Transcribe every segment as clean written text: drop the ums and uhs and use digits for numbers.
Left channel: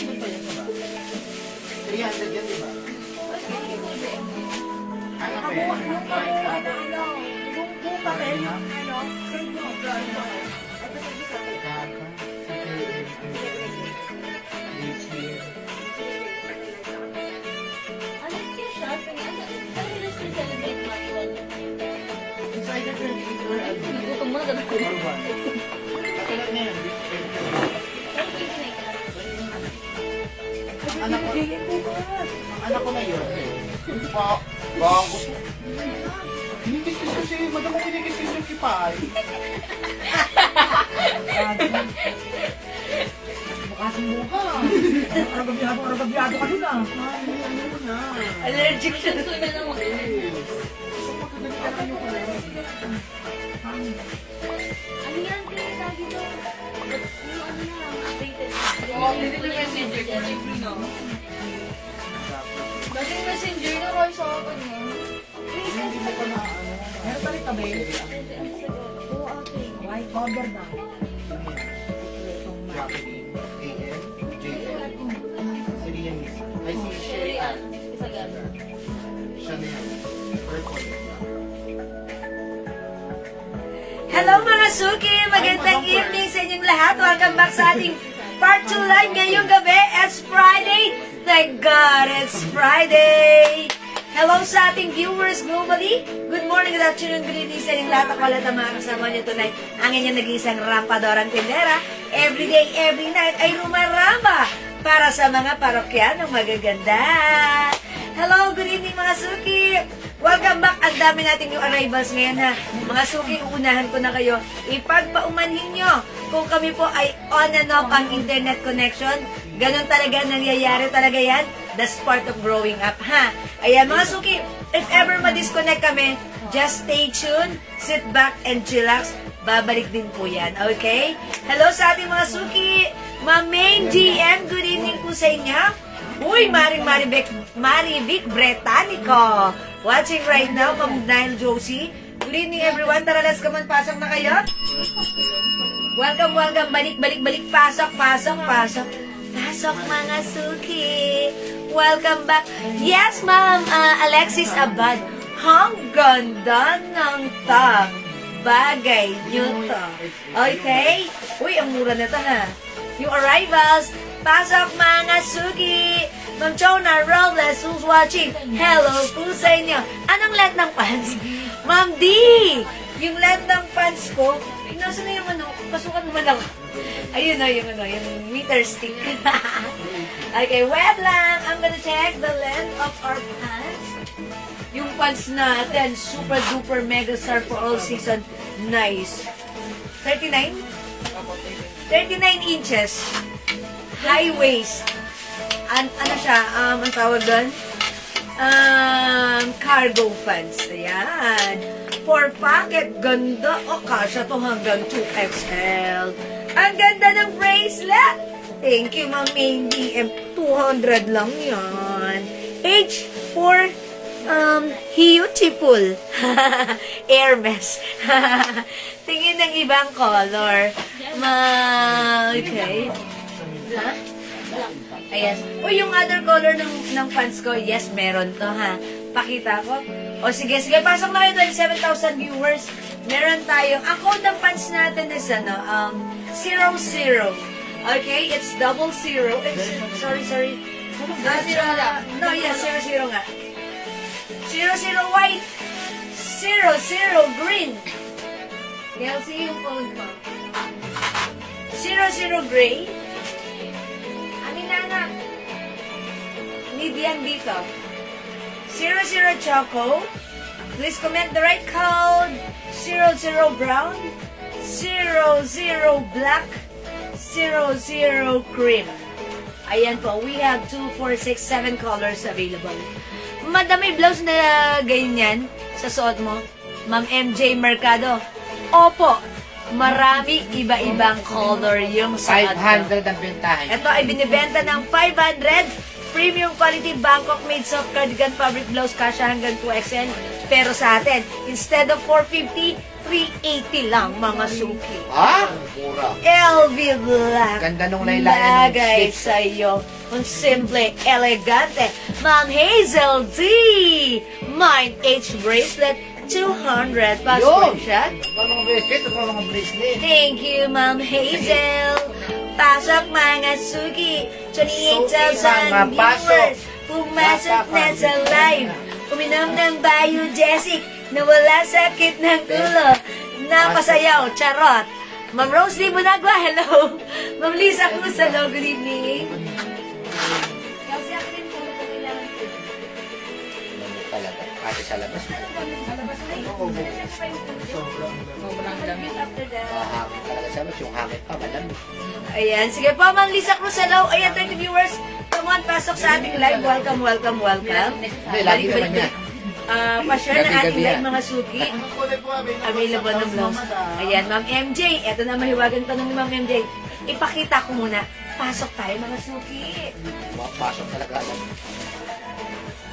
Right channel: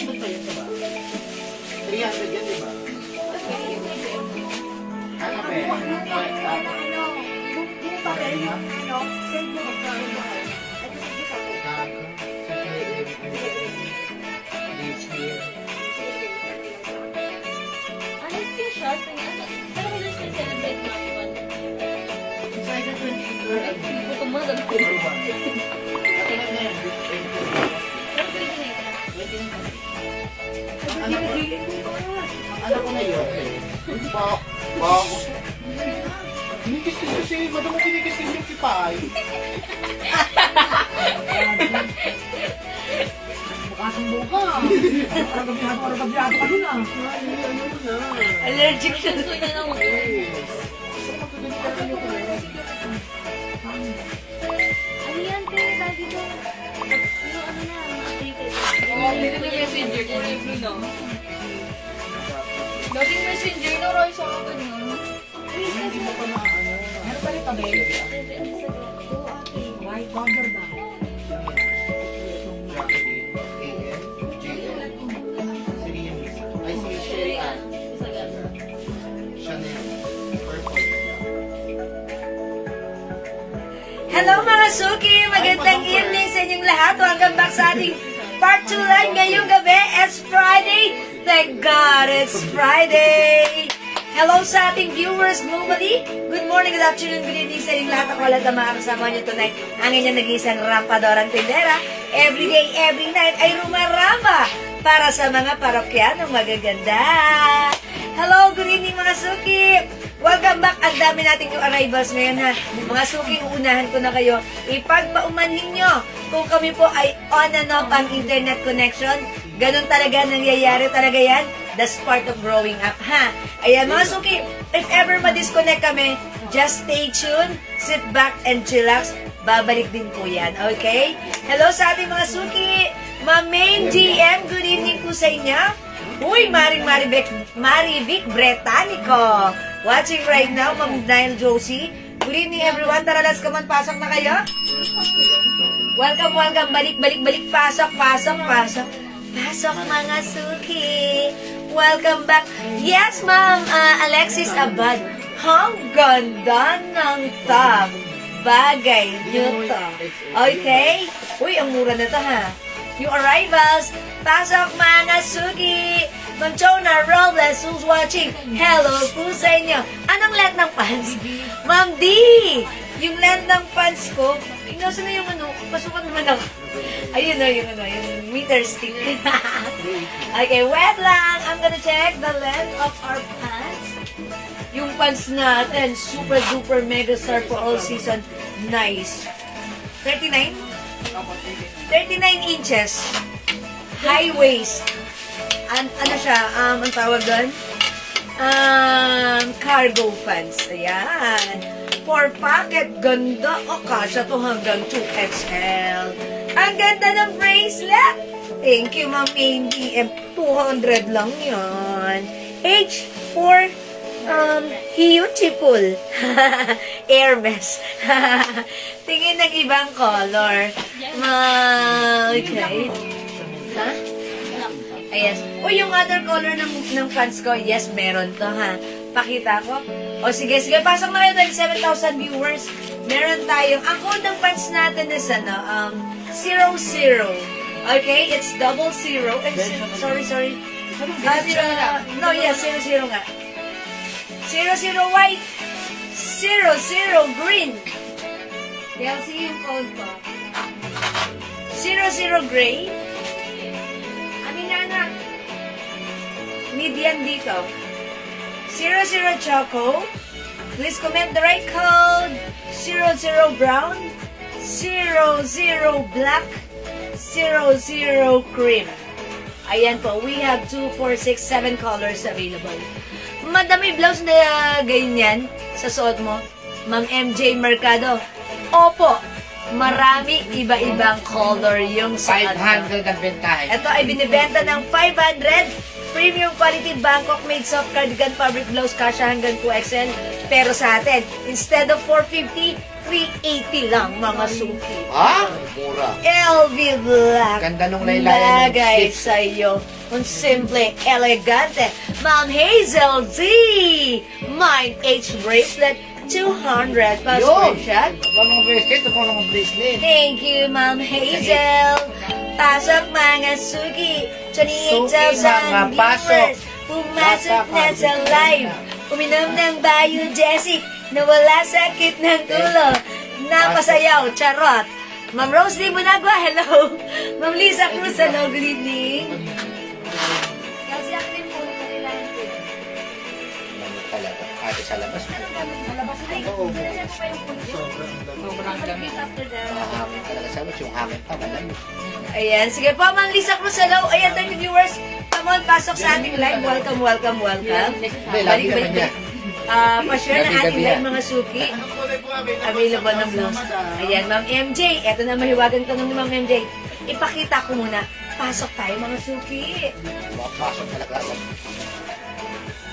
300 yan, diba? Ano ba yan? Yung papel, send mo magkano ba? Ito sa isa ko. Ano yung shot? Pero may gusto yung celebrate manual. Gusto mo na ganun ko. Anak ko na yun. Bago. Kinikis kasi, madam ko kinikis yung kipay. Makasumbo ka. Nagabiyado ka din ah. Allergic siya. Gusto niya ng ano yan? Kaya tayo dito. Yung ano na, updated. Hindi na messenger ko. Dating messenger na Roy sa akin na. Hindi mo pa na ano. Meron pa rin kami. Oo, okay. White powder ba? Jacqueline, A.M., J.L., Syrian Music. Ay, Shirley-Ann. Isa lang. Chanel, Purple. Hello mga suki! Magandang evening sa inyong lahat. Welcome back sa ating part 2 live ngayong gabi. It's Friday. Thank God it's Friday. Hello sa ating viewers globally. Good morning, good afternoon, good evening sa inyong lahat. Ako lahat ang mga kasama nyo tonight. Ang inyong nag-iisang rampadorang tindera. Every day, every night ay rumaramba para sa mga parokyanong magaganda. Hello, good evening mga suki. Welcome back. Ang dami nating new arrivals ngayon na. Mga suki, uunahan ko na kayo. Ipagpaumanhin nyo kung kami po ay on and off ang internet connection. Ganon talaga, nangyayari talaga yan. That's part of growing up, ha? Ayan, mga suki, if ever ma-disconnect kami, just stay tuned, sit back and chillax. Babalik din po yan, okay? Hello sa ating mga suki. Ma'am Main GM, good evening po sa inyo. Uy, Marivic Bretanico. Watching right now, Ma'am Nile Josie. Good evening everyone. Tara, let's come on. Pasok na kayo. Welcome, welcome. Balik. Pasok. Pasok mga suki. Welcome back. Yes, Ma'am Alexis Abad. Ang ganda ng tag. Bagay nyo to. Okay? Uy, ang mura na to ha. New arrivals. Pasok mga suki. Ma'am Jonah Robles, who's watching? Hello po sa inyo. Anong length ng pants? Ma'am D! Yung length ng pants ko, nasa na yung ano, pasukan naman ako. Ayun na yung ano, yung meter stick. Okay, wait lang. I'm gonna check the length of our pants. Yung pants natin, super duper mega star for all season. Nice. 39? 39 inches. High waist. Ano siya, ang tawag doon? Cargo pants. Ayan. 4 pocket. Ganda. O, kasha to hanggang 2XL. Ang ganda ng bracelet. Thank you, Ma'am ADM. 200 lang yan. H for beautiful. Hermes. Tingin ng ibang color. Okay. Ha? Yes. O, yung other color ng pants ko, yes, meron to, ha. Pakita ko. O, sige. Pasok na kayo, 27,000 viewers. Meron tayong, ang code ng pants natin is, 00. Okay? It's 00. Sorry. No, yes, 00 nga. 00 white. 00 green. Kaya, see yung code ko. 00 gray. Median dito. 00 choco. Please comment the right code. 00 brown. 00 black. 00 cream. Ayan po. We have 2, 4, 6, 7 colors available. Madami blouse na ganyan sa suot mo. Ma'am MJ Mercado. Opo. Marami iba-ibang color yung suot. 500 ang bentahe. Ito ay binibenta ng 500. Premium quality Bangkok made soft cardigan fabric blouse, kasha hanggang 2XL. Pero sa atin, instead of 450, 380 lang mga suki. Ah? Mura. LV Black. Ganda nung laylayan ng Lagay stick. sa'yo. Ang simple, elegante. Ma'am Hazel D. Mind H bracelet, 200 pa Yun! screenshot. Mga bracelet, mga bracelet. Thank you, Ma'am Hazel. Pasok mga suki. Suki, 28,000 mga pasok. viewers. Pumasok na sa live. Uminom ng Biogesic na wala sakit ng ulo. Napasayaw, charot. Ma'am Rose Lee Bunagua, hello. Ma'am Lisa Cruz, hello, good evening. Kasi ako rin po, kailangan ko. Ano talaga? Ate sa labas mo. Sobrang dami. Talaga sa labas yung hangin pa, malamig. Ayan, sige po, Ma'am Lisa Cruz, hello. Ayan, 30 viewers. Come on, pasok sa ating live. Welcome, welcome, welcome. Balik. Pa-share na ating live, mga suki. Available ng blouse. Ayan, Ma'am MJ. Ito na mahiwagan tanong ni Ma'am MJ. Ipakita ko muna. Pasok tayo, mga suki. Pasok talaga agad.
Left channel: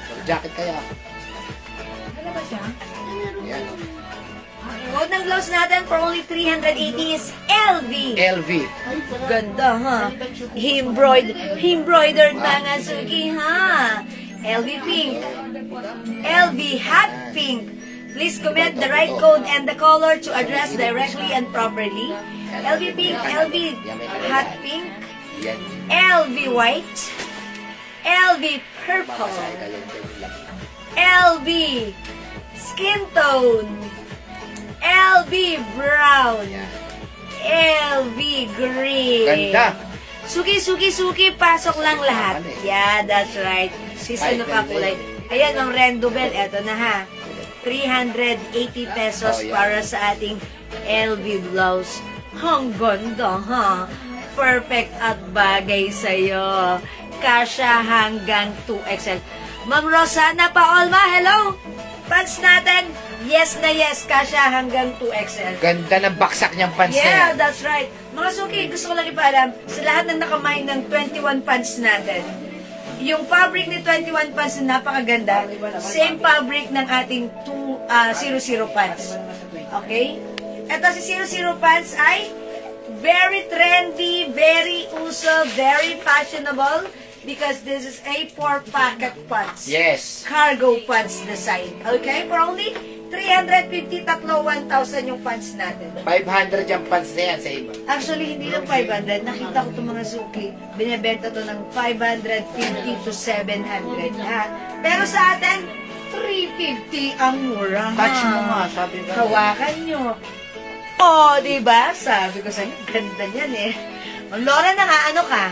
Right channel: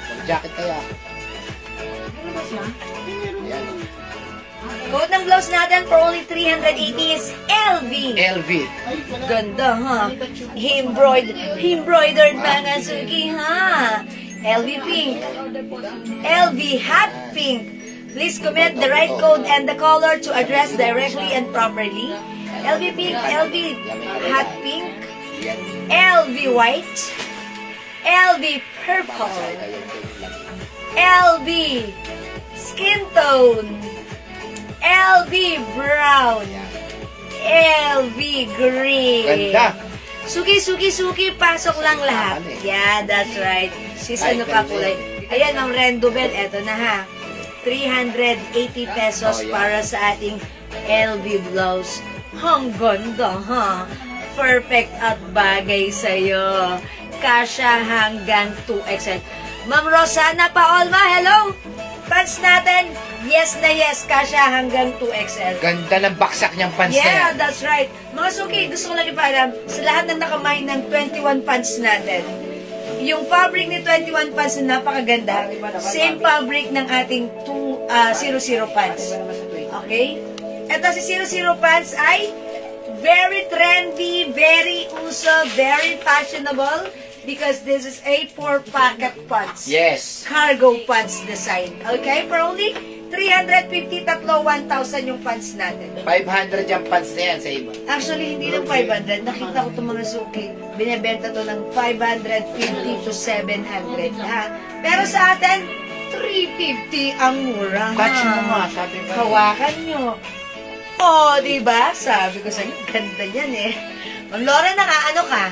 Mag-jacket kaya. Ano ba siya? Yan. Code ng blouse natin for only 380 is LV. LV. Ganda, ha? Embroidered mga suki, ha? LV pink. LV hot pink. Please comment the right code and the color to address directly and properly. LV pink, LV hot pink, LV white, LV purple, LV skin tone, LV brown, LV green. Ganda. Suki, pasok lang lahat. Yeah, that's right. Season na pa kulay. Ayan, ang Rendo Bell, eto na ha. 380 pesos para sa ating LV blouse. Ang ganda, ha? Perfect at bagay sa'yo. Kasha hanggang 2XL. Ma'am Rosana Paolma, hello! Pants natin, yes na yes, kasha hanggang 2XL. Ganda ng baksak niyang pants na Yeah, yan. that's right. Mga suki, gusto ko lang ipaalam, sa lahat ng nakamay ng 21 pants natin, yung fabric ni 21 pants na napakaganda, same fabric ng ating 00 pants. Okay? Ito si 00 pants ay very trendy, very uso, very fashionable because this is a 4-pocket pants. Yes. Cargo pants design. Okay? For only 350, 1,000 yung pants natin. 500 yung pants na yan sa iba. Actually, hindi lang 500. Nakita ko itong mga suki. Binibenta to ng 550 to 700. Ha? Pero sa atin, 350 ang mura. Touch mo nga, sabi ka. Hawakan nyo. Oh, diba? Sabi ko sa'yo, ganda yan eh. Ma'am Laura na nga, ano ka?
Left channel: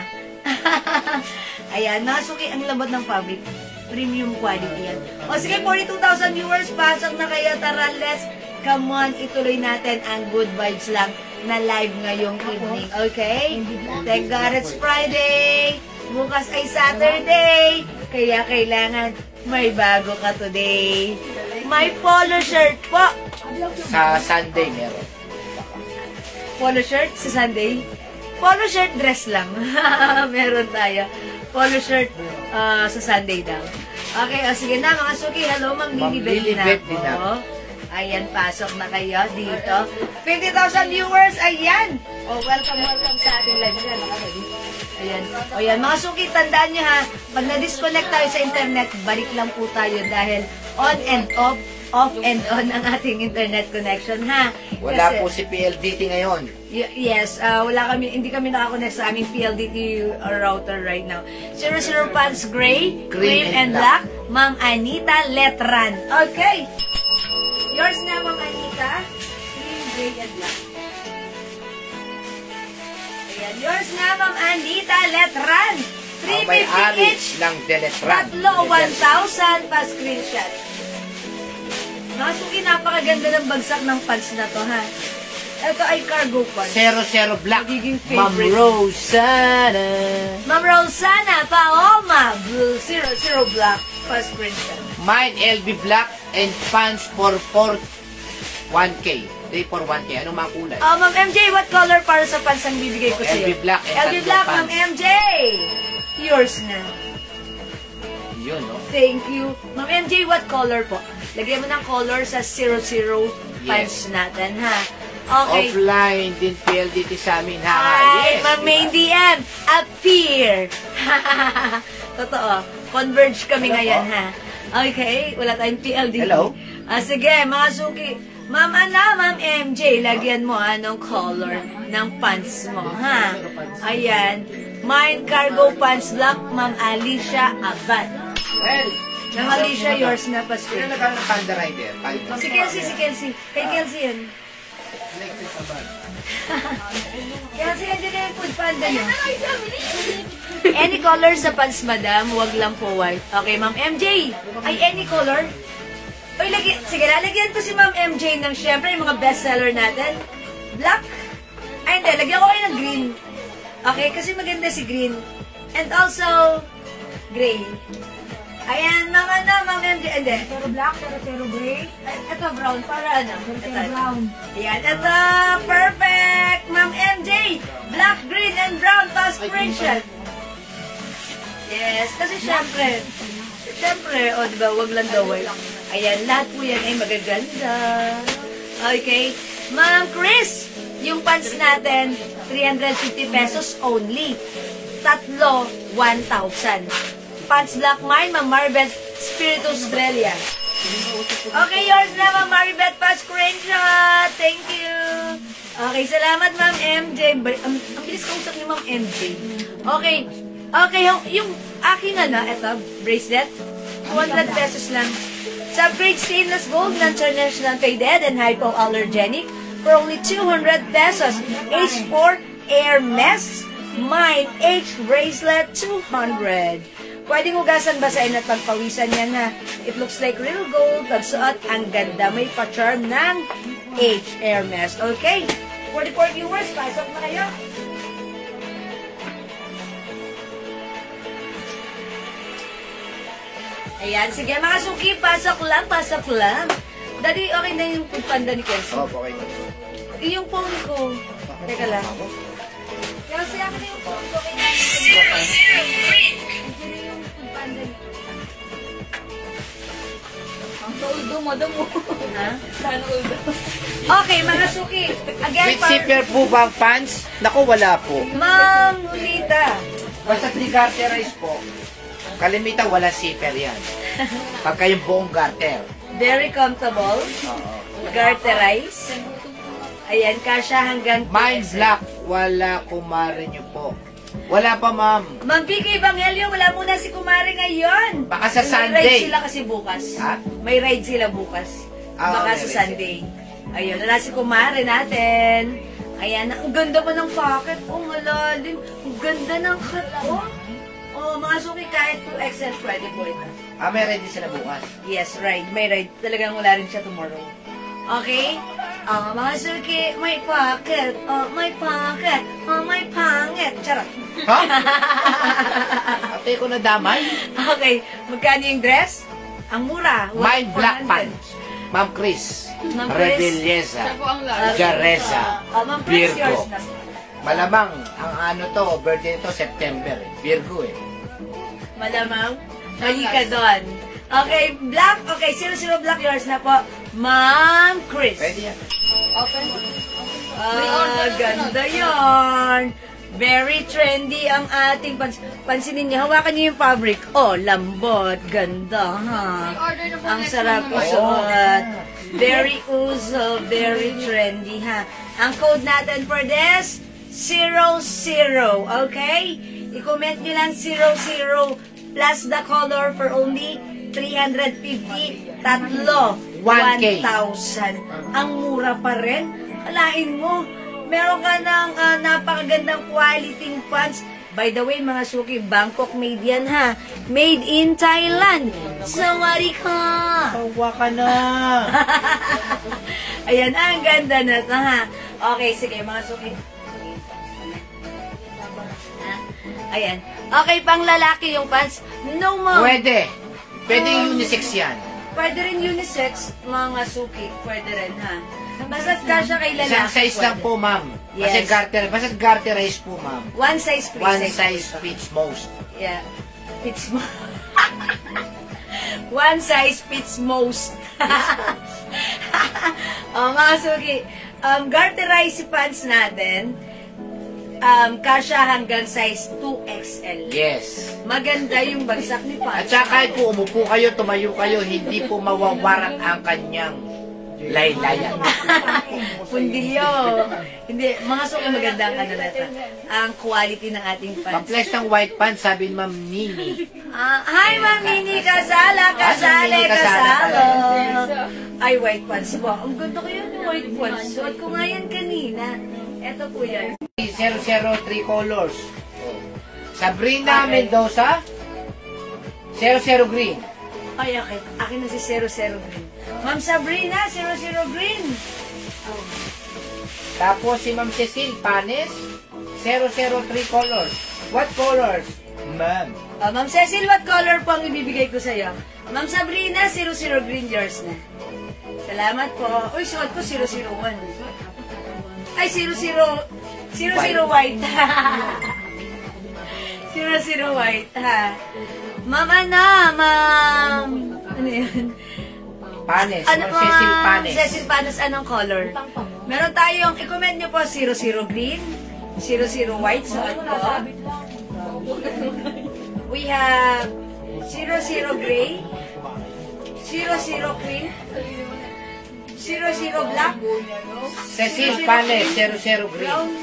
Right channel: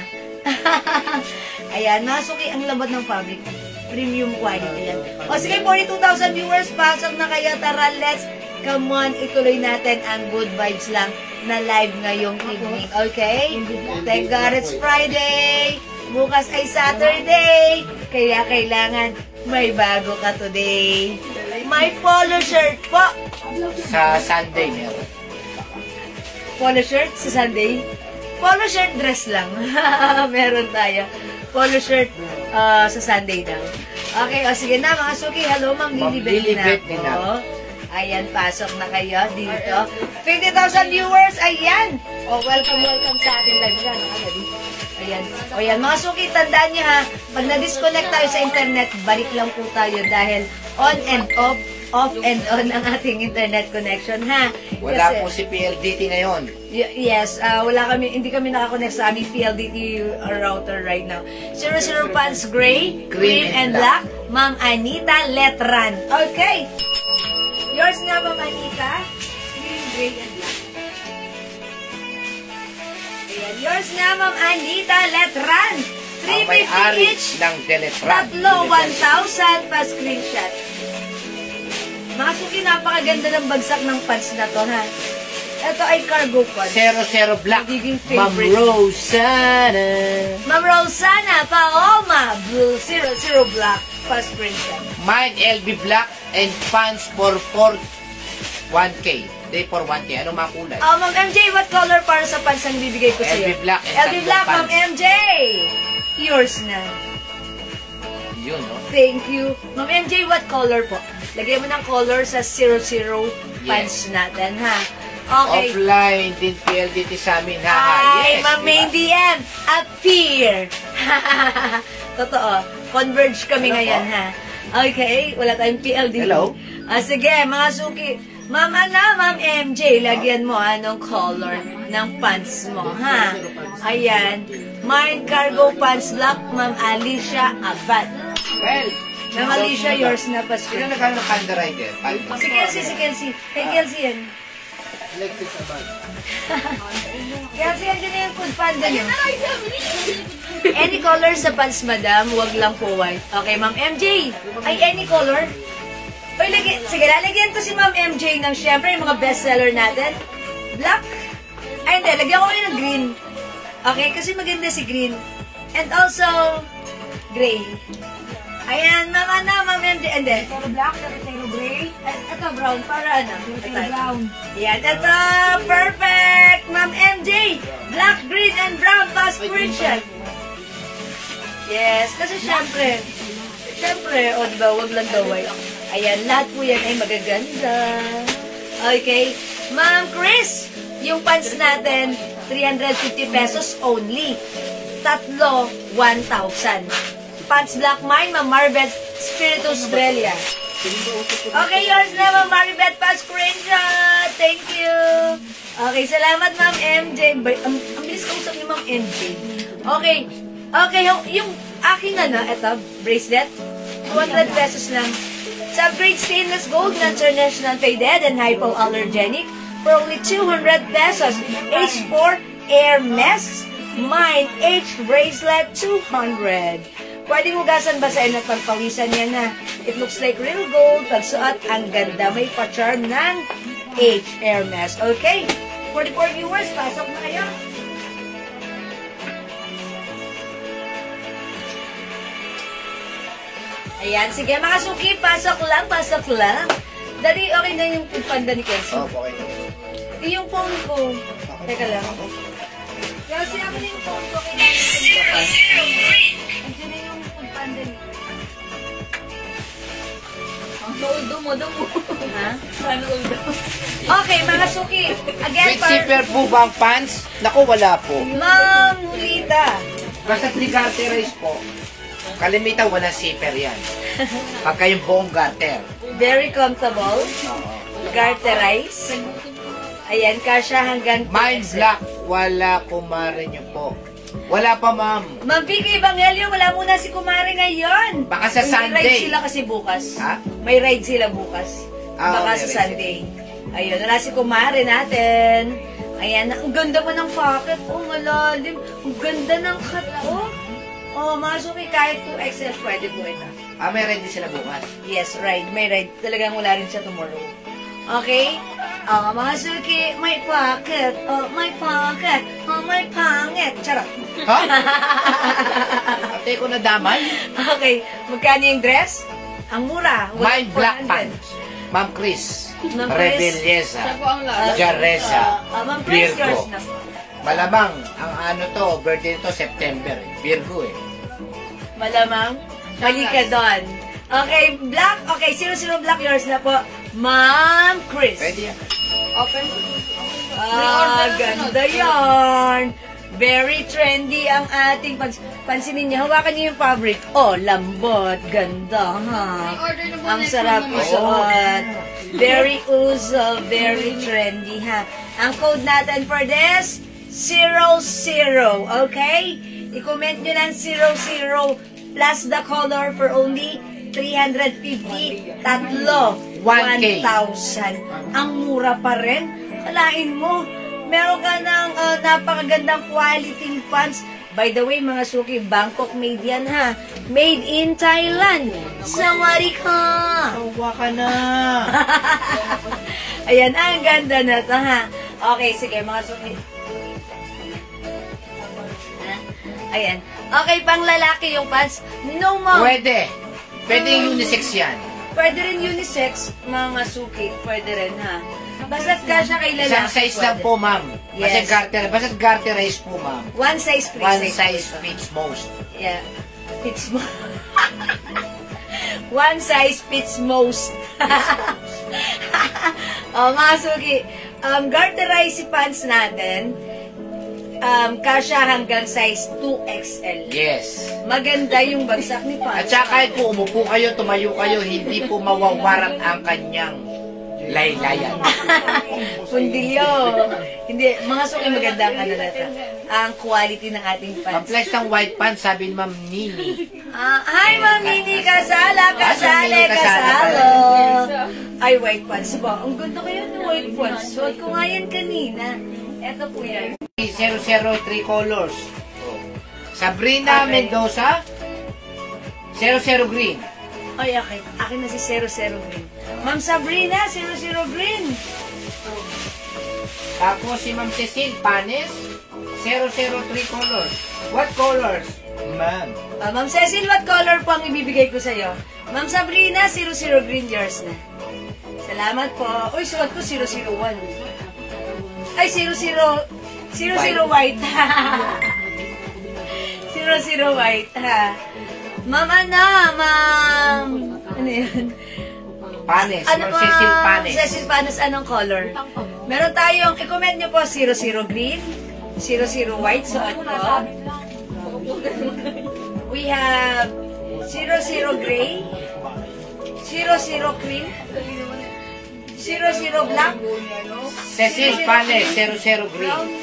Ayan, mga suki, ang lambat ng fabric. Premium quality yan. O sige, 42,000 viewers, pasok na kaya. Tara, let's come on, ituloy natin ang good vibes lang na live ngayong evening. Okay? Thank God it's Friday. Bukas ay Saturday. Kaya kailangan may bago ka today. May polo shirt po. Sa Sunday meron. Polo shirt sa Sunday. Polo shirt dress lang. Meron tayo. Polo shirt sa Sunday daw. Okay, o sige na mga suki. Hello, Ma'am Lily Lilibet din din ako. Ayan, pasok na kayo dito. 50,000 viewers, ayan. O, welcome sa ating live. Ayan. O yan, mga suki, tandaan niyo ha, pag na-disconnect tayo sa internet, balik lang po tayo dahil on and off and on ang ating internet connection ha. Wala Kasi- po si PLDT ngayon. Yes, hindi kami nakakonect sa aming PLDT router right now. 00 pants gray, green and black. Ma'am Anita Letran. Okay. Yours na, Ma'am Anita. Green, gray and black. Ayan, yours na, Ma'am Anita Letran. 350 each. ng Deletran. Tatlo, 1,000 pa screenshot. Masuki, napakaganda ng bagsak ng pants na to, ha? Ito ay cargo pants. 00 Black. Magiging Ma'am favorite. Rosana. Ma'am Rosana Paoma, blue 00 black, first screenshot. Mine LB Black and pants for 1K. Day for 1K. Ano mga kulay? Ma'am MJ, what color para sa pants ang bibigay ko sa'yo? LB Black and LB Black, tatlong Ma'am pants. MJ! Yours na. Yun, no? Thank you. Ma'am MJ, what color po? Lagyan mo ng color sa 00 pants natin, ha? Okay. Offline din PLDT sa amin, ha? Hi, Yes. Ma'am Main DM, appear. Totoo. Converge kami Hello ngayon, po. ha? Okay, wala tayong PLDT. Hello. Sige, mga suki. Ma'am Ma'am MJ, lagyan mo anong color ng pants mo, ha? Ayan. Mine cargo pants black, Ma'am Alicia Abad. Well, Ma'am Alicia, yours na pa. sino nagkaroon ng Panda Rider? Si Kelsey. Kay Kelsey yan. Electric sa bag. Kelsey, yan din na yung food panda niya. Any color sa pants, madam. Huwag lang po white. Okay, Ma'am MJ. Ay, any color? Oy, sige, lalagyan ko si Ma'am MJ ng syempre yung mga bestseller natin. Black. Ay, hindi. Lagyan ko kayo ng green. Okay, kasi maganda si green. And also, gray. Ayan, Ma'am MJ. Hindi. Pero black, pero gray. Ito, brown. Para ano? Pero brown. Ayan, ito. Perfect! Ma'am MJ. Black, green, and brown. Pass screenshot. Yes, kasi syempre, o diba, wag lang daw white. Ayan, lahat po yan ay magaganda. Okay. Ma'am Chris, yung pants natin, 350 pesos only. Tatlo, 1,000. Pants black mine, Ma'am Maribeth, Spirit Australia. Okay, yours na, Ma'am Maribeth, pa screenshot. Thank you. Okay, salamat, Ma'am MJ. Ang bilis ko usap ni Ma'am MJ. Okay, yung aking eto, bracelet, 200 pesos lang. Sa upgrade stainless gold, international faded and hypoallergenic for only 200 pesos. H4 Hermes, mine H bracelet 200. Pwedeng hugasan basahin at pagpawisan yan, ha. It looks like real gold. Pagsuot, ang ganda. May pa-charm ng H Hermes. Okay? 44 viewers, pasok na kayo. Ayan, sige mga suki, pasok lang. Dali, okay na yung panda ni Kelsey. Okay. Yung phone ko. Teka lang. Kelsey, ako na yung phone ko. Kailangan ko yung Andiyan na yung food panda ni Ang soldo mo. Ha? Paano soldo? Okay, mga suki. Again, With zipper po ba ang pants? Naku, wala po. Ma'am Nulita. Basta 3 garterized po. Kalimitan, wala zipper yan. Pagka yung buong garter. Very comfortable. Oo. Garterize. Ayan, kasha hanggang Mine black, wala kumare niyo po. Wala pa, ma'am. Ma'am Vicky Evangelio, wala muna si Kumare ngayon. Baka sa May Sunday. ride sila kasi bukas. Ha? May ride sila bukas. Ah, Baka may sa ride Sunday. Ayun, wala si Kumare natin. Ayan, ang ganda mo ng pocket. Oh, malalim. Ang ganda ng cut, oh. Oh, mga suki, kahit 2XL, pwede po ito. May ready sila bukas. Yes, ride. May ride. Talagang wala rin siya tomorrow. Okay? Mga suki, may pocket. Oh, may pocket. Oh, may pangit. Charot. Ha? Ate ko na damay. Okay, magkano yung dress? Ang mura. Mine black 400. pants. Ma'am Chris. Ma'am Chris. Rebeliesa. Siya po ang last. Jareza. Ma'am Chris, yours Virgo. na. Malamang, ang birthday nito, September. Virgo eh. Malamang. Mali ka doon. Okay, black. Okay, 00 black, yours na po. Ma'am Chris. Pwede yan. Open. Ganda yarn. Very trendy ang ating pansinin niyo. Hawakan niyo yung fabric. Oh, lambot. Ganda, ha? order na po Ang next sarap month, po ma'am. suot. Very uso. Very trendy, ha? Ang code natin for this, 00. Okay? I-comment nyo lang 00 plus the color for only 350. Tatlo. 1K. 1,000. Ang mura pa rin. Alain mo. Meron ka ng napakagandang quality pants. By the way, mga suki, Bangkok made yan, ha? Made in Thailand. Sawari ka! Tawa ka na. Ayan, ang ganda na to, ha? Okay, sige, mga suki. Ayan. Okay, pang lalaki yung pants. No, ma'am. Pwede. Pwede yung unisex yan. Pwede rin unisex, mga suki. Pwede rin, ha? Basta kasya kay lalaki. Isang size lang pwede. po, ma'am. Yes. Basta garterize po, ma'am. One size, three One size. size fits most. Yeah. Fits mo. One size fits most. Mga suki, garterized pants natin, kasya hanggang size 2XL. Yes. Maganda yung bagsak ni At pants. saka kahit po umupo kayo, tumayo kayo, hindi po mawawarak ang kanyang laylayan. Pundilyo. Hindi, mga suki maganda ang ano natin. Ang quality ng ating pants. Pang-flex ng white pants, sabi ni Ma'am Nini. Hi, Ma'am Nini, kasala, kasale, Ma'am Nini, kasala kasalo. pala. Ay, white pants ba? Ang ganda ko yun ng white pants. Suot ko nga yan kanina. Eto po yan. 003 colors. Sabrina Okay. Mendoza, 00 green. Ay, okay. Akin na si 00 Green. Ma'am Sabrina, 00 Green. Tapos si Ma'am Cecil Panes, 003 colors. What colors? Ma'am. Ma'am Cecil, what color po ang ibibigay ko sa'yo? Ma'am Sabrina, 00 Green, yours na. Salamat po. Uy, suot ko 001. Ay, 00 white. 00 white, ha. Ma'am, ma'am. Ano yun? Panes, Ano Ma'am Cecil Panes. Cecil Panes, anong color? Meron tayong, i-comment nyo po, 00 green, 00 white, suot ko. We have 00 gray, 00 cream, 00 black, Cecil Panes, 00 green.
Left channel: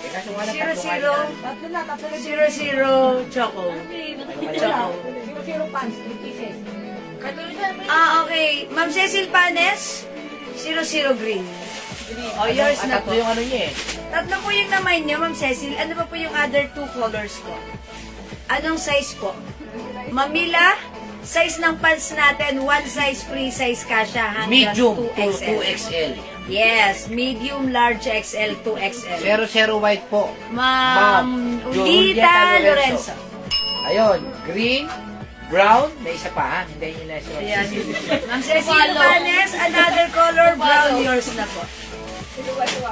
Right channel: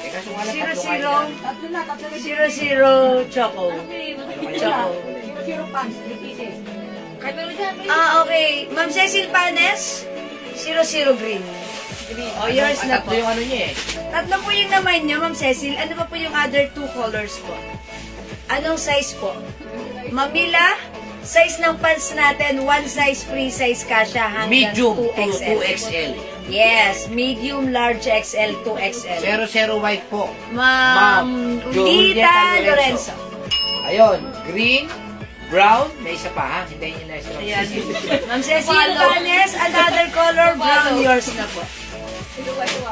Teka, sumala 00 choco. Choco. Okay. Ma'am Cecil Panes, 00 green. O, yours na po. Tatlo yung ano niya eh. Tatlo po yung naman nyo, Ma'am Cecil. Ano pa po yung other two colors po? Anong size po? Mamila, size ng pants natin, one size free size kasha hanggang Medium 2XL. 2XL. Yes, medium, large XL, 2XL. 00 white po. Ma'am Julieta Gita Lorenzo. Ayun, green, brown, may isa pa ha, hindi yun na siya. Ayan. Ma'am Cecil Panes, another color, brown, yours na po.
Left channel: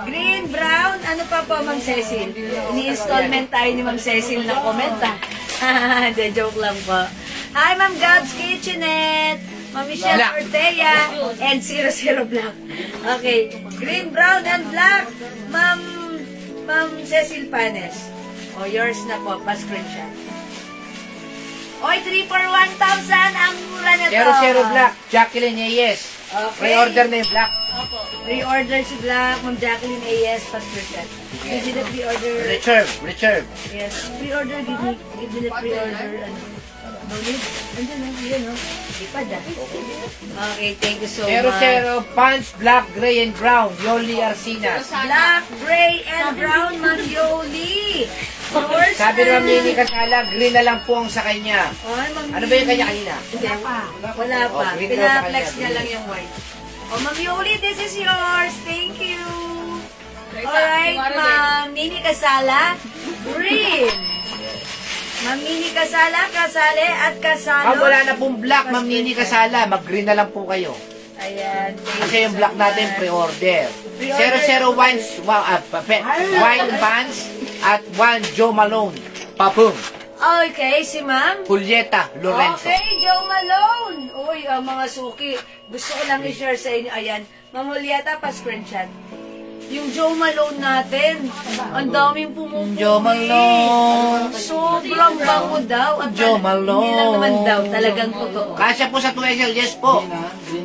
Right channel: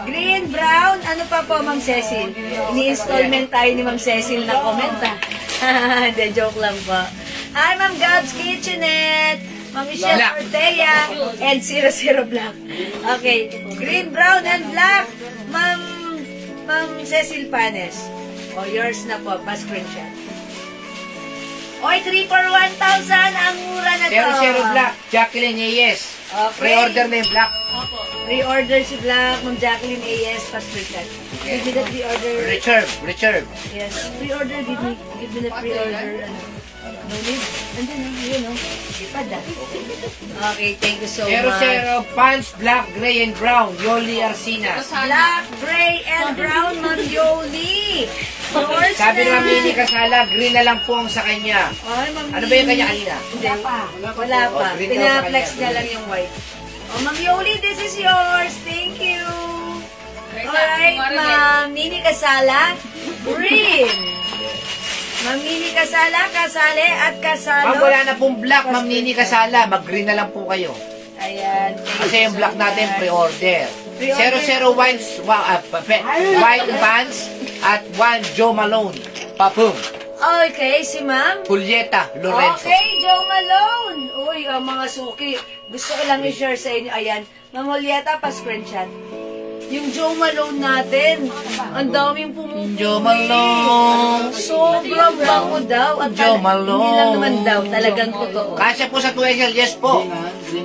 Green, brown, ano pa po, Ma'am Cecil? Ini-installment tayo ni Ma'am Cecil na comment, ha? De, joke lang po. Hi, Ma'am Gabs Kitchenette, Ma'am Michelle Black. Ortega, and 00 Black. Okay, green, brown, and black, Ma'am Cecil Panes. O, yours na po, pa-screenshot. Oy, 3 for 1,000, ang mura na to. 00 black, Jacqueline Yes. Okay. Pre-order na yung black. Pre-order si Black, Ma'am Jacqueline A.S. Pascription. Give me the pre-order. Richard. Yes, pre-order. Give me the pre-order. No need. Andun, yun, no? Lipad, Okay, thank you so much. 00 pants, black, gray, and brown, Yoli Arcinas. Black, gray, and brown, Ma'am Yoli. Yours Sabi na. naman Mini Kasala, green na lang po ang sa kanya. Ay, Ma'am Ano ba yung kanya kanina? Hindi. Wala pa. Oh, green daw sa Pina-flex kanya. niya lang yung white. Oh, Ma'am Yoli, this is yours. Thank you. Alright, Ma'am Nini Kasala. Green. Ma'am Nini Kasala, kasali at kasalo. Ma'am, wala na pong black, Ma'am Nini Kasala. Mag-green na lang po kayo. Ayan. Kasi yung black natin, pre-order. 00 white pants at 1 Joe Malone. Papung. Okay, si Ma'am. Julieta Lorenzo. Okay, Joe Malone. Uy, ang mga suki. Gusto ko lang i-share sa inyo. Ayan. Ma'am Julieta, pa-screenshot. Yung Joe Malone natin, ang daming pumupuwi. Joe Malone. Sobrang bango daw. At Joe Malone. Hindi lang naman daw, talagang totoo. Kasya po sa 2XL, yes po.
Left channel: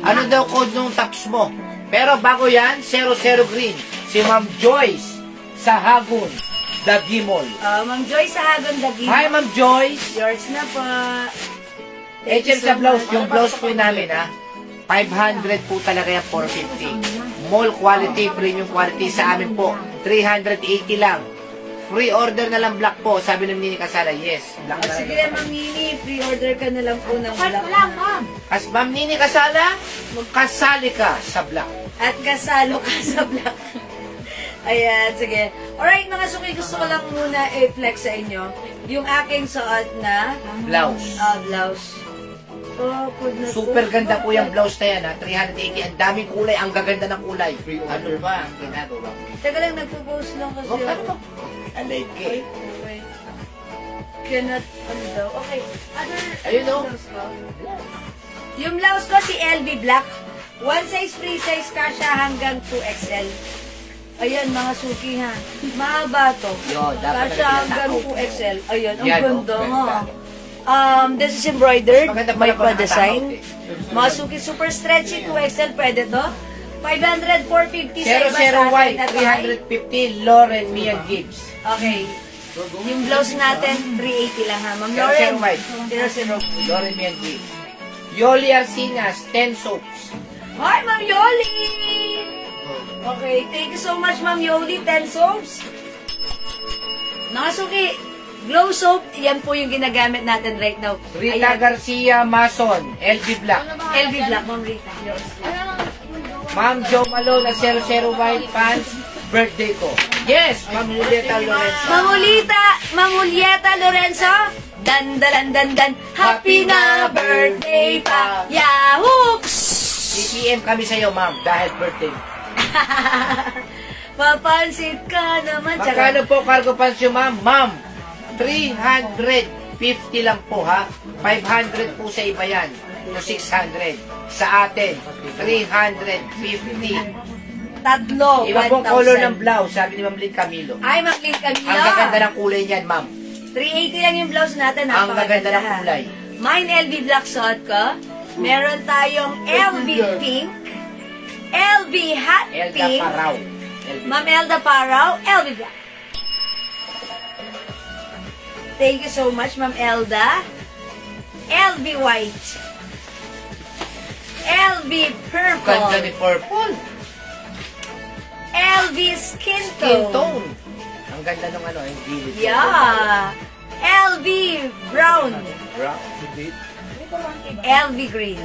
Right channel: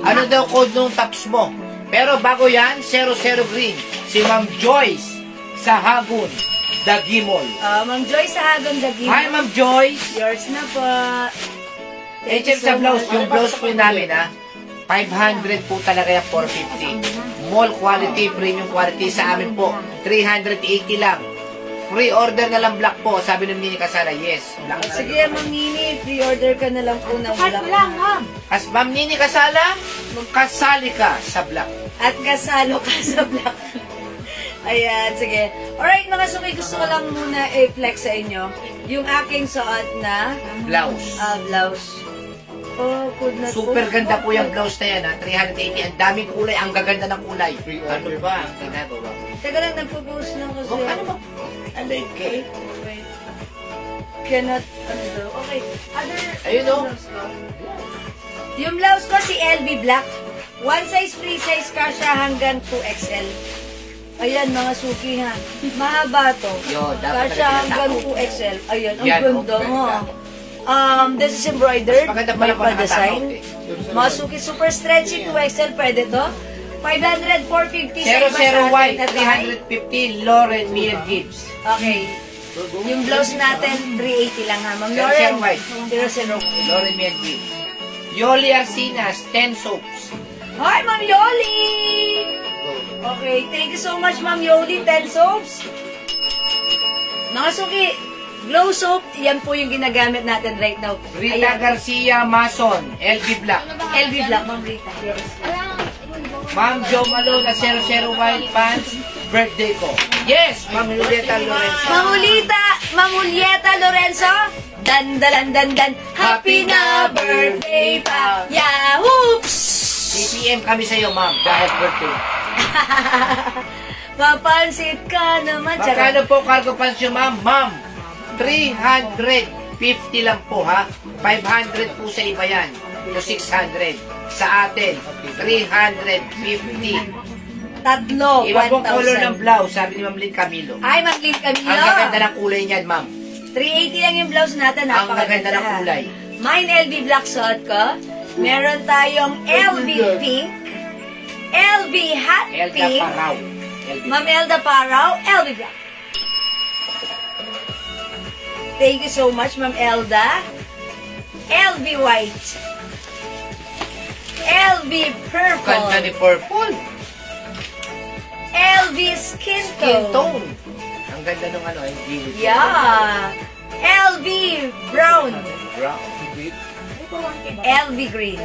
Ano daw code nung tops mo? Pero bago yan, 00 green. Si Ma'am Joyce sa Hagon, Dagimol. Ma'am Joyce sa Hagon Dagimol. Hi, Ma'am Joyce. Yours na po. HM sa blouse. Yung blouse po namin, 500 po talaga yan, 450. Mall quality, premium quality sa amin po. 380 lang. Free order na lang black po. Sabi ng Mini Kasala, yes. Black na lang. Sige, Ma'am Nini, pre-order ka na lang po ng black. As Ma'am Nini Kasala, kasali ka sa black. At kasalo ka sa black. Ayan, sige. Alright, mga suki, gusto ko lang muna i-flex sa inyo yung aking suot na Blouse. blouse. Oh, good na Super ganda po yung blouse na yan, 380. Ang daming kulay, ang gaganda ng kulay. Ano ba ang ginagawa? Teka lang, nagpo-post lang kasi. Ano ba? Alay kay. Cannot, okay. Ayun, oh. blouse ko? Yung blouse ko si LV Black. One size, free size ka siya hanggang 2XL. Ayan, mga suki ha. Mahaba to. Yun, dapat Kasya talaga hanggang tinatao. 2XL. Ayan, ang Yan, ganda oh, ha. ganda. This is embroidered. Mas maganda May pala pag pa-design. nakatao, Mga suki, super stretchy, 2XL. Pwede to. 500, 450 sa iba sa 00 atin white, na tayo. 350, Lauren Mia Gibbs. Okay. Yung blouse natin, 380 lang ha, Ma'am 00 Lauren. white. 00 white. Lauren Mia Gibbs. Yoli Arcinas, 10 soaps. Hi, Ma'am Yoli! Okay, thank you so much, Ma'am Yoli. 10 soaps. Mga suki, glow soap, yan po yung ginagamit natin right now. Rita Garcia Mason, LB Black. LV Black, Ma'am Rita. Yes. Ma'am Jo Malone, 00 white pants, birthday ko. Yes, Ma'am Julieta Lorenzo. Ma'am Julieta Lorenzo, dan. Happy na birthday pa. Yahoops! CPM kami sa'yo, ma'am, dahil birthday. Papansit ka naman. Magkano po cargo pants yun, ma'am? Ma'am, 350 lang po, ha? 500 po sa iba yan. To 600. Sa atin, 350. Tatlo, Iba pong 1,000. color ng blouse, sabi ni Ma'am Lynn Camilo. Ay, Ma'am Lynn Camilo. Ang gaganda ng kulay niyan, ma'am. 380 lang yung blouse natin. Ang gaganda ng ha. kulay. Mine LV Black suot ko. Meron tayong LV Pink. LV Hot Elda Pink. Paraw. Ma'am Elda Paraw. LV Black. Thank you so much, Ma'am Elda. LV White. LV Purple. Ganda ni Purple. LV Skin Skin Tone. tone. Ang ganda nung ano, yung gilid. Yeah. LV Brown. Brown. LV Green.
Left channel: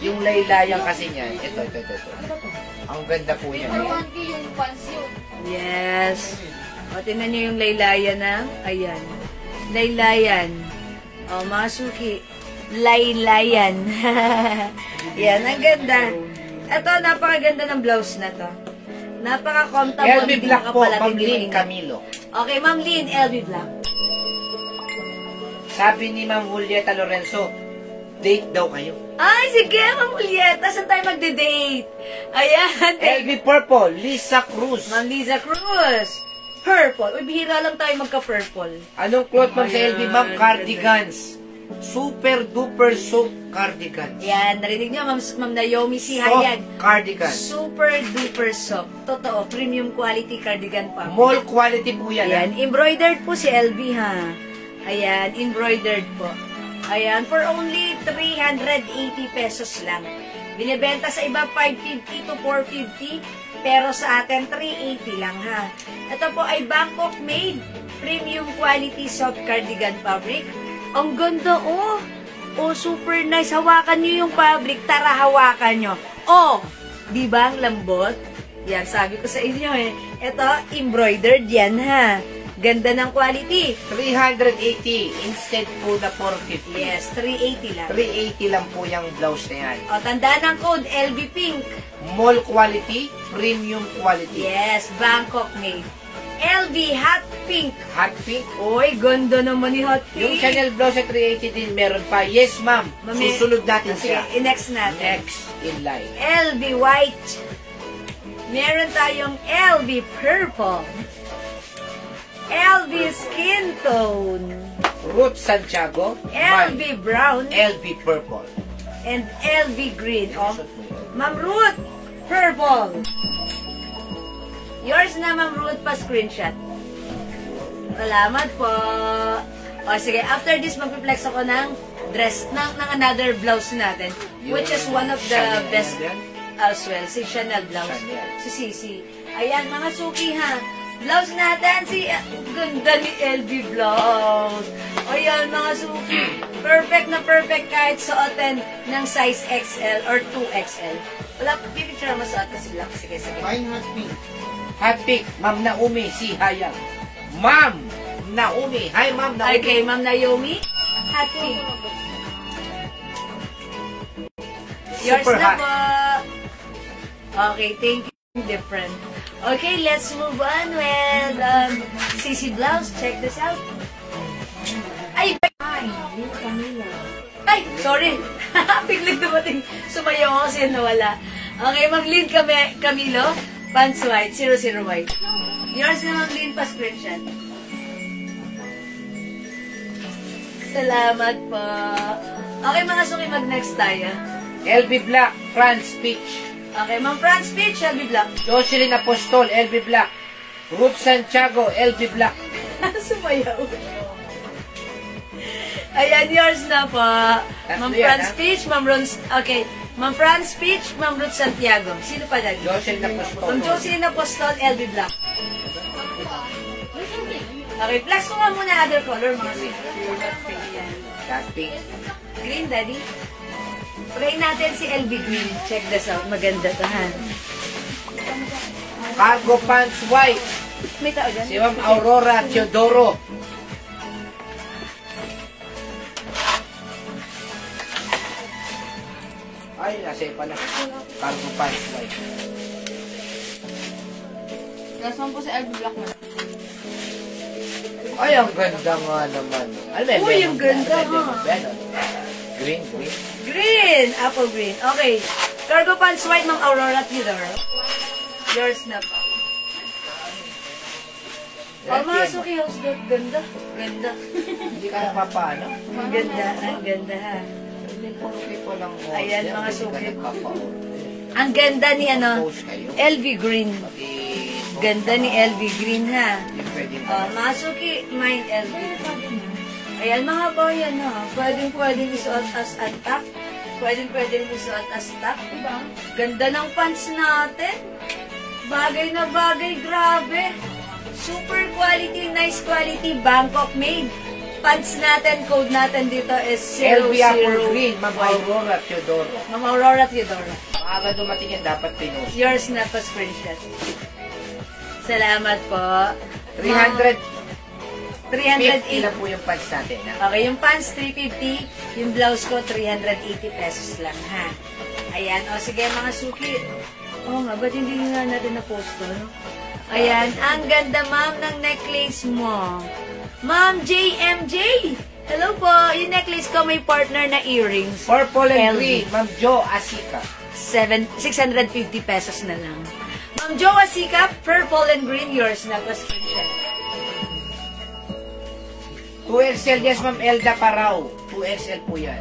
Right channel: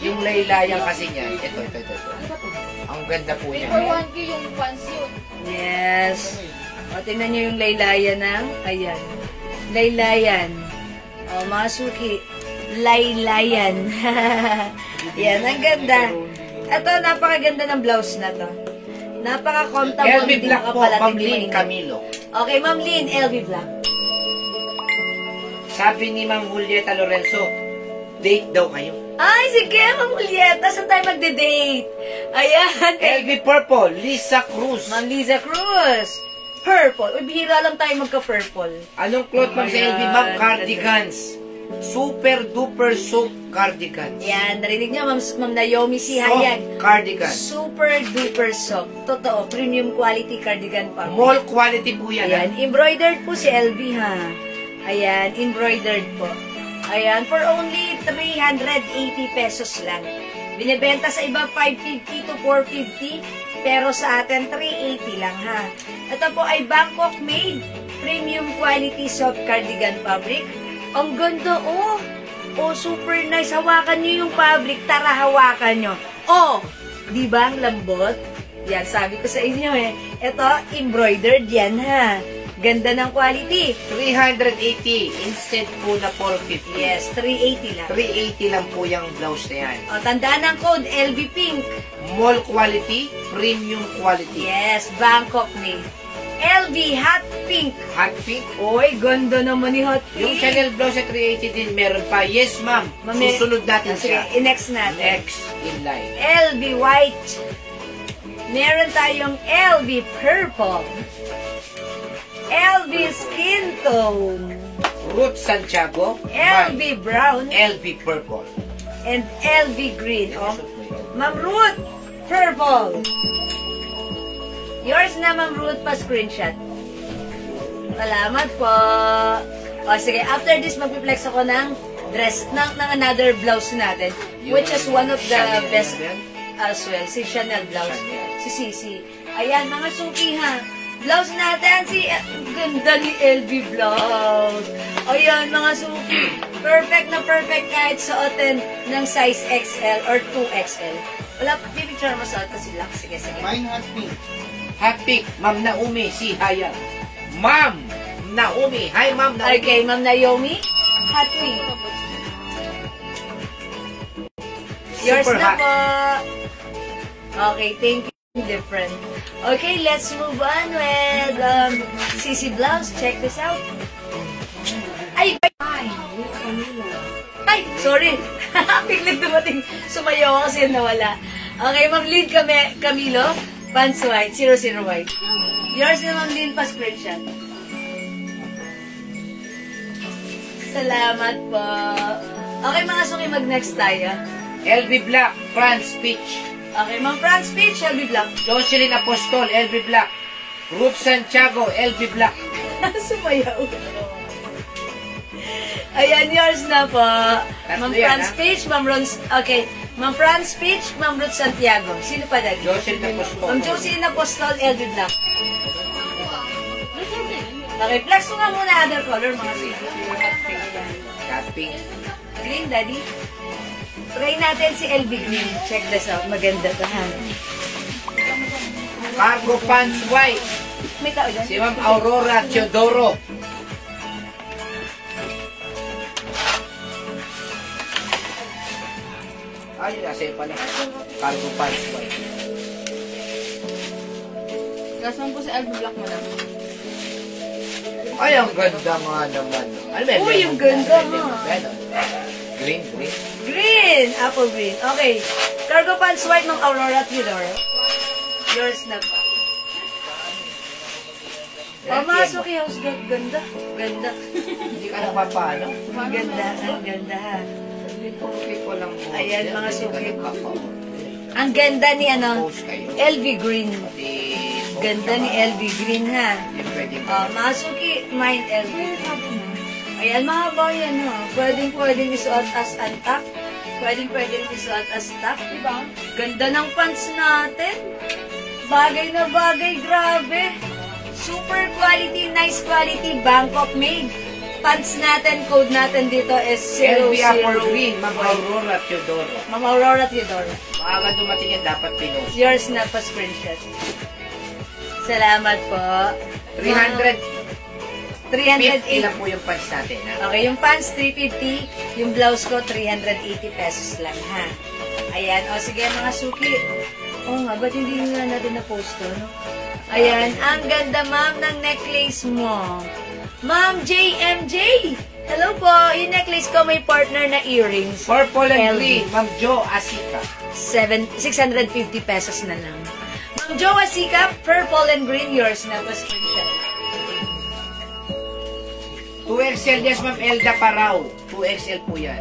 Yung laylayan kasi niya, ito. Ang ganda po niya. Number 1 yung pants yun. Yes. O, tingnan nyo yung laylayan na. Ayan. Laylayan. O, mga suki. Laylayan. Yan, ang ganda. Ito, napakaganda ng blouse na to. Napaka-comfortable. LB Black po, Kapalatin Ma'am din Lynn yun. Camilo. Okay, Ma'am Lynn, LB Black. Sabi ni Ma'am Julieta Lorenzo, date daw kayo. Ay, sige, Ma'am Julieta. Saan tayo magde-date? Ayan. LB Purple, Lisa Cruz. Ma'am Liza Cruz. Purple. Uy, bihira lang tayo magka-purple. Anong cloth, Ma'am, sa Ayan. LB? Ma'am, cardigans. Super duper soap cardigans. Yan, narinig niyo, Ma'am Naomi si Soft Hayan. cardigan. Super duper soft. Totoo, premium quality cardigan pa. Mall quality po yan. Ayan, embroidered po si LV ha. Ayan, embroidered po. Ayan, for only 380 pesos lang. Binibenta sa iba 550 to 450, pero sa atin 380 lang ha. Ito po ay Bangkok made premium quality soft cardigan fabric. Ang ganda oh. Oh, super nice. Hawakan nyo yung fabric. Tara, hawakan nyo. Oh, di ba ang lambot? Yan, sabi ko sa inyo eh. Ito, embroidered yan ha. Ganda ng quality. 380 instead po na 450. Yes, 380 lang. 380 lang po yung blouse na yan. O, tandaan ang code, LV Pink. Mall quality, premium quality. Yes, Bangkok made. LV Hot Pink. Hot pink. Oy, ganda naman ni Hot Pink. Yung Chanel blouse sa 380 din, meron pa. Yes, ma'am. Susunod natin Sige, siya. i-next natin. Next in line. LV White. Meron tayong LV Purple. LV Skin Tone. Ruth Santiago. LV Brown. LV Purple. And LV Green. Oh, Ma'am Ruth, Purple. Yours na, Ma'am Ruth, pa-screenshot. Salamat po. O, sige, after this, mag-flex ako ng dress, ng another blouse natin, which is one of the Chanel, best yan? as well. Si Chanel blouse. Chanel. Si Sisi. Ayan, mga suki ha. Blouse natin, ganda ni LV blouse. Ayan, mga suki. Perfect na perfect kahit suotin ng size XL or 2XL. Wala, pipicture mo suot kasi lang. Sige, sige. Mine hot pink. Hot pink. Ma'am Naomi, si Hayang. Ma'am Naomi. Hi, Ma'am Naomi. Okay, Ma'am Naomi. Hot pink. Yours Super na hot. po. Okay, thank you. different. Okay, let's move on with CC Blouse. Check this out. Ay, sorry. Biglang dumating. Sumayo ako kasi nawala. Okay, Ma'am Lynn Camilo. Pants white. 00 white. Yours na Ma'am Lynn pa screenshot. Salamat po. Okay, mga suki, mag-next tayo. LB Black, France Peach. Okay, Ma'am France Peach, LB Black. Jocelyn Apostol, LB Black. Ruth Santiago, LB Black. Sumayaw. Ayan, yours na po. Ma'am France Peach, Ma'am Rons. Okay, Ma'am France Peach, Ma'am Ruth Santiago. Sino pa dyan? Jocelyn Apostol. Ma'am Jocelyn Apostol, LB Black. Okay, flex ko nga muna other color, mga sige. Cat pink. Green, Daddy. Try natin si LB Green. Check this out. Maganda to, ha? Cargo Pants White. May tao dyan? Si Ma'am Aurora Teodoro. Ay, nasa iyo pala. Cargo Pants White. Kasama po sa LB Black mo lang. Ay, ang ganda nga naman. Ano ba? Uy, yung ganda, ha? Green. Green! Apple green. Okay. Cargo pants white, Ma'am Aurora Theodore. Yours na po. Pamasok yung house dog. Ganda. Ganda. Hindi ka napapano. Ang ganda. Ang ganda, ha? Hindi ko lang po. Ayan, mga suki. Hindi Ang ganda ni, post kayo. LV Green. Ganda ni LV Green, ha? Yung pwedeng Masuki, mine LV Green. Ayan, mga boyan, ha? Pwedeng isuot as antak. Pwedeng isuot as tak. Diba? Ganda ng pants natin. Bagay na bagay, grabe. Super quality, nice quality, Bangkok made. Pants natin, code natin dito is 00 LV Apple Green, Ma'am Aurora Teodoro. Ma'am Aurora Theodore. Maaga dumating yan, dapat pinost. Yours na pa screenshot. Salamat po. 350 380. lang po yung pants natin. Ha? Okay, yung pants 350, yung blouse ko 380 pesos lang, ha? Ayan, o sige mga suki. Oo nga, ba't hindi nga natin na-post to? Ayan, ang ganda ma'am ng necklace mo. Ma'am JMJ! Hello po, yung necklace ko may partner na earrings. Purple and LV. green, Ma'am Jo Asika. 650 pesos na lang. Ma'am Jo Asika, purple and green, yours na pa screenshot. 2XL, yes Ma'am Elda Parao. 2XL po yan.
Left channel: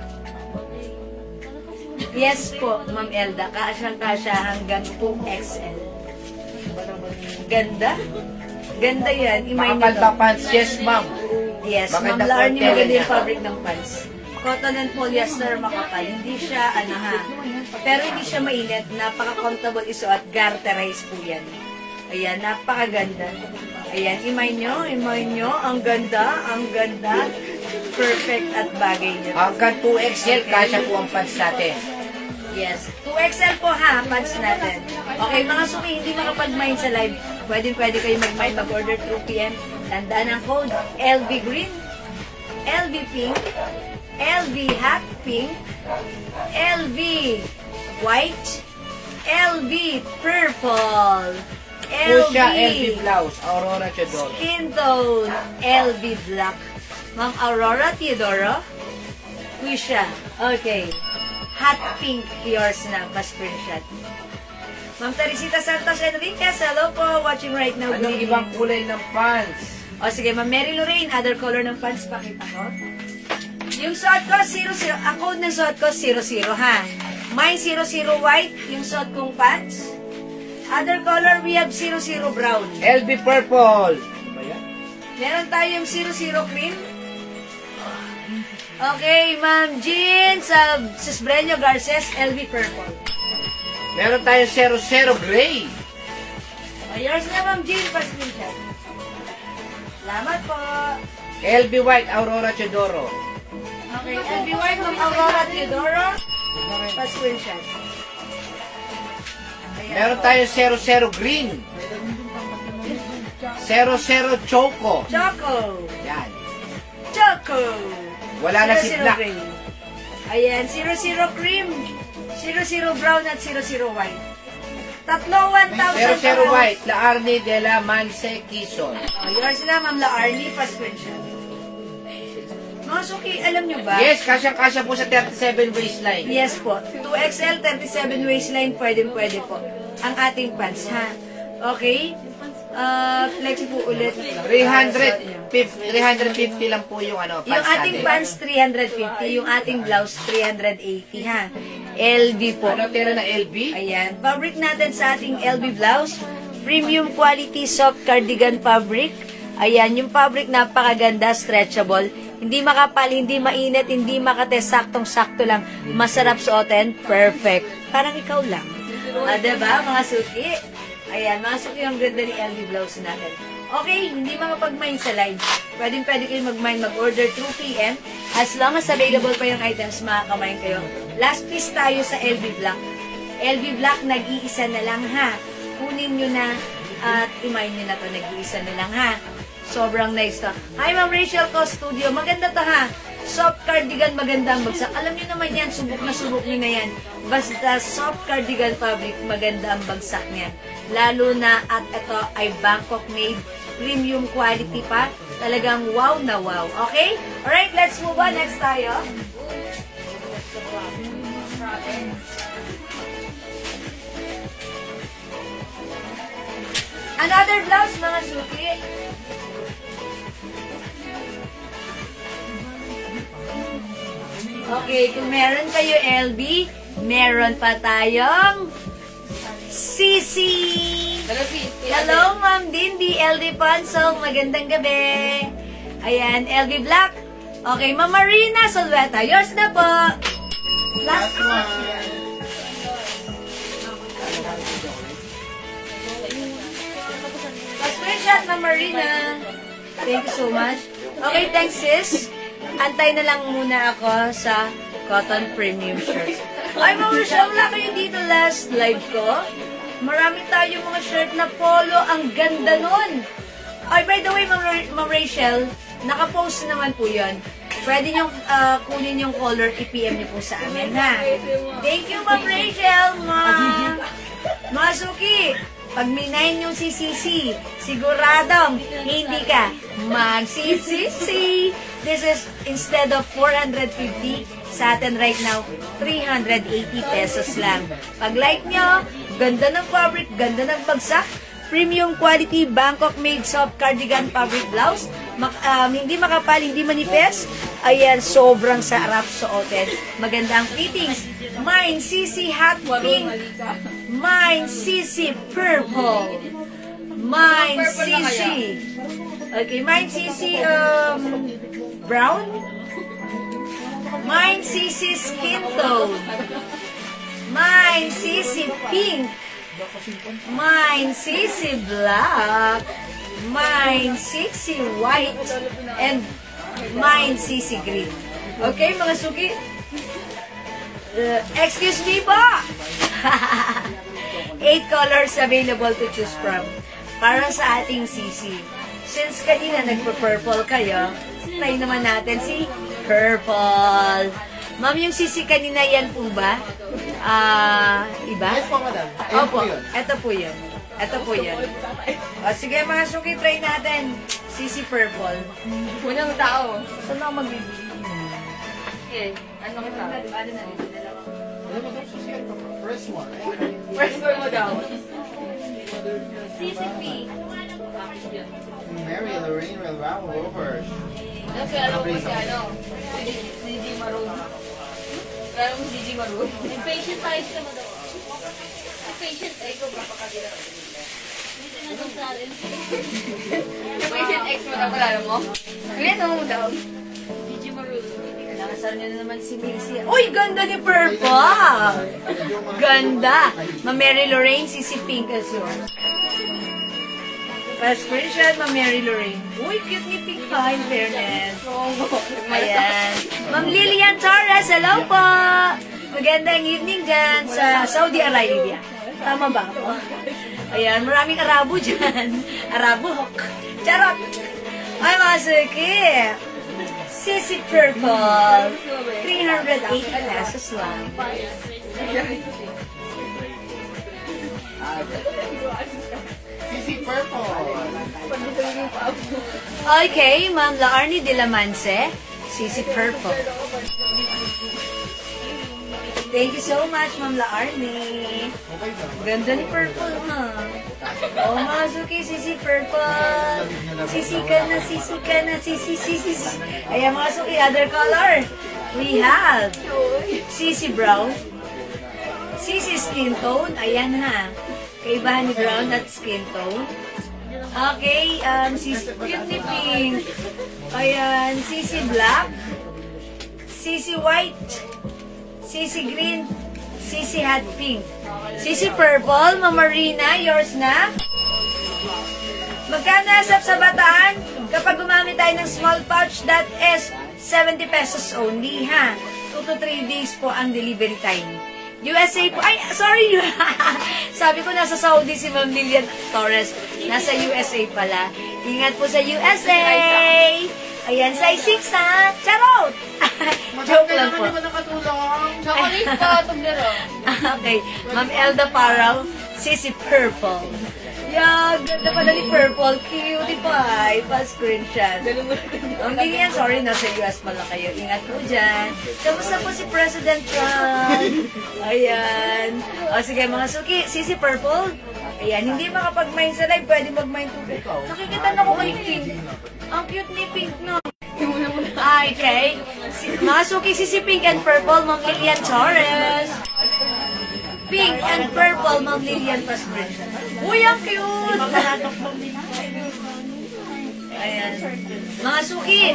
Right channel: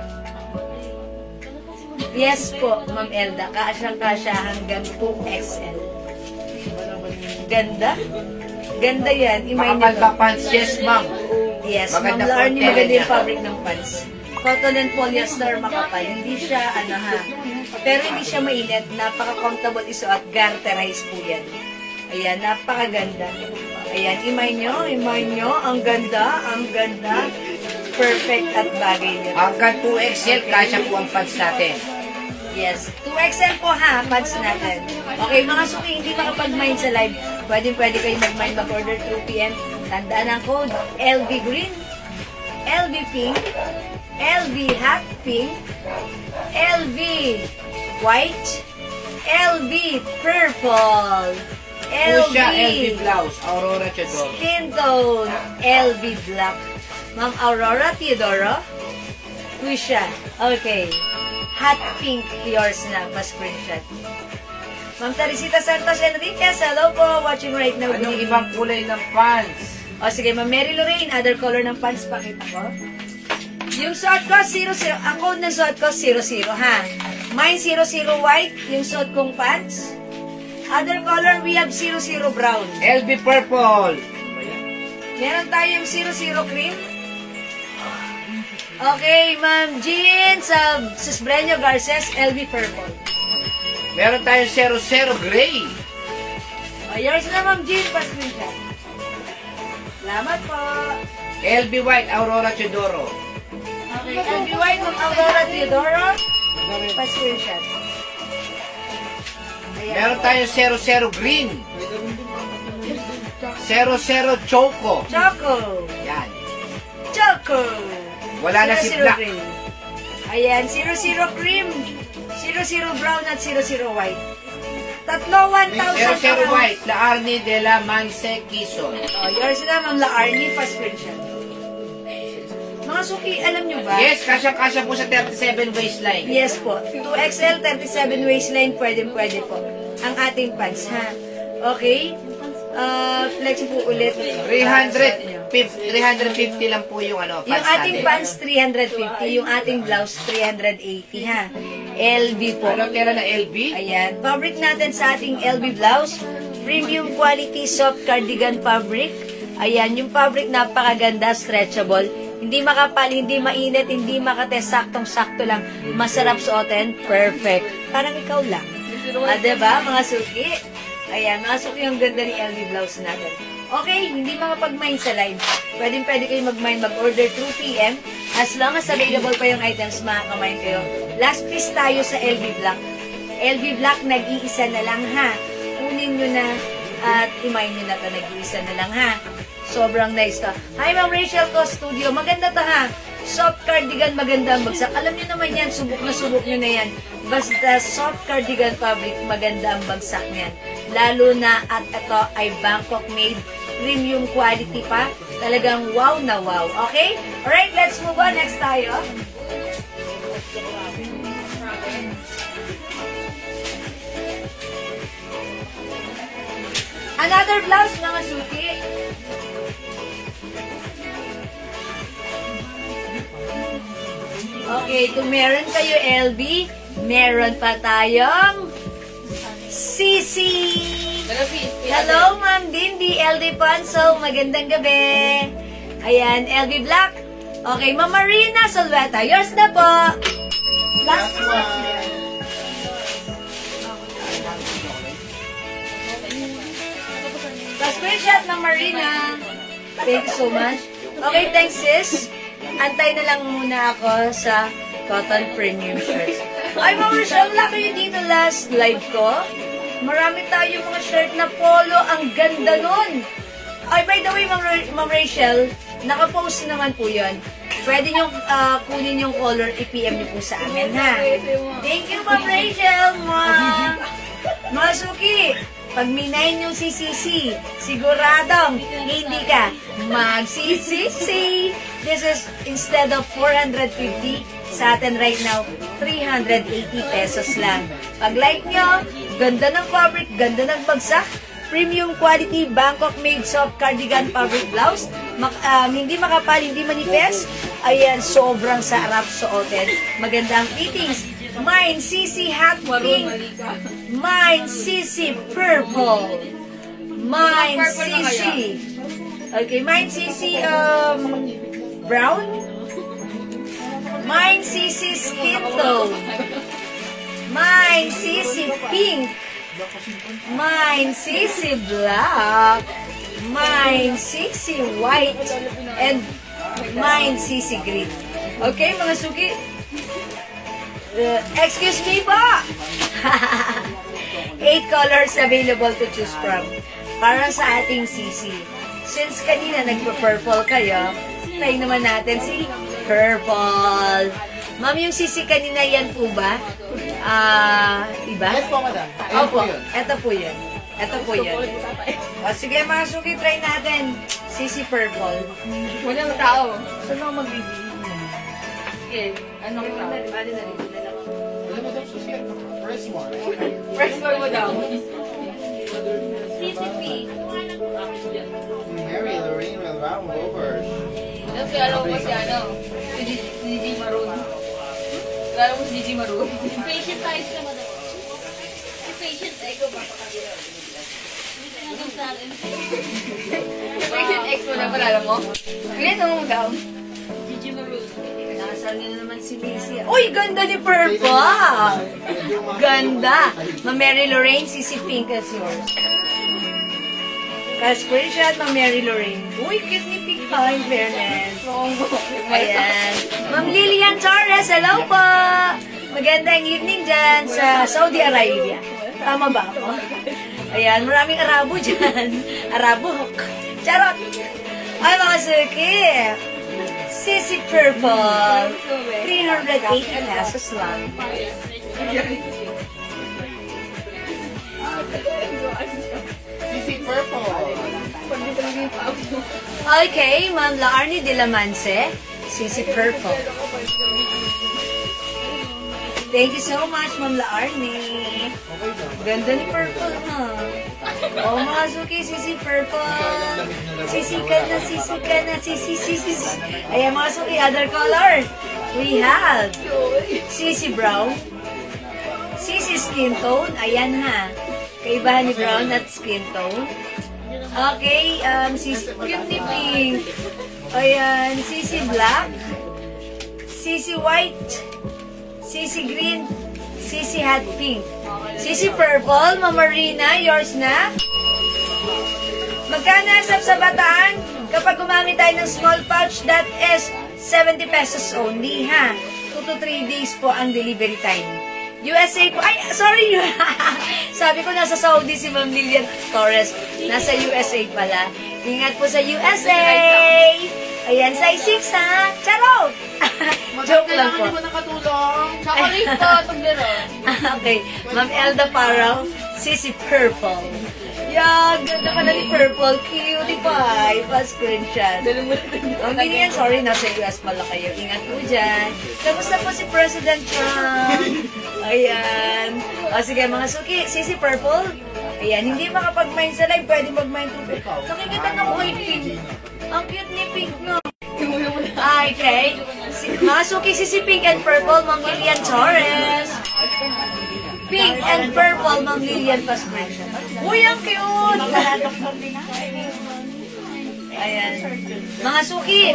Yes po, Ma'am Elda. Kasyang-kasya hanggang 2XL. Ganda. Ganda yan. Makapanda pants, yes Ma'am. Yes, Ma'am Maganda po Larnie, ang maganda tela yung fabric ng pants. Cotton and polyester, makapal. Hindi siya, pero hindi siya mainit. Napaka-comfortable isuot. Garterize po yan. Ayan, napakaganda. Ayan, imay nyo. Ang ganda. Perfect at bagay nyo. Hanggang 2XL, kasya po ang pants natin. Yes. 2XL po ha, pants natin. Okay, mga suki, hindi makapag-mind sa live. Pwede kayo mag-mind, mag-order 2 p.m. Tandaan ang code, LV Green, LV Pink, LV Hot Pink, LV White, LV Purple, Pusha, LV Blouse, Aurora Teodoro. Skin Tone, LV Black. Ma'am Aurora Teodoro, Pusha. Okay. Hot pink, yours na, pa-screenshot. Ma'am Teresita Santos Enriquez, hello po, watching right now. Anong ibang kulay ng pants? O sige, Ma'am Mary Lorraine, other color ng pants, pakita ko. Yung suot ko, 00, ang code ng suot ko, 00, ha? Mine, 00 white, yung suot kong pants. Other color, we have 00 brown. LV Purple. Meron tayong 00 cream. Okay, Ma'am Jean sa Cisbreño Garces, LV Purple. Meron tayong 00 Gray. O, yours na, Ma'am Jean, pa-screenshot. Salamat po. LV White, Aurora Teodoro. Okay, LV White, Ma'am Aurora Teodoro, pa-screenshot. Meron tayong 00 Green. 00 Choco. Choco. Yan. Choco. Wala na si 00 Black. green. Ayan, 00 cream, 00 brown at 00 white. Tatlo, 1,000. 00 White, La Arnie de la Manse, Quezon. Oh, yours na, Ma'am La Arnie, pa-screenshot. Mga suki, alam nyo ba? Yes, kasya-kasya po sa 37 waistline. Yes po. 2XL, 37 waistline, pwede po. Ang ating pants, ha? Okay? Flex po ulit. 350 lang po yung ano, Yung pants ating natin. pants, 350. Yung ating blouse, 380, ha? LB po. Ano tira na LB? Ayan. Fabric natin sa ating LB blouse. Premium quality soft cardigan fabric. Ayan, yung fabric napakaganda, stretchable. Hindi makapal, hindi mainit, hindi makate, saktong-sakto lang. Masarap suotin, perfect. Parang ikaw lang. Diba, mga suki? Ayan, mga suki yung ganda ni LB blouse natin. Okay, hindi makapag-mine sa live. Pwede kayo mag-mine, mag-order 2 p.m. As long as available pa yung items, makaka-mine kayo. Last piece tayo sa LB Black. LB Black, nag-iisa na lang, ha? Kunin nyo na at i-mine nyo na ito. Nag-iisa na lang, ha? Sobrang nice to. Hi, Ma'am Rachel Co Studio. Maganda to, ha? Soft cardigan, maganda ang bagsak. Alam nyo naman yan, subok nyo na yan. Basta soft cardigan fabric, maganda ang bagsak niyan. Lalo na at ito ay Bangkok made, premium quality pa. Talagang wow na wow. Okay? Alright, let's move on. Next tayo. Another blouse, mga suki. Okay, kung meron kayo LB, meron pa tayong Sisi. Hello, Ma'am Dindy, LD Panso. Magandang gabi. Ayan, LD Black. Okay, Ma'am Marina Solveta. Yours na po. Last one. Last screenshot, Ma'am Marina. Thank you so much. Okay, thanks, sis. Antay na lang muna ako sa cotton premium shirts. Ay, mga Rachel, wala kayo dito last live ko. Marami tayo mga shirt na polo. Ang ganda nun. Ay, by the way, Ma'am Rachel, nakapost naman po yun. Pwede nyo kunin yung color, i-PM nyo po sa amin, ha? Thank you, Ma'am Rachel, Mga suki, pag minayin yung CCC, siguradong hindi ka mag-CCC. This is, instead of 450, sa atin right now, 380 pesos lang. Pag like nyo, ganda ng fabric, ganda ng bagsak, premium quality Bangkok made soft cardigan fabric blouse, hindi makapal, hindi manipis. Ayan, sobrang sarap suotin. Maganda ang fittings. Mine CC hot pink. Mine CC purple. Mine CC. Okay, mine CC brown. Mine CC skin tone. Mine CC pink. Mine CC black. Mine CC white. And mine CC green. Okay, mga suki. Excuse me po. 8 colors available to choose from. Para sa ating CC. Since kanina nagpa-purple kayo, try naman natin si purple. Ma'am, yung CC kanina yan po ba? Iba? Yes po, madam. Opo, ito po yun. Ito po yun. Sige mga suki, try natin. CC purple. Walang tao. Saan ako magbibigay? Eh, ano kita? First one. First floor mo daw. CCP. Mary Lorraine Rovers. Kasi alam ko si ano, si DJ Maroon. Alam ko si DJ Maroon. Patient tayo siya mo daw. Patient X. Anong sa akin? Patient X mo na, malala mo? Ano mo daw? DJ Maroon. Nakasal niya naman si Lizzie. Uy, ganda ni purple! Ganda! Ma Mary Lorraine, CC Pink as yours. Screenshot, Ma Mary Lorraine. Uy, cute ni Pink pa, in fairness. Ayan. Ma'am Lilian Torres, hello po! Magandang evening dyan sa Saudi Arabia. Tama ba ako? Ayan, maraming Arabo dyan. Arabo hook. Charot! Ay, mga suki! Sissy Purple. 380 pesos lang. Sisi Purple. Okay, Ma'am Laarni de la Manse, Sisi Purple. Thank you so much, Ma'am Laarni. Ganda ni Purple, ha? Oh, Masuki, Sisi Purple. Sisi ka na, Sisi ka na, Sisi. Ayan, Masuki, other color. We have Sisi Brown. Sisi Skin Tone. Ayan, ha. Kaibahan ni Brown at Skin Tone. Okay, Sisi Cutie Pink. Ayan, Sisi Black. Sisi White. Sisi Green. Sisi Hot Pink. Sisi Purple. Mama Rina, yours na. Magkano asap sa bataan? Kapag gumamit tayo ng small pouch, that is 70 pesos only, ha? 2 to 3 days po ang delivery time. USA po. Ay, sorry. Sabi ko nasa Saudi si Ma'am Lilian Torres. Nasa USA pala. Ingat po sa USA. Ayan, size 6 ha. Charot! Joke lang po. Chocolate po, paglaro. Okay. Ma'am Elda Parang, Sisi Purple. Yeah, ganda pala ni Purple. Cutie pie. Pa-screenshot. Ang ganyan, sorry, nasa US pala kayo. Ingat po dyan. Kamusta po si President Trump? Ayan. O sige, mga suki, Sisi Purple. Ayan, hindi makapag-mine sa live, pwede mag-mine tubig. Nakikita na ko kay Pink. Ang cute ni Pink, no? Okay. Mga suki, Sisi Pink and Purple, Ma'am Lilian Torres. Pink and Purple, Ma'am Lilian Pa-screenshot. Uy, ang cute! Ayan. Mga suki,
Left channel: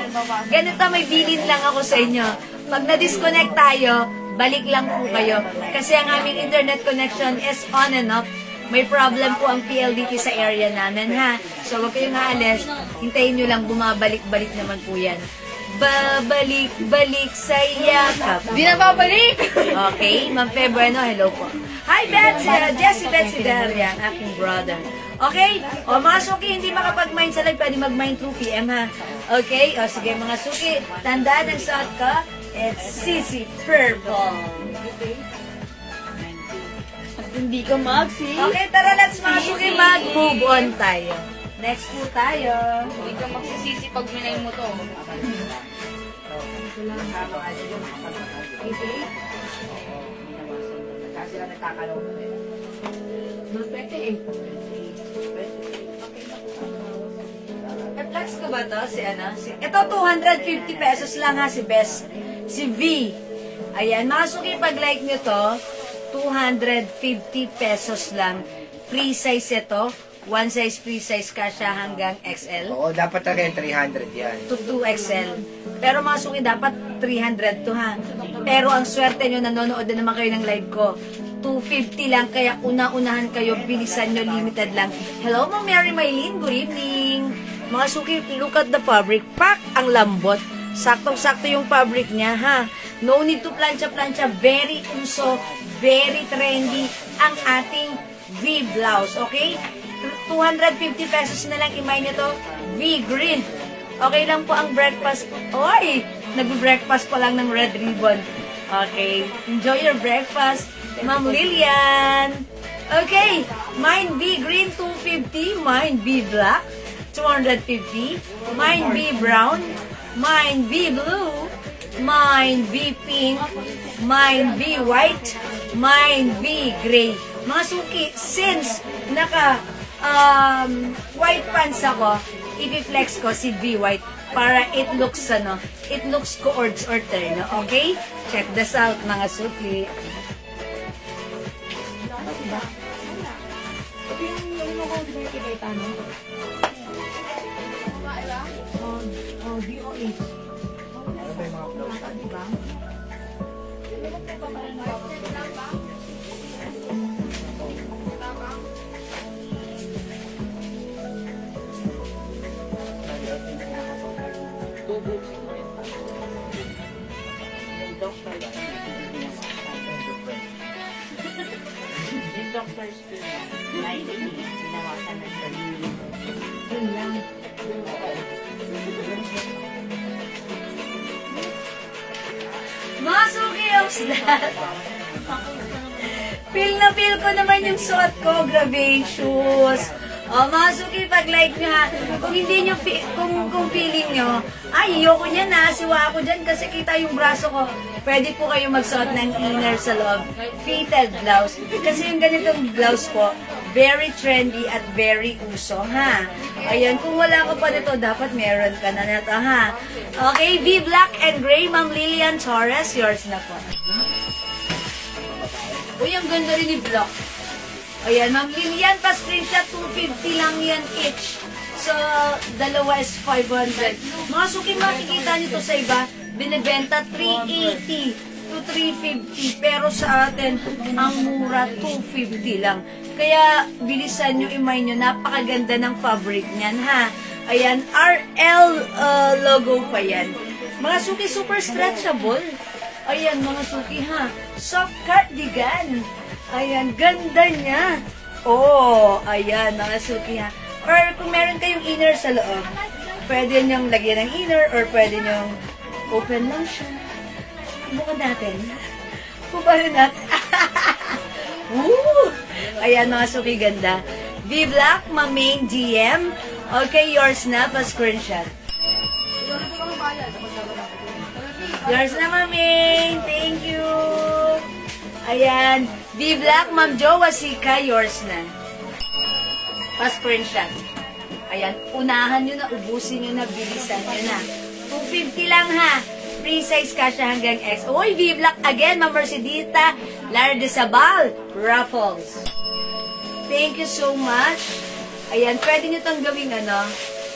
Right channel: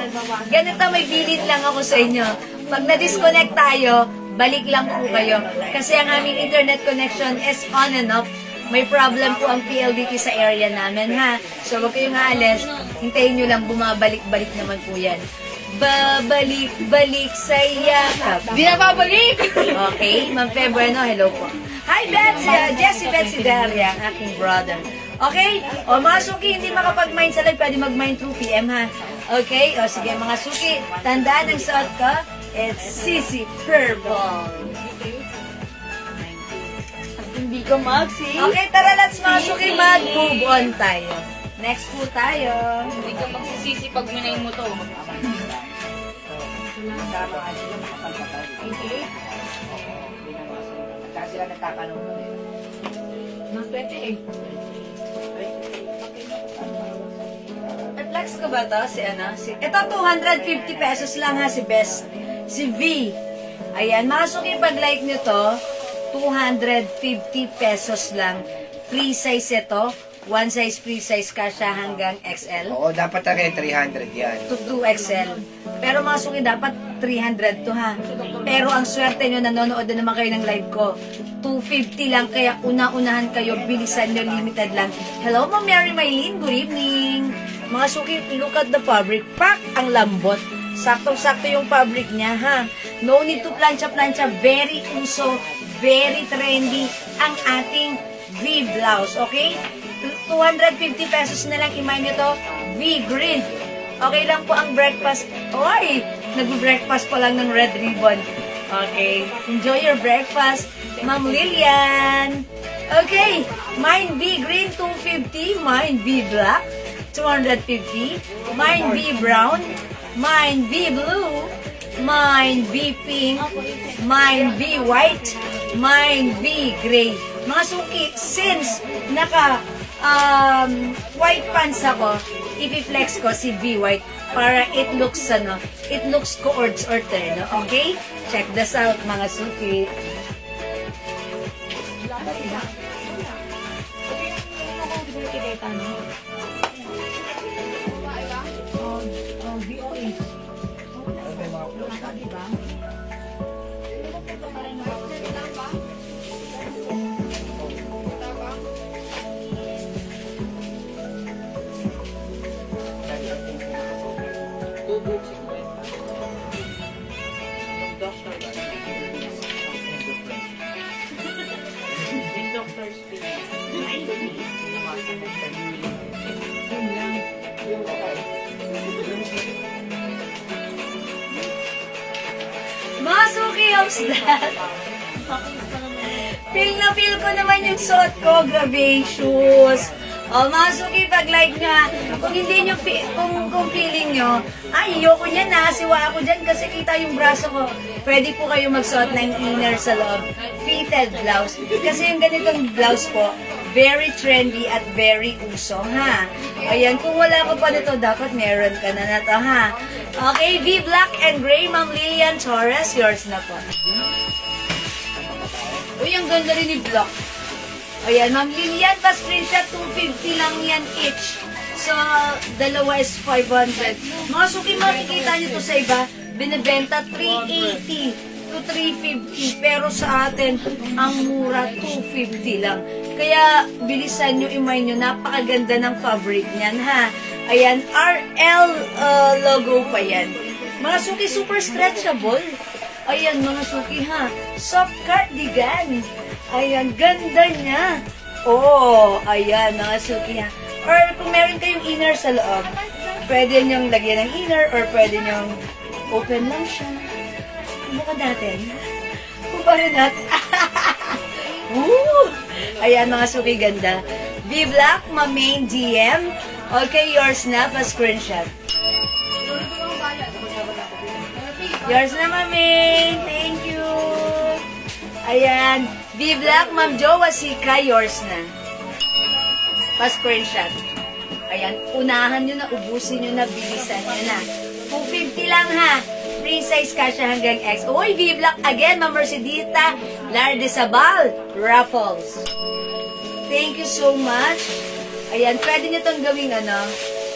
ganito may bilin lang ako sa inyo. Pag na-disconnect tayo, balik lang po kayo. Kasi ang aming internet connection is on and off. May problem po ang PLDT sa area namin, ha? So, wag kayong aalis. Hintayin nyo lang, bumabalik-balik naman po yan. Babalik-balik sa yakap. Di na babalik! Okay, Ma'am Febrano, hello po. Hi, Betsy! Betsy Daria, ang aking brother. Okay? O, mga suki, hindi makapag-mine sa live, pwede mag-mine 2 PM, ha? Okay? O, sige, mga suki, tandaan ang suot ko, it's Sisi Purple. Hindi ko mag-see. Okay, tara, let's mga suki, mag-move on tayo. Next po tayo. Hindi ka magsisisi pag minay mo to. Okay? Kasi sila nagkakalong nun eh. No, 28. I-flex ko ba to? Si ano? Ito, 250 pesos lang ha, si Best. Si V. Ayan, mga suki, pag like nyo to, 250 pesos lang. Free size ito. One size, free size ka siya hanggang XL. Oo, dapat talaga 300 yan. To 2XL. Pero mga suki, dapat 300 to ha. Pero ang swerte nyo, nanonood na naman kayo ng live ko. 250 lang, kaya una-unahan kayo, bilisan nyo, limited lang. Hello, Ma'am Mary Maylene, good evening. Mga suki, look at the fabric. Pak! Ang lambot. Saktong-sakto yung fabric niya, ha. No need to plancha-plancha. Very uso, very trendy ang ating V-blouse, okay? 250 pesos na lang, imay nito, V-green. Okay lang po ang breakfast. Oy, nag-breakfast pa lang ng red ribbon. Okay, enjoy your breakfast, Ma'am Lilian. Okay, mine V-green, 250. Mine V-black, 250. Mine V-brown. Mine V-blue. Mine V-pink. Mine V-white. Mine V-gray. Mga suki, since naka white pants ako, i-flex ko si V-white para it looks coords or terno. Okay? Check this out, mga suki. Diba? Masuki of that. feel ko naman yung suot ko. Grabe yung shoes. O, mga suki, pag-like na, kung hindi nyo, kung feeling nyo, ay, ayoko niyan na, siwa ako dyan kasi kita yung braso ko. Pwede po kayo magsuot ng inner sa loob. Fitted blouse. Kasi yung ganitong blouse po, very trendy at very uso, ha? Ayan, kung wala ka pa nito, dapat meron ka na to, ha? Okay, V Black and Gray, Ma'am Lilian Torres, yours na po. Uy, ang ganda rin ni Black. Ayan, Ma'am Lilian, pa-screenshot, 250 lang yan each. So, dalawa is 500. Mga suki, makikita nyo to sa iba, binibenta 380 to 350. Pero sa atin, ang mura, 250 lang. Kaya, bilisan nyo, imay nyo, napakaganda ng fabric niyan, ha? Ayan, RL logo pa yan. Mga suki, super stretchable. Ayan, mga suki, ha? Soft cardigan. Ayan, ganda niya. Oh, ayan, mga suki, ha? Or kung meron kayong inner sa loob, pwede nyong lagyan ng inner or pwede nyong open lang siya. Bukod natin. Paano natin? Woo! Ayan, mga suki, ganda. V Black, ma-main DM. Okay, yours na, pa-screenshot. Yours na, ma-main. Thank you. Ayan. V Black, Ma'am Jo Wasika, yours na. Pa-screenshot. Ayan, unahan nyo na, ubusin nyo na, bilisan nyo na. 250 lang, ha? Free size kasha hanggang X. Uy, V Black again, Ma'am Mercedita Lardesabal, Raffles. Thank you so much. Ayan, pwede nyo itong gawing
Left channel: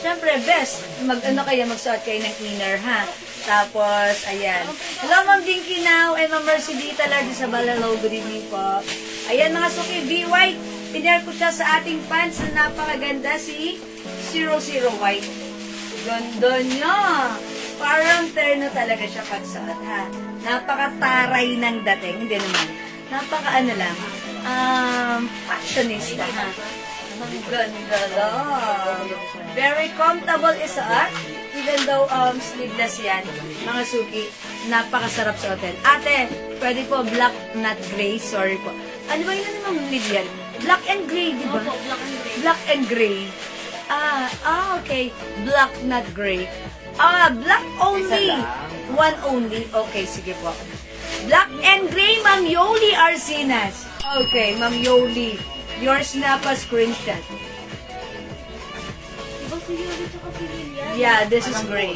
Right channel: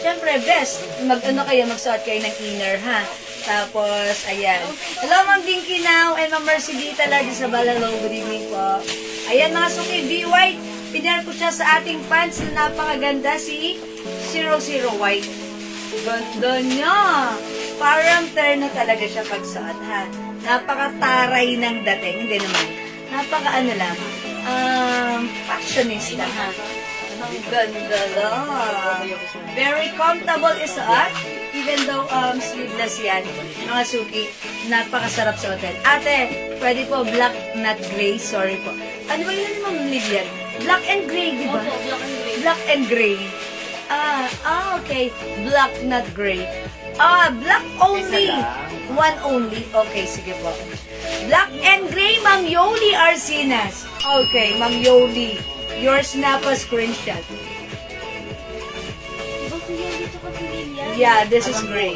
siyempre, best. Magsuot kayo ng inner, ha? Tapos, ayan. Hello, Ma'am Dinky Now, and Ma'am Mercedita Lardesabal. Hello, good evening po. Ayan, mga suki, V-White. Pinare ko siya sa ating pants na napakaganda, si 00 White. Ganda niya. Parang terno talaga siya pagsuot, ha? Napakataray ng dating. Hindi naman. Lang. Fashionista, ha? Ganda lang. Very comfortable isuot. Even though sleeveless yan, mga suki, napakasarap sa hotel. Ate, pwede po black, not gray. Sorry po. Ano ba yun yung Lilian? Black and gray, di ba? Opo, black and gray. Black and gray. Okay. Black, not gray. Black only. One only. Okay, sige po. Black and gray, Ma'am Yoli Arsinas. Okay, Ma'am Yoli. Yours na pa screenshot. Yeah, this is gray.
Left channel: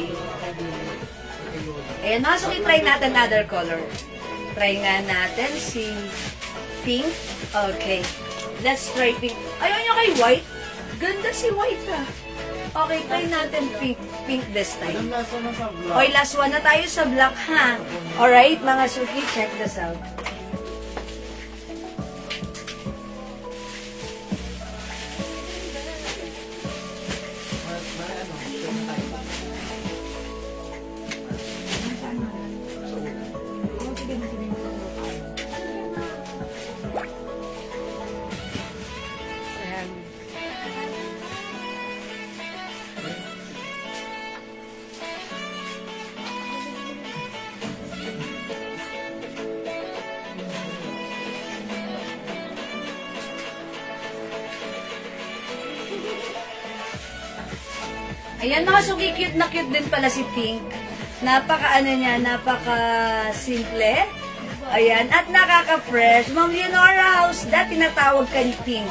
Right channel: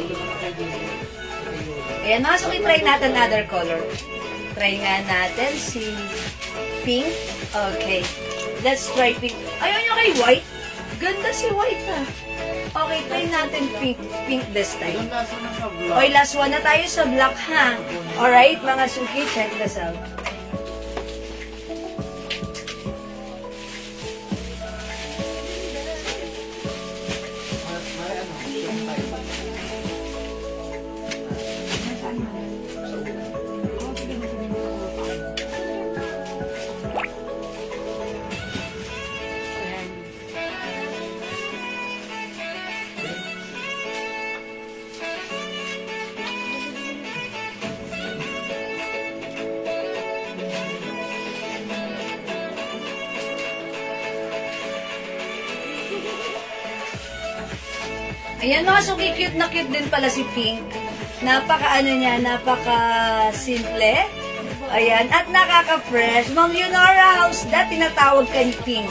Ayan, mga suki, try natin other color. Try nga natin si pink. Okay. Let's try pink. Ayaw nyo kay white? Ganda si white, ha? Okay, try natin pink. Pink this time. Okay, last one na tayo sa black, ha? Alright, mga suki, check this out. Ayan, mga suki, cute na cute din pala si Pink. Napaka-simple. Ayan, at nakaka-fresh. Ma'am Leonora House, dati tinatawag kang Pink.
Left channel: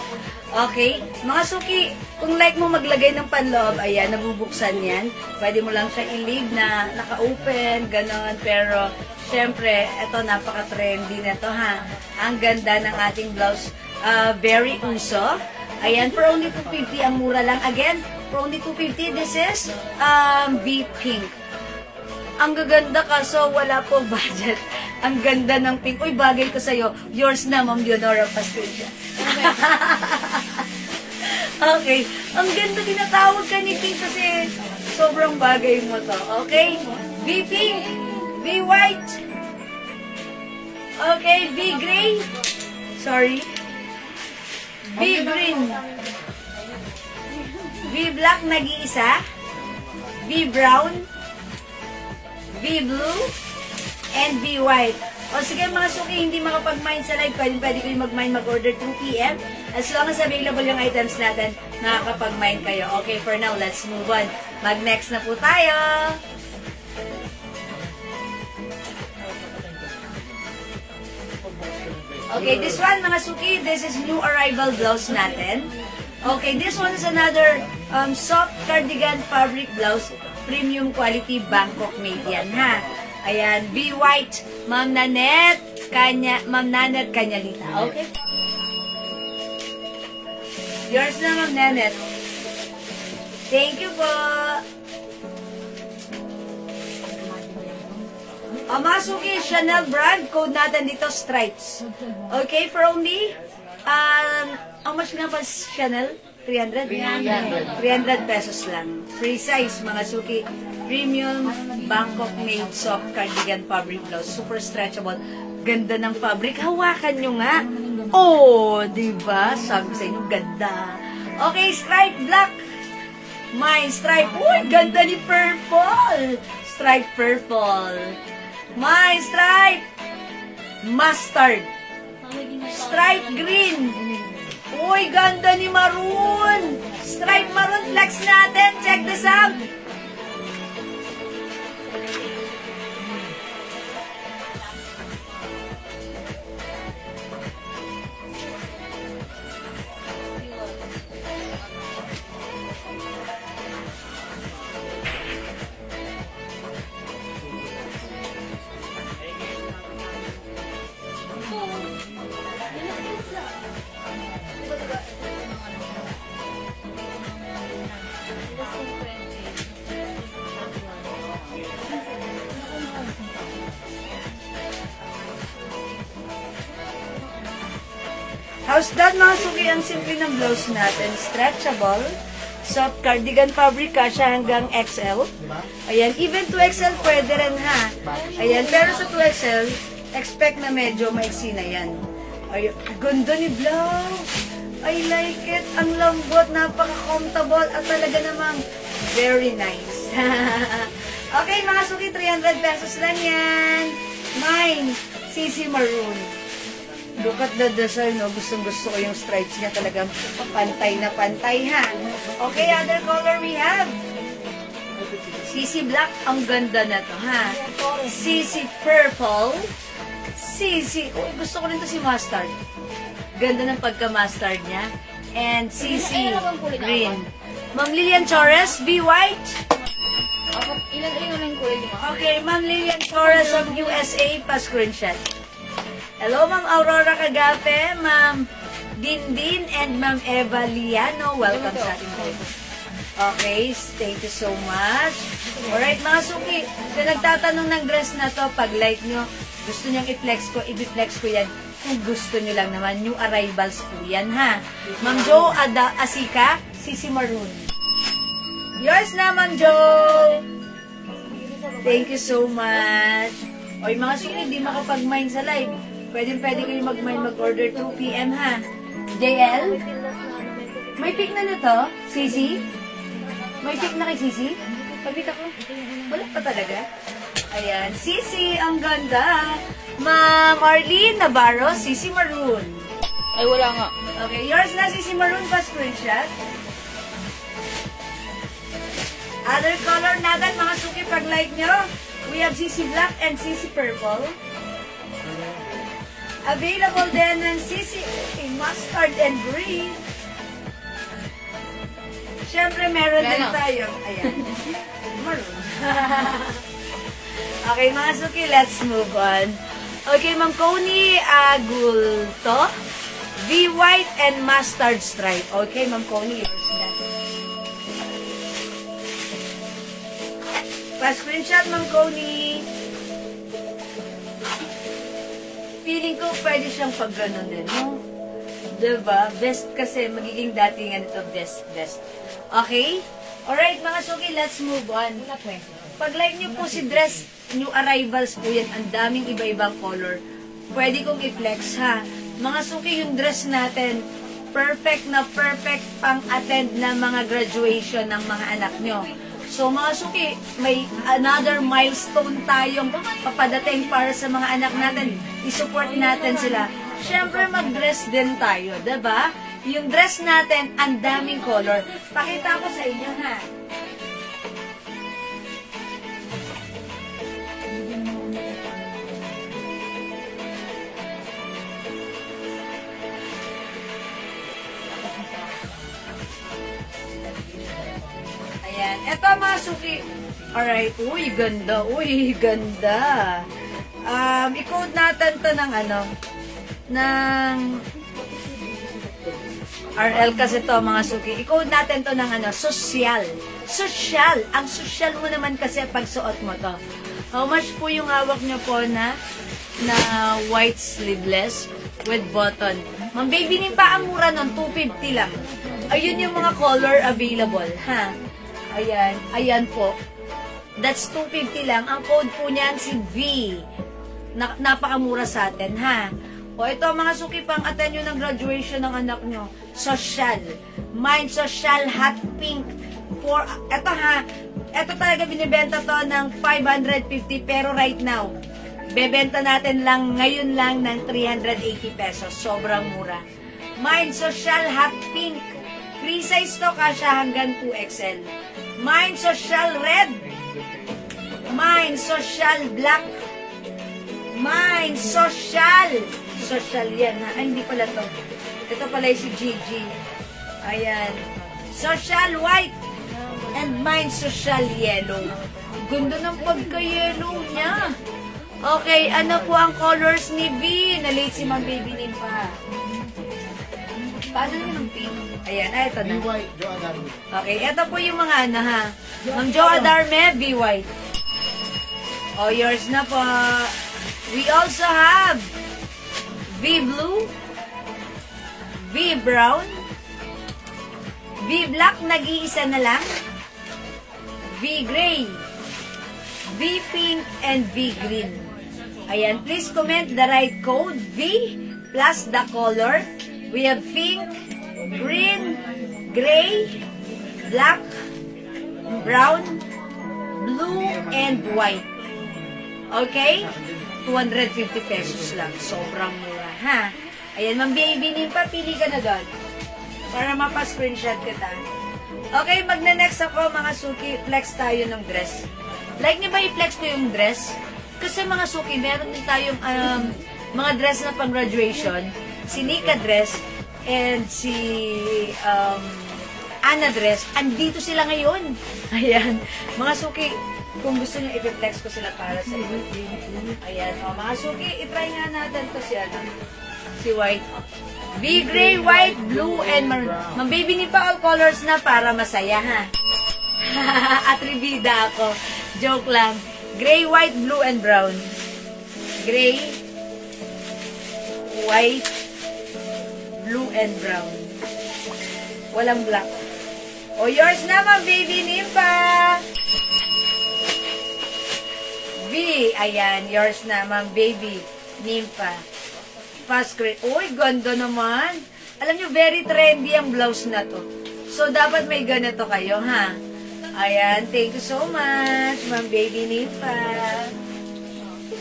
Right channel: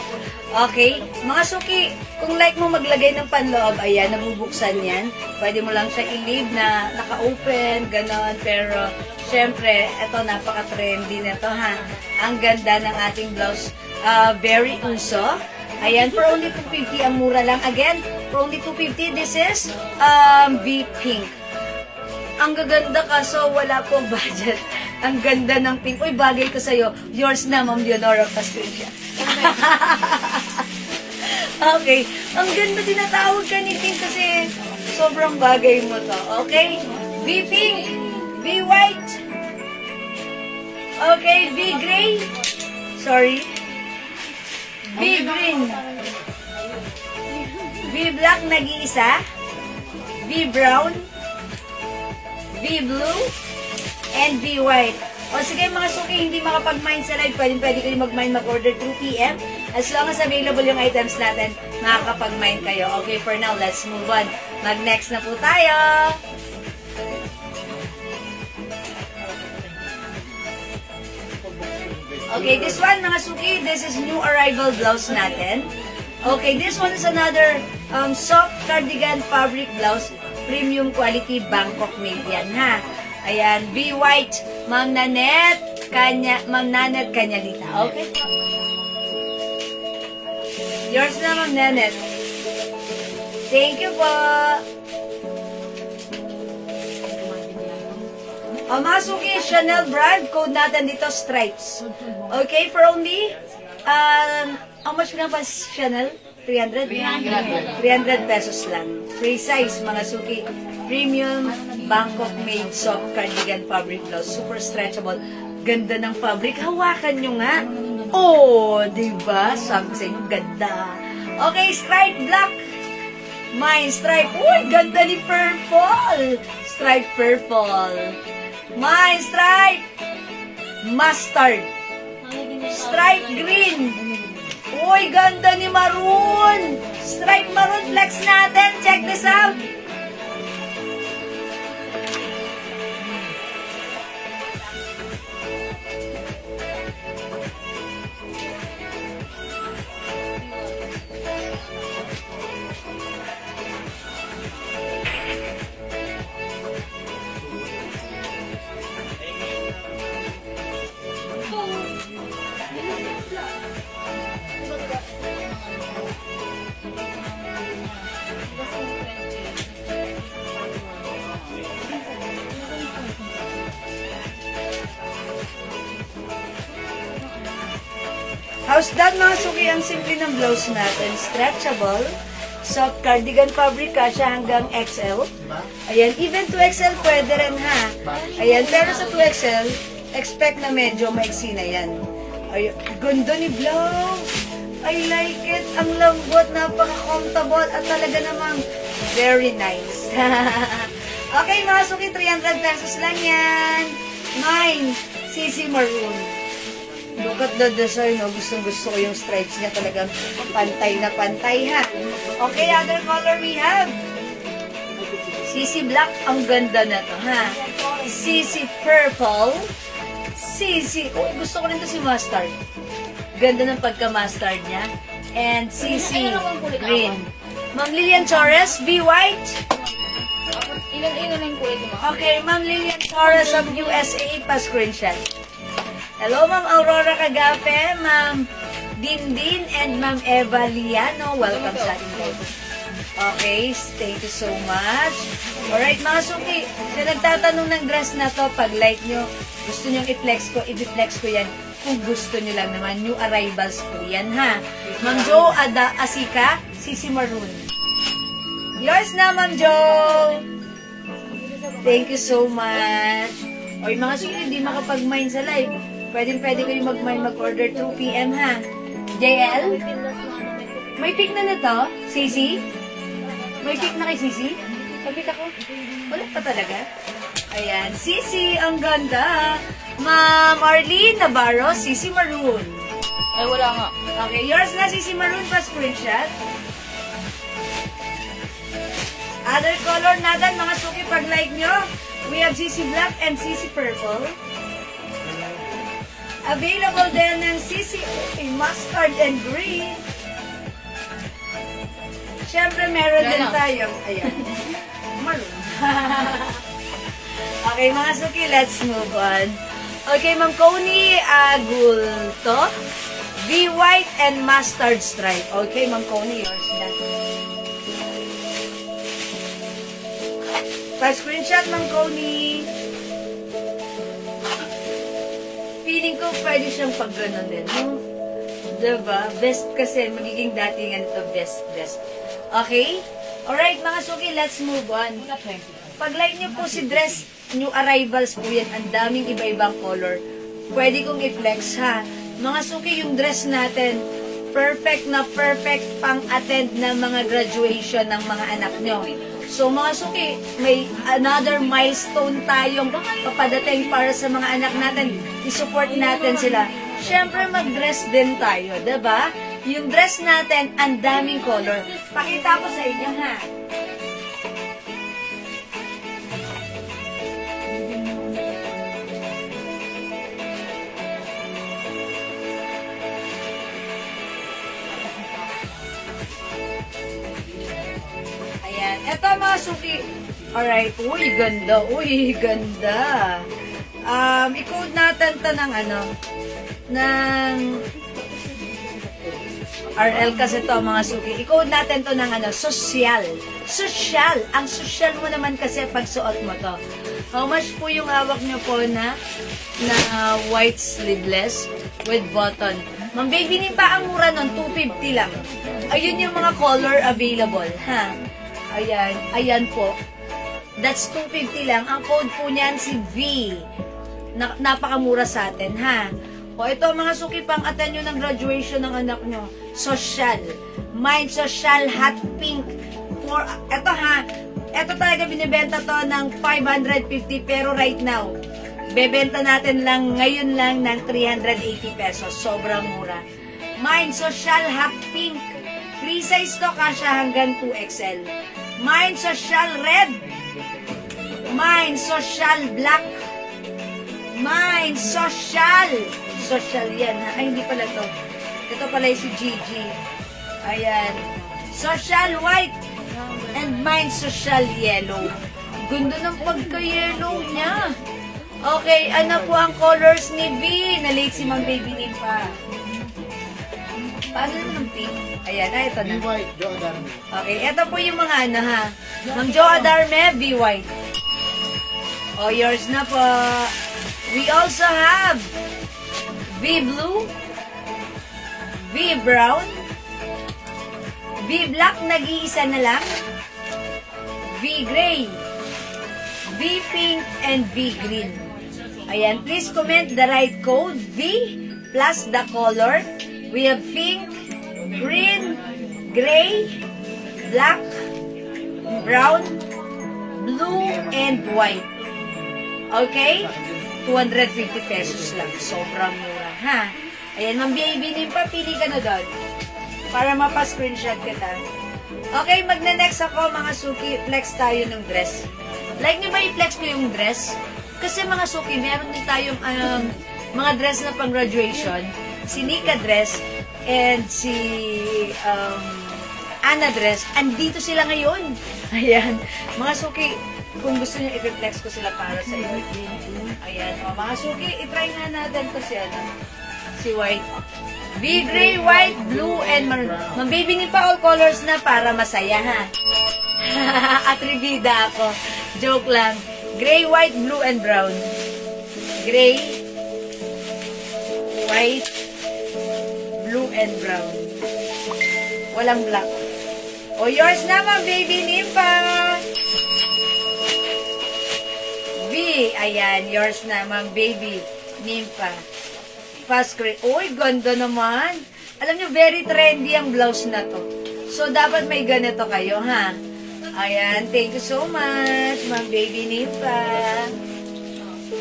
Okay? Mga suki, kung like mo maglagay ng panloob, ayan, nabubuksan yan. Pwede mo lang siya i-leave na naka-open, ganon. Pero, syempre, ito, napaka-trendy nito, ha? Ang ganda ng ating blouse. Very uso. Ayan, for only 250, ang mura lang. Again, for only 250, this is V Pink. Ang gaganda kaso wala pong budget. Ang ganda ng pink. Uy, bagay ko sa'yo. Yours na, Ma'am Leonora Pascucha. Okay. Ang ganda, tinatawag ka ni Pink kasi sobrang bagay mo to. Okay? V Pink, V White. Okay, V Gray. Sorry. V Green. V Black, nag-iisa. V Brown. V Blue. And V White. O sige mga suki, hindi makapag-mine sa live, pwede kayo mag-mine, mag-order 2 PM. As long as available yung items natin, makakapag-mine kayo. Okay, for now, let's move on. Mag-next na po tayo. Okay, this one mga suki, this is new arrival blouse natin. Okay, this one is another soft cardigan fabric blouse, premium quality Bangkok made yan ha. Ayan, be white, Ma'am Nanette Kanyalita. Okay po. Yours na, Ma'am Nanette. Thank you po. Mga suki, Chanel brand, code natin dito, stripes. Okay, for only, how much nga pa Chanel? 300? 300 pesos lang. Free size, mga suki. Premium Bangkok made soft cardigan fabric blouse. Super stretchable. Ganda ng fabric. Hawakan nyo nga. Oh, diba? Sabi ko sa inyo, ganda. Okay, stripe black. My stripe. Uy, ganda ni purple. Stripe purple. My stripe mustard. Stripe green. Uy, ganda ni maroon. Stripe maroon flex natin. Check this out. How's that mga suki? Ang simple ng blouse natin. Stretchable. Soft cardigan fabric kasha hanggang XL. Ayan. Even 2XL pwede rin ha. Ayan. Pero sa 2XL, expect na medyo maiksi na yan. Ayan. Ganda ni blouse. I like it. Ang lambot. Napaka-comfortable. At talaga namang very nice. Okay mga suki. 300 pesos lang yan. Mine. CC Maroon. Look at the design, no? Gustong-gusto ko yung stripes niya, talagang pantay na pantay, ha? Okay, other color we have. CC Black, ang ganda na to, ha? CC Purple. CC, oh, gusto ko rin to si Mustard. Ganda ng pagka-mustard niya. And CC Green. Ma'am Lilian Torres, be white. Ilan yung kulay mo? Okay, Ma'am Lilian Torres of USA, pa-screenshot. Hello, Ma'am Aurora Cagape, Ma'am Dindin, and Ma'am Eva Liano. Welcome sa ating live. Okay, thank you so much. Alright, mga suki, na nagtatanong ng dress na to, pag like nyo, gusto nyo i-flex ko, i-flex ko yan. Kung gusto nyo lang naman, new arrivals po yan, ha? Ma'am Jo Asika, CC Maroon. Yours na, Ma'am Jo. Thank you so much. Oy, mga suki, hindi makapag-mine sa live. Pwede kayo mag-mine, mag-order 2 PM, ha? JL? May pick na to? Sisi? May pick na kay Sisi? Pag-pick ako? Wala pa talaga? Ayan. Sisi, ang ganda. Ma'am Arlene Navarro, Sisi Maroon. Ay, wala nga. Okay, yours na, Sisi Maroon, pa screenshot. Other color natin, mga suki, pag-like nyo. We have CC Black and CC Purple. Available din ng CC Mustard and Green. Siyempre, meron din tayong, ayan, maroon. Okay, mga suki, let's move on. Okay, Ma'am Connie Agulto. Be white and mustard stripe. Okay, Ma'am Connie, yours na. Pa-screenshot, Ma'am Connie. Feeling ko pwede siyang pag-ganon din, no? Diba? Best kasi, magiging datingan ito, best. Okay? Alright, mga suki, let's move on. Pag-like nyo po si dress, new arrivals po yan. Ang daming iba-ibang color. Pwede kong i-flex, ha? Mga suki, yung dress natin, perfect na perfect pang-attend na mga graduation ng mga anak nyo. So mga suki, may another milestone tayong papadating para sa mga anak natin. I-support natin sila. Siyempre mag-dress din tayo, diba? Yung dress natin, ang daming color. Pakita ko sa inyo, ha? Ayan. Ito mga suki. Alright. Uy, ganda. Uy, ganda. I-code natin to ng ng RL kasi to mga suki. I-code natin to ng social. Social. Ang social mo naman kasi pag suot mo to. How much po yung hawak nyo po na white sleeveless with button? Ma'am, baby, pa ang mura nun, 250 lang. Ayun yung mga color available, ha? Ayan, ayan po. That's 250 lang. Ang code po niyan si V. Napakamura sa atin, ha? O ito, mga suki, pang attend nyo ng graduation ng anak nyo. Social. Mine social hot pink. Ito ha, ito talaga binibenta to ng 550 pero right now, bebenta natin lang ngayon lang ng 380 pesos. Sobrang mura. Mine social hot pink. Free size to, kasya hanggang 2XL. Mine social red. Mine social black. Mine social. Social yan ha. Ay, hindi pala to. Ito pala yung si Gigi. Ayan. Social white. And mine social yellow. Ganda ng pagka-yellow niya. Okay, ano po ang colors ni V? Nalate si Ma'am Baby Nim pa. Paano yung pink? Ayan, ito na. V-White, Jo Adarme. Okay, ito po yung mga ha. Ma'am Jo Adarme, V-White. Oh, yours na po. We also have V-Blue, V-Brown, V-Black, nag-iisa na lang, V-Gray, V-Pink, and V-Green. Ayan, please comment the right code, V, plus the color. We have pink, green, gray, black, brown, blue, and white. Okay? 250 pesos lang. Sobrang mura, ha? Ayan, Ma'am Baby Nim, pili ka na doon. Para mapa-screenshot kita. Okay, magna-next ako, mga suki. Flex tayo ng dress. Like nyo ba i-flex ko yung dress? Kasi mga suki, meron din tayong mga dress na pang graduation. Si Nika dress and si Ana dress. Andito sila ngayon. Ayan. Mga suki, kung gusto nyo i-reflex ko sila para sa inyo. Ayan. O, mga suki, i-try nga natin ko si white. V-gray, white, blue, and maroon. Ma'am Baby Nim pa all colors na para masaya, ha? Atribida ako. Joke lang. Gray, white, blue, and brown. Gray, white, blue, and brown. Walang black. O, yours na, Ma'am Baby Nim pa. V, ayan, yours na, Ma'am Baby Nim pa. Fast grade. Uy, ganda naman. Alam nyo, very trendy ang blouse na to. So, dapat may ganito kayo, ha? Ayan, thank you so much, Ma'am Baby Nim pa.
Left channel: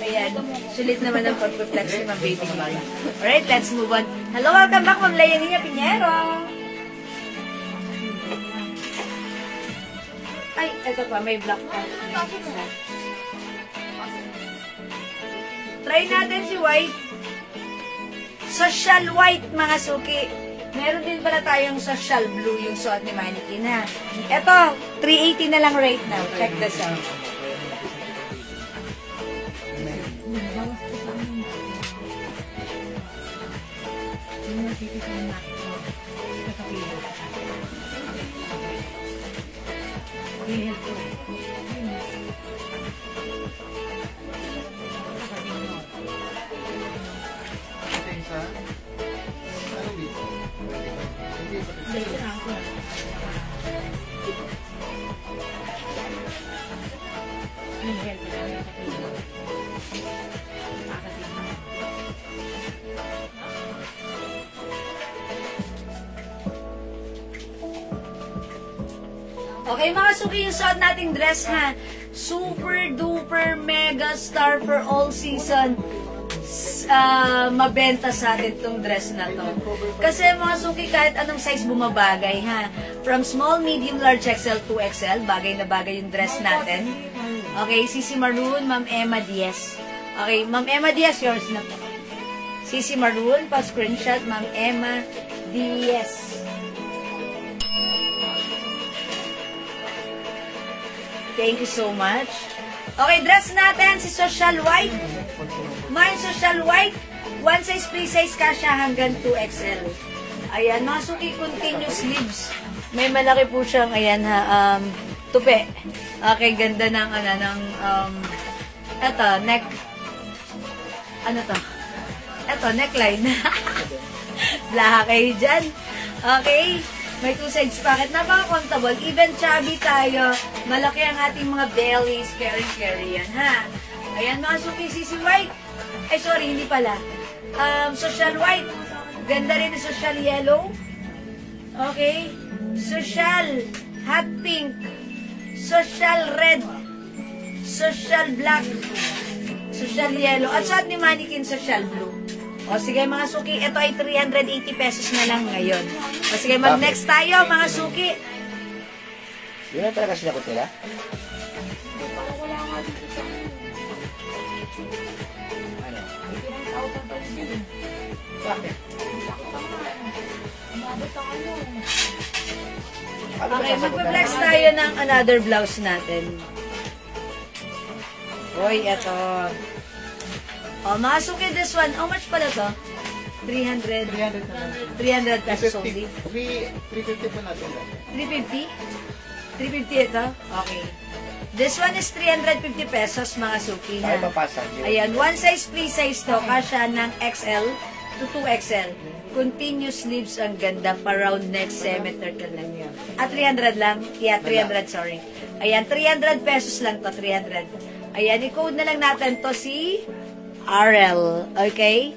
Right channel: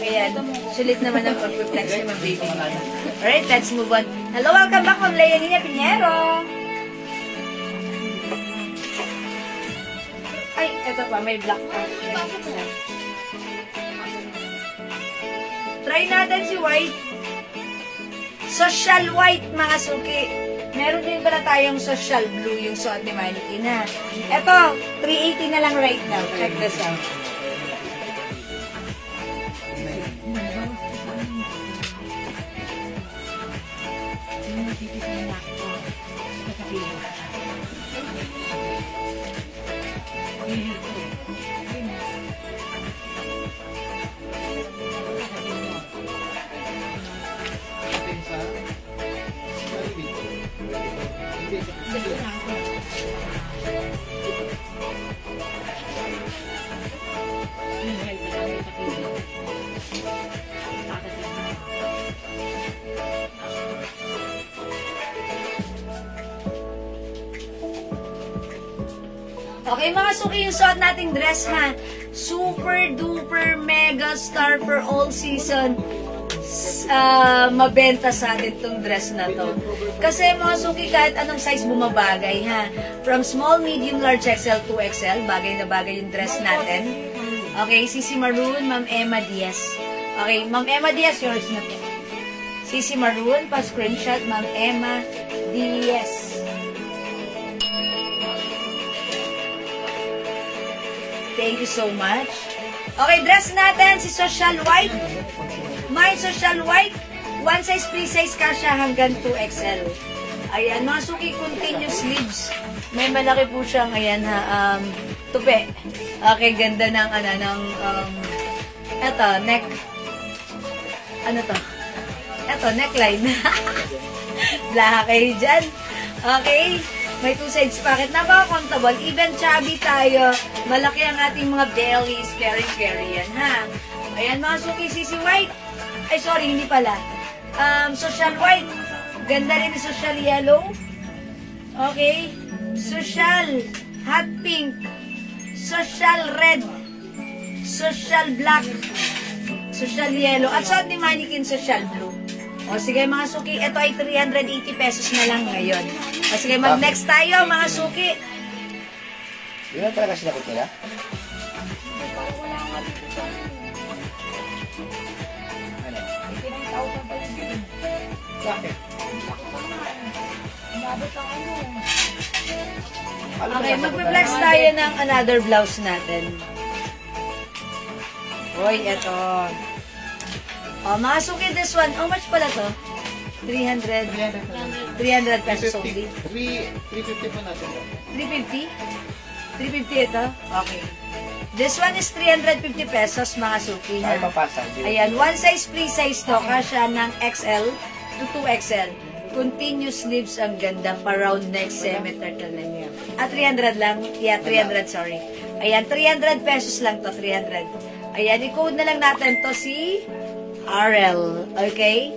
Ayan, sulit naman ang pag-reflex ni Ma'am Baby Nim pa. Alright, let's move on. Hello, welcome back, Ma'am Leonina Pinheiro. Ay, eto pa, may black pa. Try natin si white. Social white, mga suki. Meron din pala tayong social blue, yung suot ni Manny na. Eto, 380 na lang right now. Check this out. Okay, mga suki, yung suot nating dress ha. Super duper mega star for all season. Mabenta sa atin tong dress na to. Kasi mga suki, kahit anong size bumabagay ha. From small, medium, large, XL to XL, bagay na bagay yung dress natin. Okay, Sisi Maroon, Ma'am Emma Diaz. Okay, Ma'am Emma Diaz, yours na po. Sisi Maroon, pa-screenshot, Ma'am Emma Diaz. Thank you so much. Okay, dress natin si Social White. My Social White, one size, free size kasha hanggang 2XL. Ayan, mga suki, continuous sleeves. May malaki po siyang, ayan ha, tupi. Okay, ganda ng, eto, neck. Ano to? Eto, neckline. Blaha kayo dyan. Okay. May two sides pocket. Napaka-comfortable. Even chubby tayo. Malaki ang ating mga bellies. Carry yan, ha? Ayan, mga suki, Sisi White. Ay, sorry, hindi pala. Social White. Ganda rin yung Social Yellow. Okay. Social Hot Pink. Social Red. Social Black. Social Yellow. At sa ating mannequin, Social Blue. O sige mga suki, ito ay 380 pesos na lang ngayon. O sige, mag-next tayo mga suki. Yun na talaga sila kutila? Parang wala nga dito sa Ano? 89,000 pa yung bilhin. Bakit? Umabot ang ano. Okay, mag-flex tayo ng another blouse natin. Roy, ito. O mga suki, this one, how much pala to? 300 pesos only. 350 po natin. 350? 350 ito? Okay. This one is 350 pesos mga suki. Saan papasa? Ayan, one size, free size to. Kasya ng XL to 2XL. Continuous sleeves, ang ganda. Pa-round neck, semi-turtle lang yan. 300 lang? Yeah, 300, sorry. Ayan, 300 pesos lang to, 300. Ayan, i-code na lang natin to si RL. Okay?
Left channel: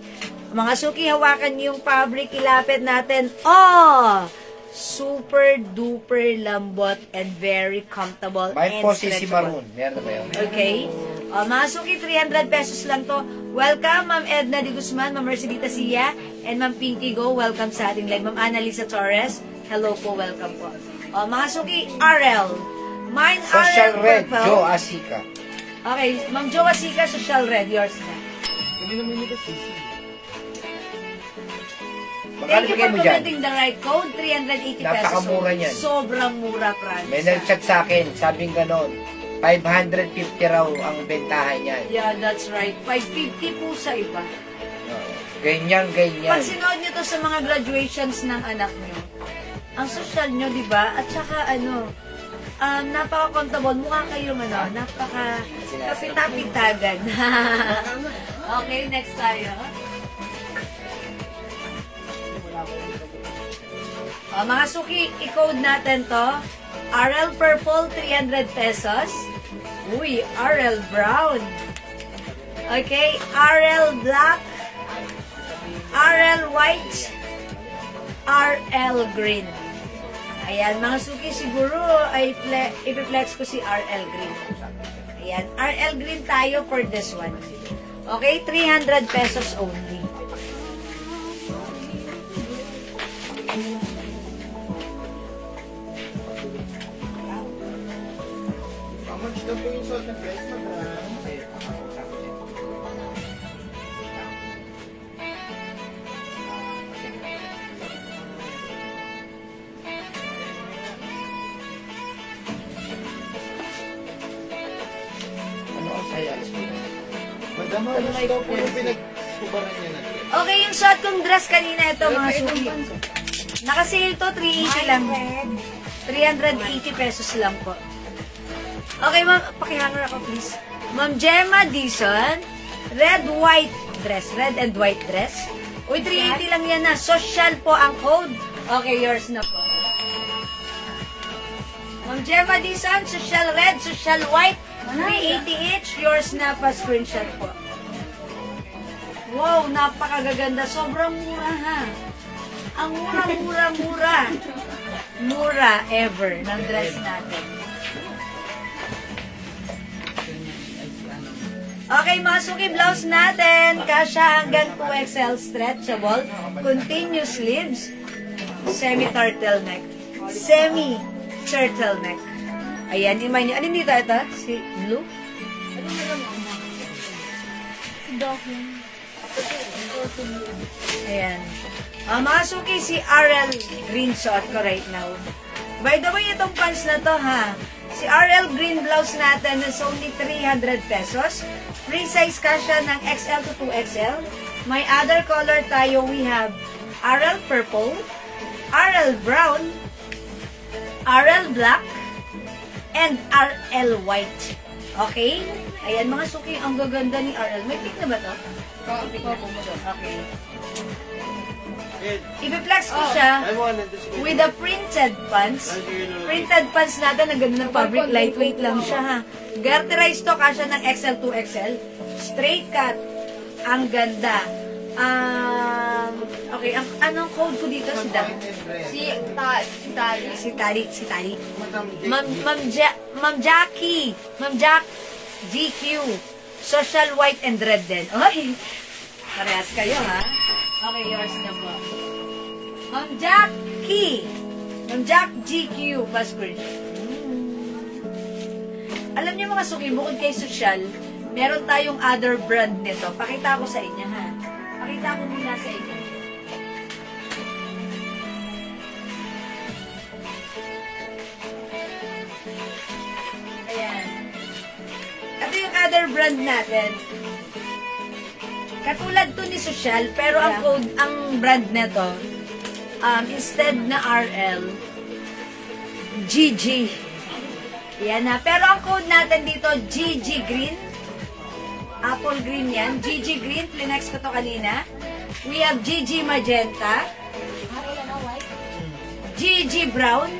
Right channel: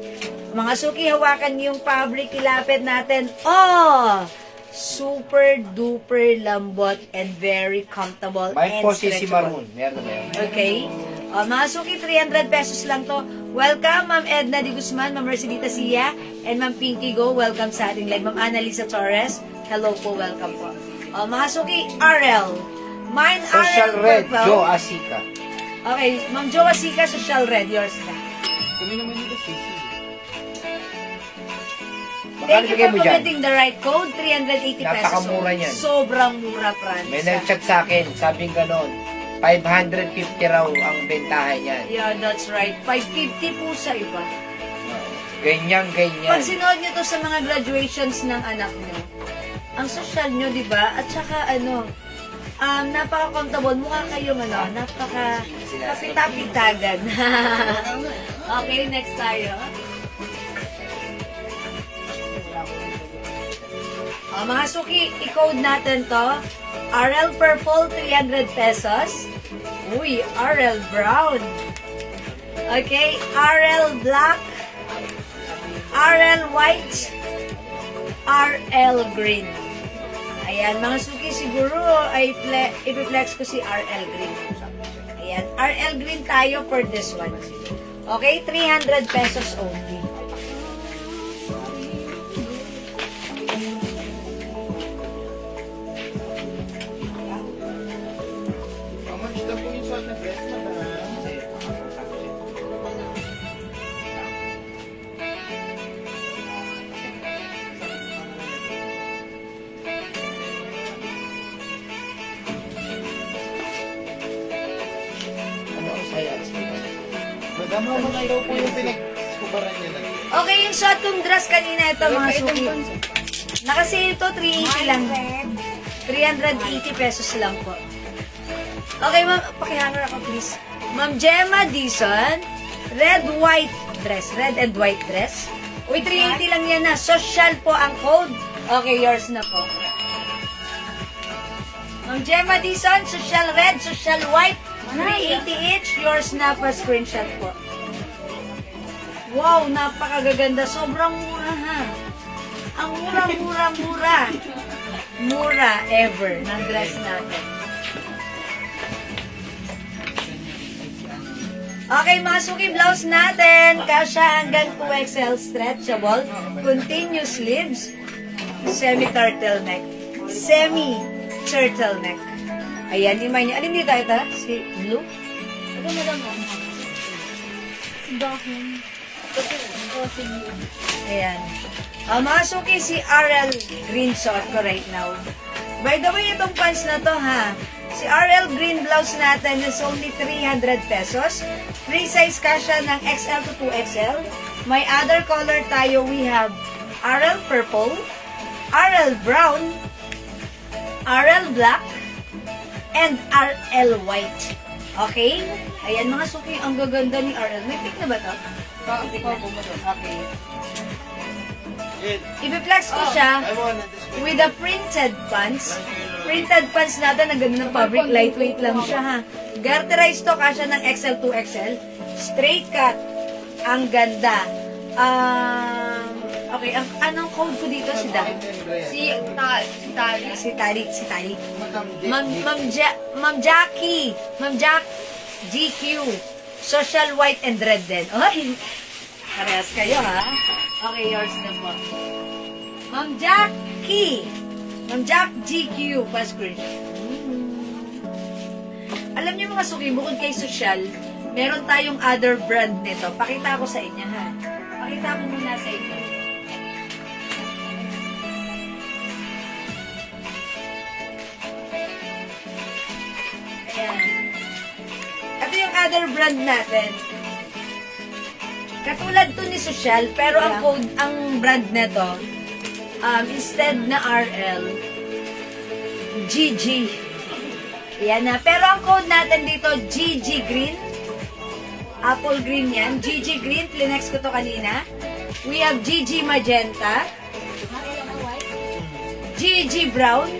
Mga suki, hawakan yung fabric, ilapit natin. Oh! Super duper lambot and very comfortable. May and po Sisi stretchable. Maroon. Meron na ba yun? Okay. Mga suki, 300 pesos lang to. Welcome, Ma'am Edna Di Guzman, Ma'am Mercedita Sia, and Ma'am Pinky Go. Welcome sa ating live. Ma'am Annalisa Torres. Hello po, welcome po. Mga suki, RL. Mine Social RL Red, purple. Joe Asika. Okay, Ma'am Joe Asika, Social Red. Yours na. Kami naman nito Sisi. Thank you bigay for mo dyan? commenting the right code. 380 pesos. Napakamura niyan. Sobrang mura, Franz. May nag-chat sa akin, sabing ganon, 550 raw ang bentahan niyan. Yeah, that's right. 550 po sa iba. Ganyan. Pag sinood nyo to sa mga graduations ng anak nyo, ang social nyo, di ba? At saka, napaka-comfortable. Mukha kayong, napaka-kapitapitagan. Okay, next tayo. Mga suki, i-code natin to. RL Purple, 300 pesos. Uy, RL Brown. Okay, RL Black. RL White. RL Green. Ayan, mga suki, siguro ay i-flex ko si RL Green. Ayan, RL Green tayo for this one. Okay, 300 pesos only. How much na po yung salt and dress, madam? Ano ang saya? Madam, how much daw po yung pinagkubaran niya na? Okay, yung shot kong dress kanina, ito mga suki. Nakasale to, 380 lang. 380 pesos lang po. Okay, ma'am, pakihanger ako please. Ma'am Gemma Dizon, red and white dress. Uy, 380 lang yan na. Social po ang code. Okay, yours na po. Ma'am Gemma Dizon, social red, social white, 380 each. Yours na pa, screenshot po. Wow, napakagaganda. Sobrang mura ha. Ang mura. mura ever ng dress natin. Okay, mga suki blouse natin. Kasha hanggang 2XL stretchable. Continuous sleeves. Semi-turtleneck. Semi-turtleneck. Ayan, iman niya. Alin dito ito? Si blue? Ano mo lang ako? Document. Ayan. Mga suki, si RL Green suot ko right now. By the way, itong pants na to ha. Si RL Green blouse natin is only 300 pesos. Free size kasha ng XL to 2XL. May other color tayo. We have RL Purple, RL Brown, RL Black, and RL White. Okay? Ayan mga suki, ang gaganda ni RL. May pick na ba to? Okay. I-flex ko siya with the printed pants. Printed pants natin, ang ganda ng fabric, lightweight lang siya ha. Garterized to, kasya ng XL to XL. Straight cut. Ang ganda. Okay, anong code ko dito? Si Dan? Si Tali. Ma'am Jackie. Ma'am Jack. GQ. Social white and red din. Okay. Parehas kayo ha. Okay, yours na po. Ma'am Jackie. Ma'am Jack GQ. Passport. Alam niyo mga suki, bukod kay social, meron tayong other brand nito. Pakita ko sa inyo ha. Pakita ko muna sa inyo. Ayan. Ito yung other brand natin. Katulad to ni Social, pero ang code, ang brand na to, instead na RL, GG. Yan na. Pero ang code natin dito, GG Green. Apple green yan. GG Green. Plinex ko to kanina. We have GG Magenta. GG Brown.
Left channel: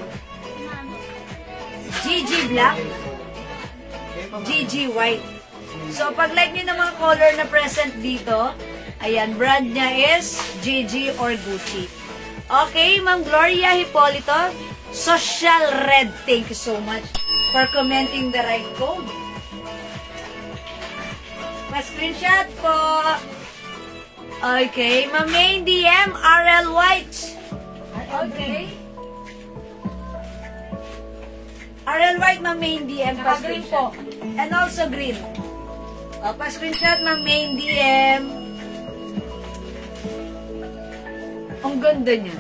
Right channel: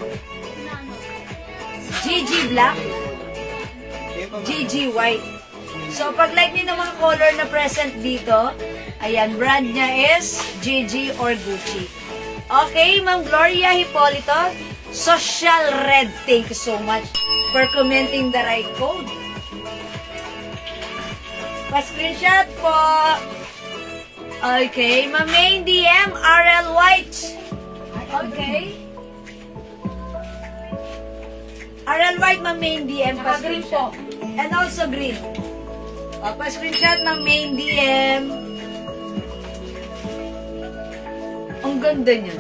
GG Black. GG White. So, pag like nyo ng mga color na present dito, ayan, brand niya is GG or Gucci. Okay, Ma'am Gloria Hipolito, Social Red, thank you so much for commenting the right code. Pa-screenshot po. Okay, Ma'am Main DM, RL White. Okay. RL White, Ma'am Main DM, pa-screenshot. And also green. Pa-screenshot, Ma'am Main DM. Ang ganda niya.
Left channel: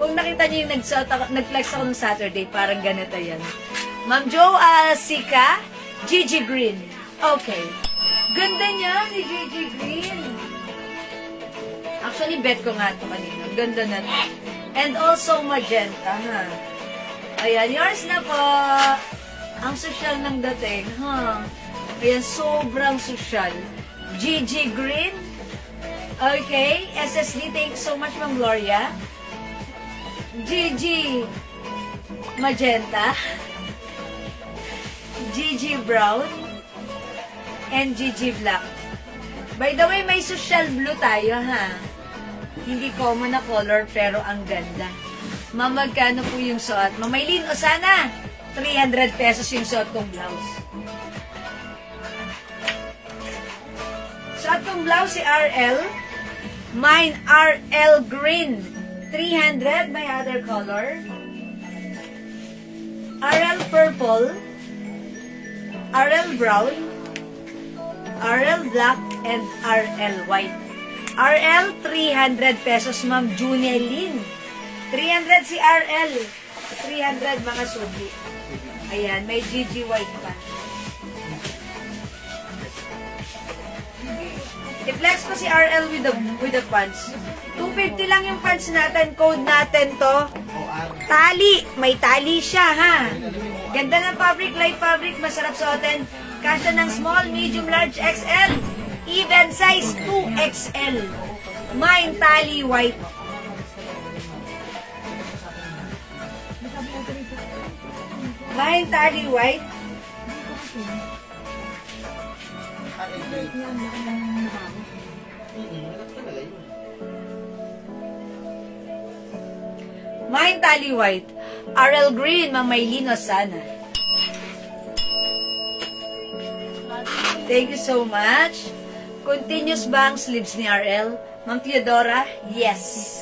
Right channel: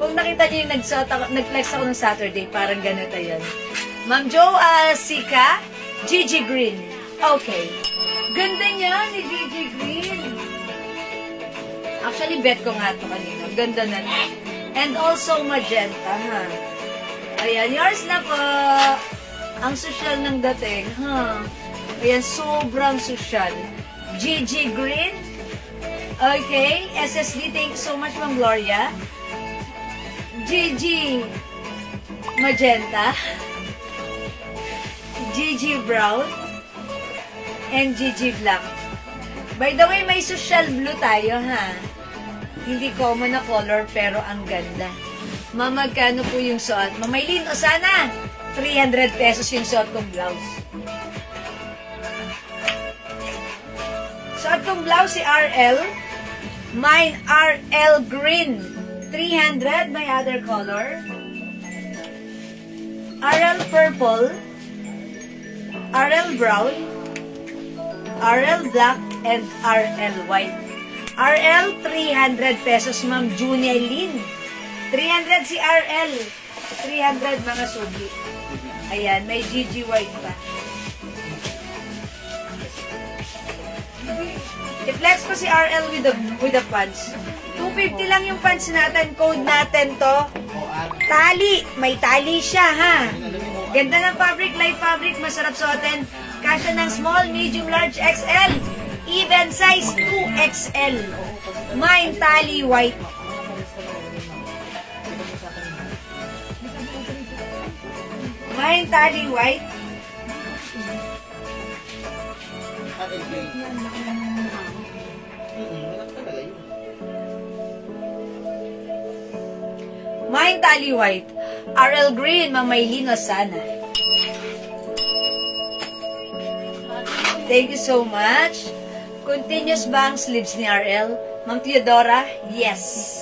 Kung nakita niyo yung nag-flex ako ng Saturday, parang ganito yan. Ma'am Jo Sika, GG Green. Okay. Ganda niya ni GG Green. Actually, bet ko nga ito kanina. Ganda na. And also magenta, ha. Ayan, yours na po. Ang social ng dating, ha. Ayan, sobrang social. GG Green. Okay. SSD, thank you so much, Ma'am Gloria. GG Magenta. GG Brown. And GG Black. By the way, may social blue tayo, ha. Hindi common na color, pero ang ganda. Magkano po yung suot? Mamaylin, o sana 300 pesos yung suot kong blouse. Suot kong blouse si RL. Mine, RL Green. 300, may other color. RL Purple. RL Brown. RL Black. And RL White. RL, 300 pesos, Ma'am Junior Lynn. 300 si RL. 300 mga sugi. Ayan, may GG White pa. I-flex ko si RL with the pants. 250 lang yung pants natin. Code natin to. Tali. May tali siya, ha? Ganda ng fabric, light fabric. Masarap suotin. Kasya ng small, medium, large, XL. Even size 2XL. Mine tali white. Mine tali white. Mine tally white. RL Green, Ma'am Maylene Osana. Thank you so much. Continuous ba ang sleeves ni RL? Ma'am Theodora? Yes.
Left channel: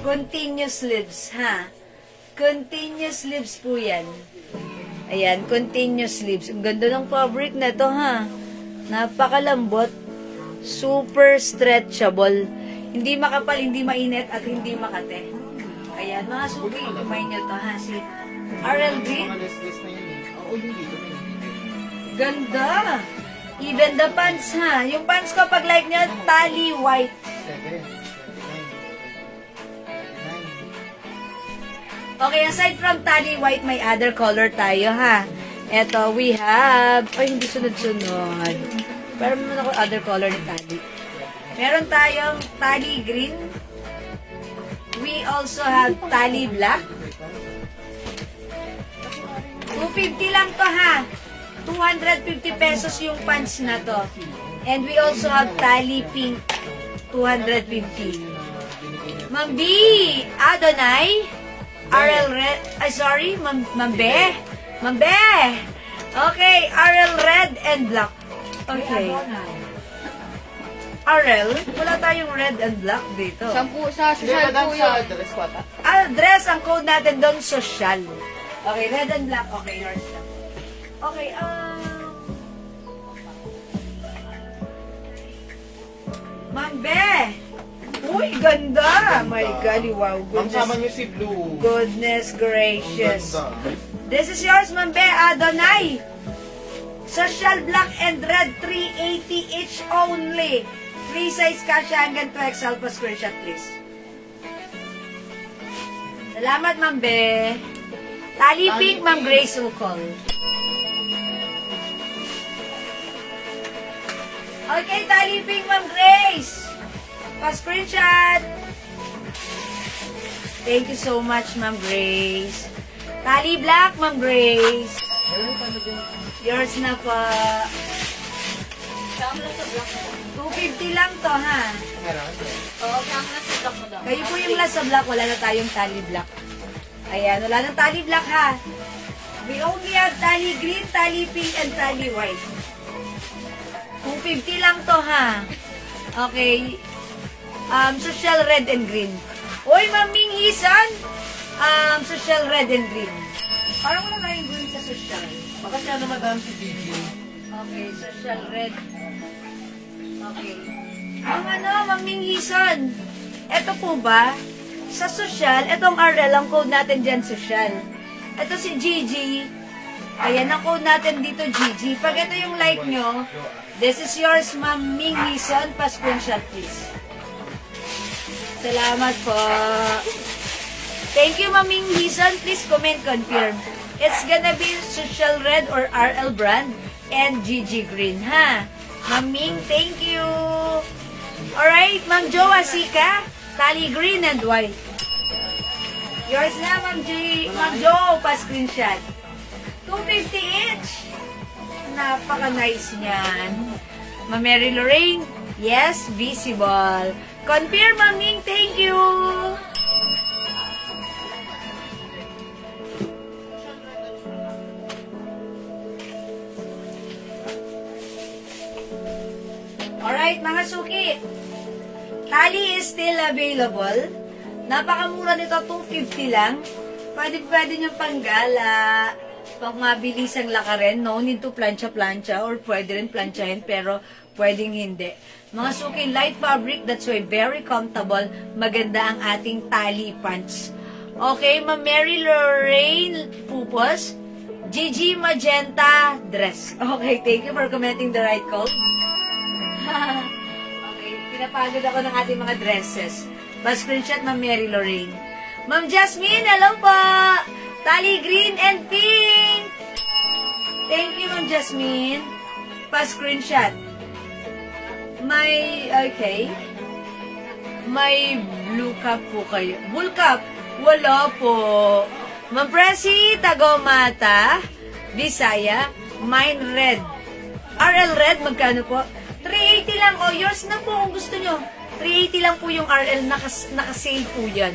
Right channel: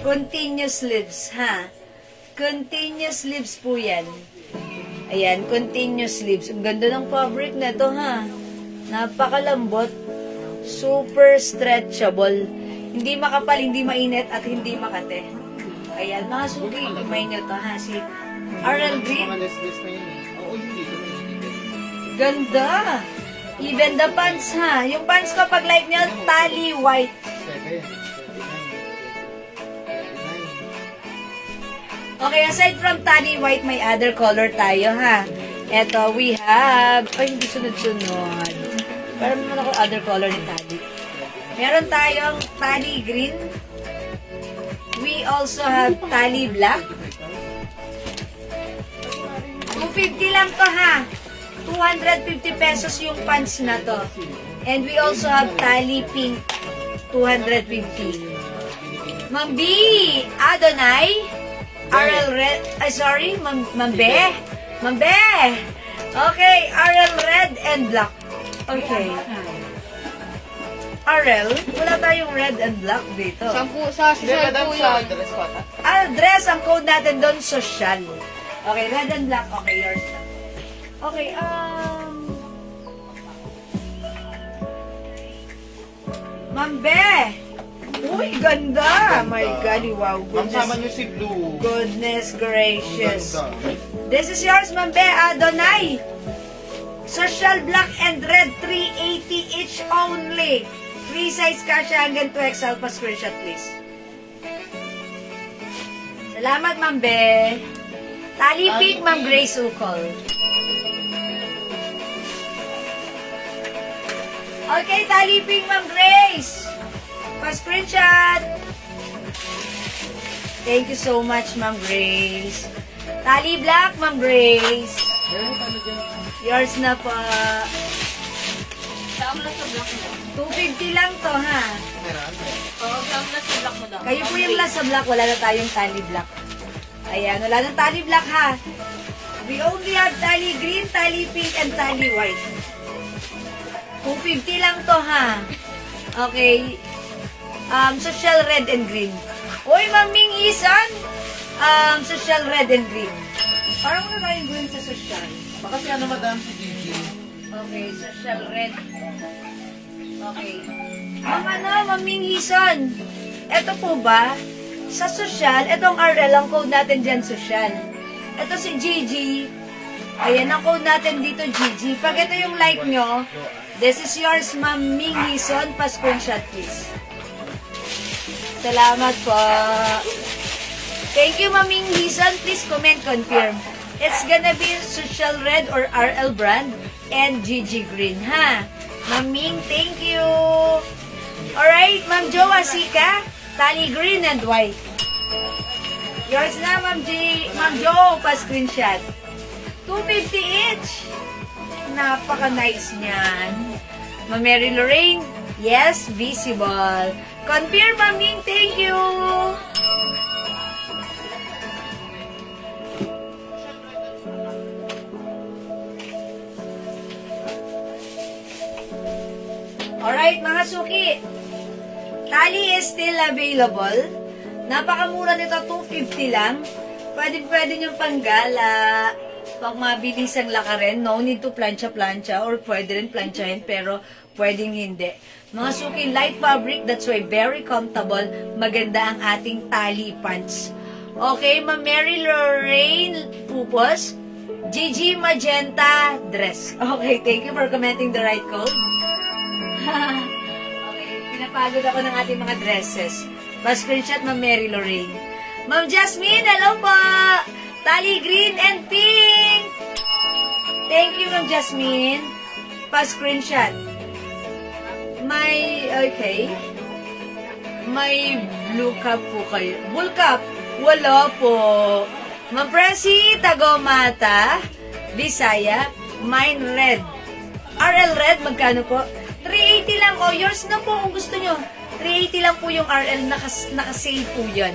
Continuous sleeves, ha? Continuous sleeves po yan. Ayan, continuous sleeves. Ang ganda ng fabric na ito, ha? Napakalambot. Super stretchable. Hindi makapal, hindi mainit, at hindi makate. Ayan, mga suki, kumain nyo to, ha? Si RL Green. Ganda! Even the pants, ha? Yung pants ko, pag like nyo, tally white. Okay, aside from tally white, may other color tayo, ha? Eto, we have... Ay, hindi sunod-sunod. Pero naman ako other color na tally. Meron tayong tally green. We also have tally black. 250 lang to, ha? 250 pesos yung pants na to. And we also have tally pink. 250. Ma'am B, Adonai, RL Red, sorry, Ma'am Be. Ma'am Be. Okay, RL Red and black. Okay. RL, wala tayong red and black dito. Sa social po yun. Dress, ang code natin doon, social. Okay, red and black. Okay, yours na. Okay, Ma'am Be. Uy, ganda. My God, wow. Ma'am, sama niyo si Blue. Goodness gracious. This is yours, Ma'am Be. Adonai. Social black and red, 380 each only. Free size kasha hanggang 2XL pa screenshot, please. Salamat, Ma'am Be. Tally pink, Ma'am Grace Ukol. Okay, tally pink, Ma'am Grace. Pa-screenshot. Thank you so much, Ma'am Grace. Tally black, Ma'am Grace. Yours na po. 250 lang to, ha? Kayo po yung last sa black. Wala na tayong tally black. Ayan, wala na tally black, ha? We only have tally green, tally pink, and tally white. 250 lang to, ha? Okay. Social red and green. Uy, Maming Isan! Social red and green. Parang wala tayong green sa social. Kasi ano, madam, si Gigi? Okay, social red. Okay. Maming Isan. Ito po ba? Sa social, itong RL, ang code natin dyan, social. Ito si Gigi. Ayan, ang code natin dito, Gigi. Pag ito yung like nyo, this is yours, Maming Isan. Pa-screenshot, please. Salamat po. Thank you, Maming Isan. Please comment, confirm. It's gonna be social red or RL brand and Gigi green, ha? Maming, thank you. Alright, Ma'am Jo Asika, tally green and white. Yours na, Ma'am Jo, pa-screenshot. 250 each. Napaka-nice niyan. Ma'am Mary Lorraine, yes, visible. Confirm, Maming, thank you. Alright, mga suki. Tally is still available. Napakamura nito, 250 lang. Pwede nyo panggala, pang mabilis ang lakarin. No need to plancha-plancha or pwede rin planchahin pero pwedeng hindi. Mga suki, light fabric, that's why very comfortable. Maganda ang ating tally pants. Okay, Ma'am Mary Lorraine Pupos, Gigi Magenta dress. Okay, thank you for commenting the right code. Okay, pinapagod ako ng ating mga dresses. Pa-screenshot, Ma'am Mary Lorraine. Ma'am Jasmine, hello po! Tally green and pink! Thank you, Ma'am Jasmine. Pa-screenshot. Okay. May blue cup po kayo. Bull cup? Wala po. Ma'am Presi, Tagomata, Bisaya, mine red. RL red, magkano po? 380 lang. O, yours na po kung gusto nyo. 380 lang po yung RL. Naka-sale po yan.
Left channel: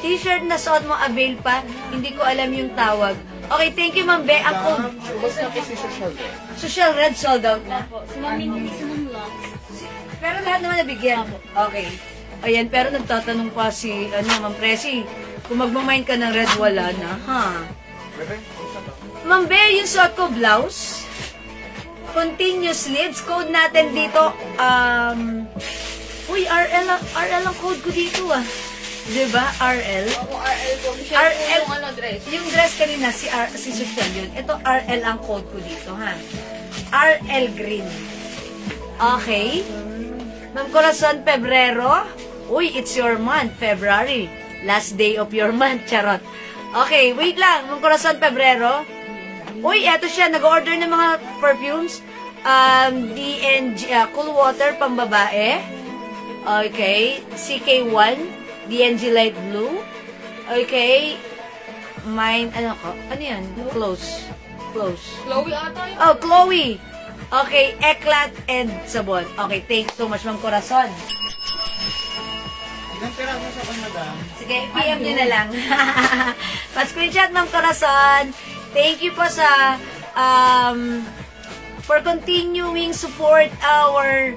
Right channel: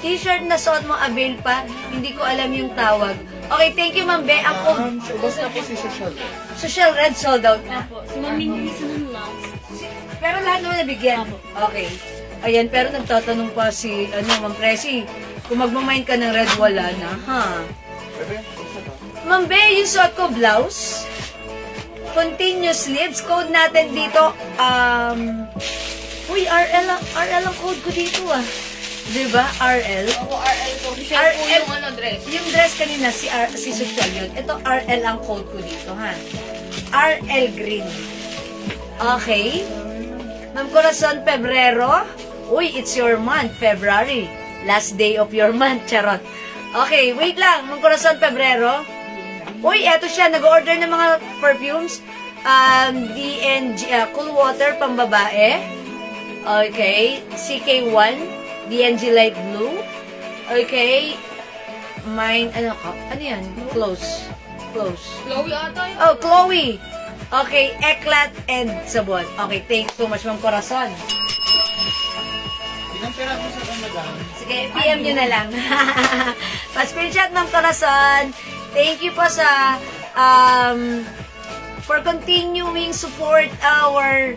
T-shirt na suot mo, avail pa. Hindi ko alam yung tawag. Okay, thank you, Ma'am Be. Ako, Basta po si Social Red. Social Red sold out na. Opo. Si Mami Luisa nung last. Pero lahat naman nabigyan. Okay. Ayan, pero nagtatanong pa si, Ma'am Presi, kung magmamain ka ng red, wala na, ha? Ma'am Be, yung suot ko, blouse. Continuous sleeves. Code natin dito, uy, RL ang code ko dito, ah. Diba? RL. Ako, RL po. Share po RL. yung dress. Yung dress kanina, si Social yun. Ito, RL ang code ko dito, ha? RL Green. Okay. Ma'am Corazon, Pebrero. Uy, it's your month, February. Last day of your month, charot. Okay, wait lang. Ma'am Corazon, Pebrero. Uy, eto siya. Nag-order ng mga perfumes. DNG, Cool Water, pambabae. Okay. CK1. DNG Light Blue. Okay. Mine, ano yan? Close. Chloe ata yun. Oh, Chloe. Okay, Eclat and sabon. Okay, thanks so much, Ma'am Corazon. Ilang pera mo sa madam? Sige, PM nyo na lang. Pa-screenshot, Ma'am Corazon. Thank you po sa, for continuing support our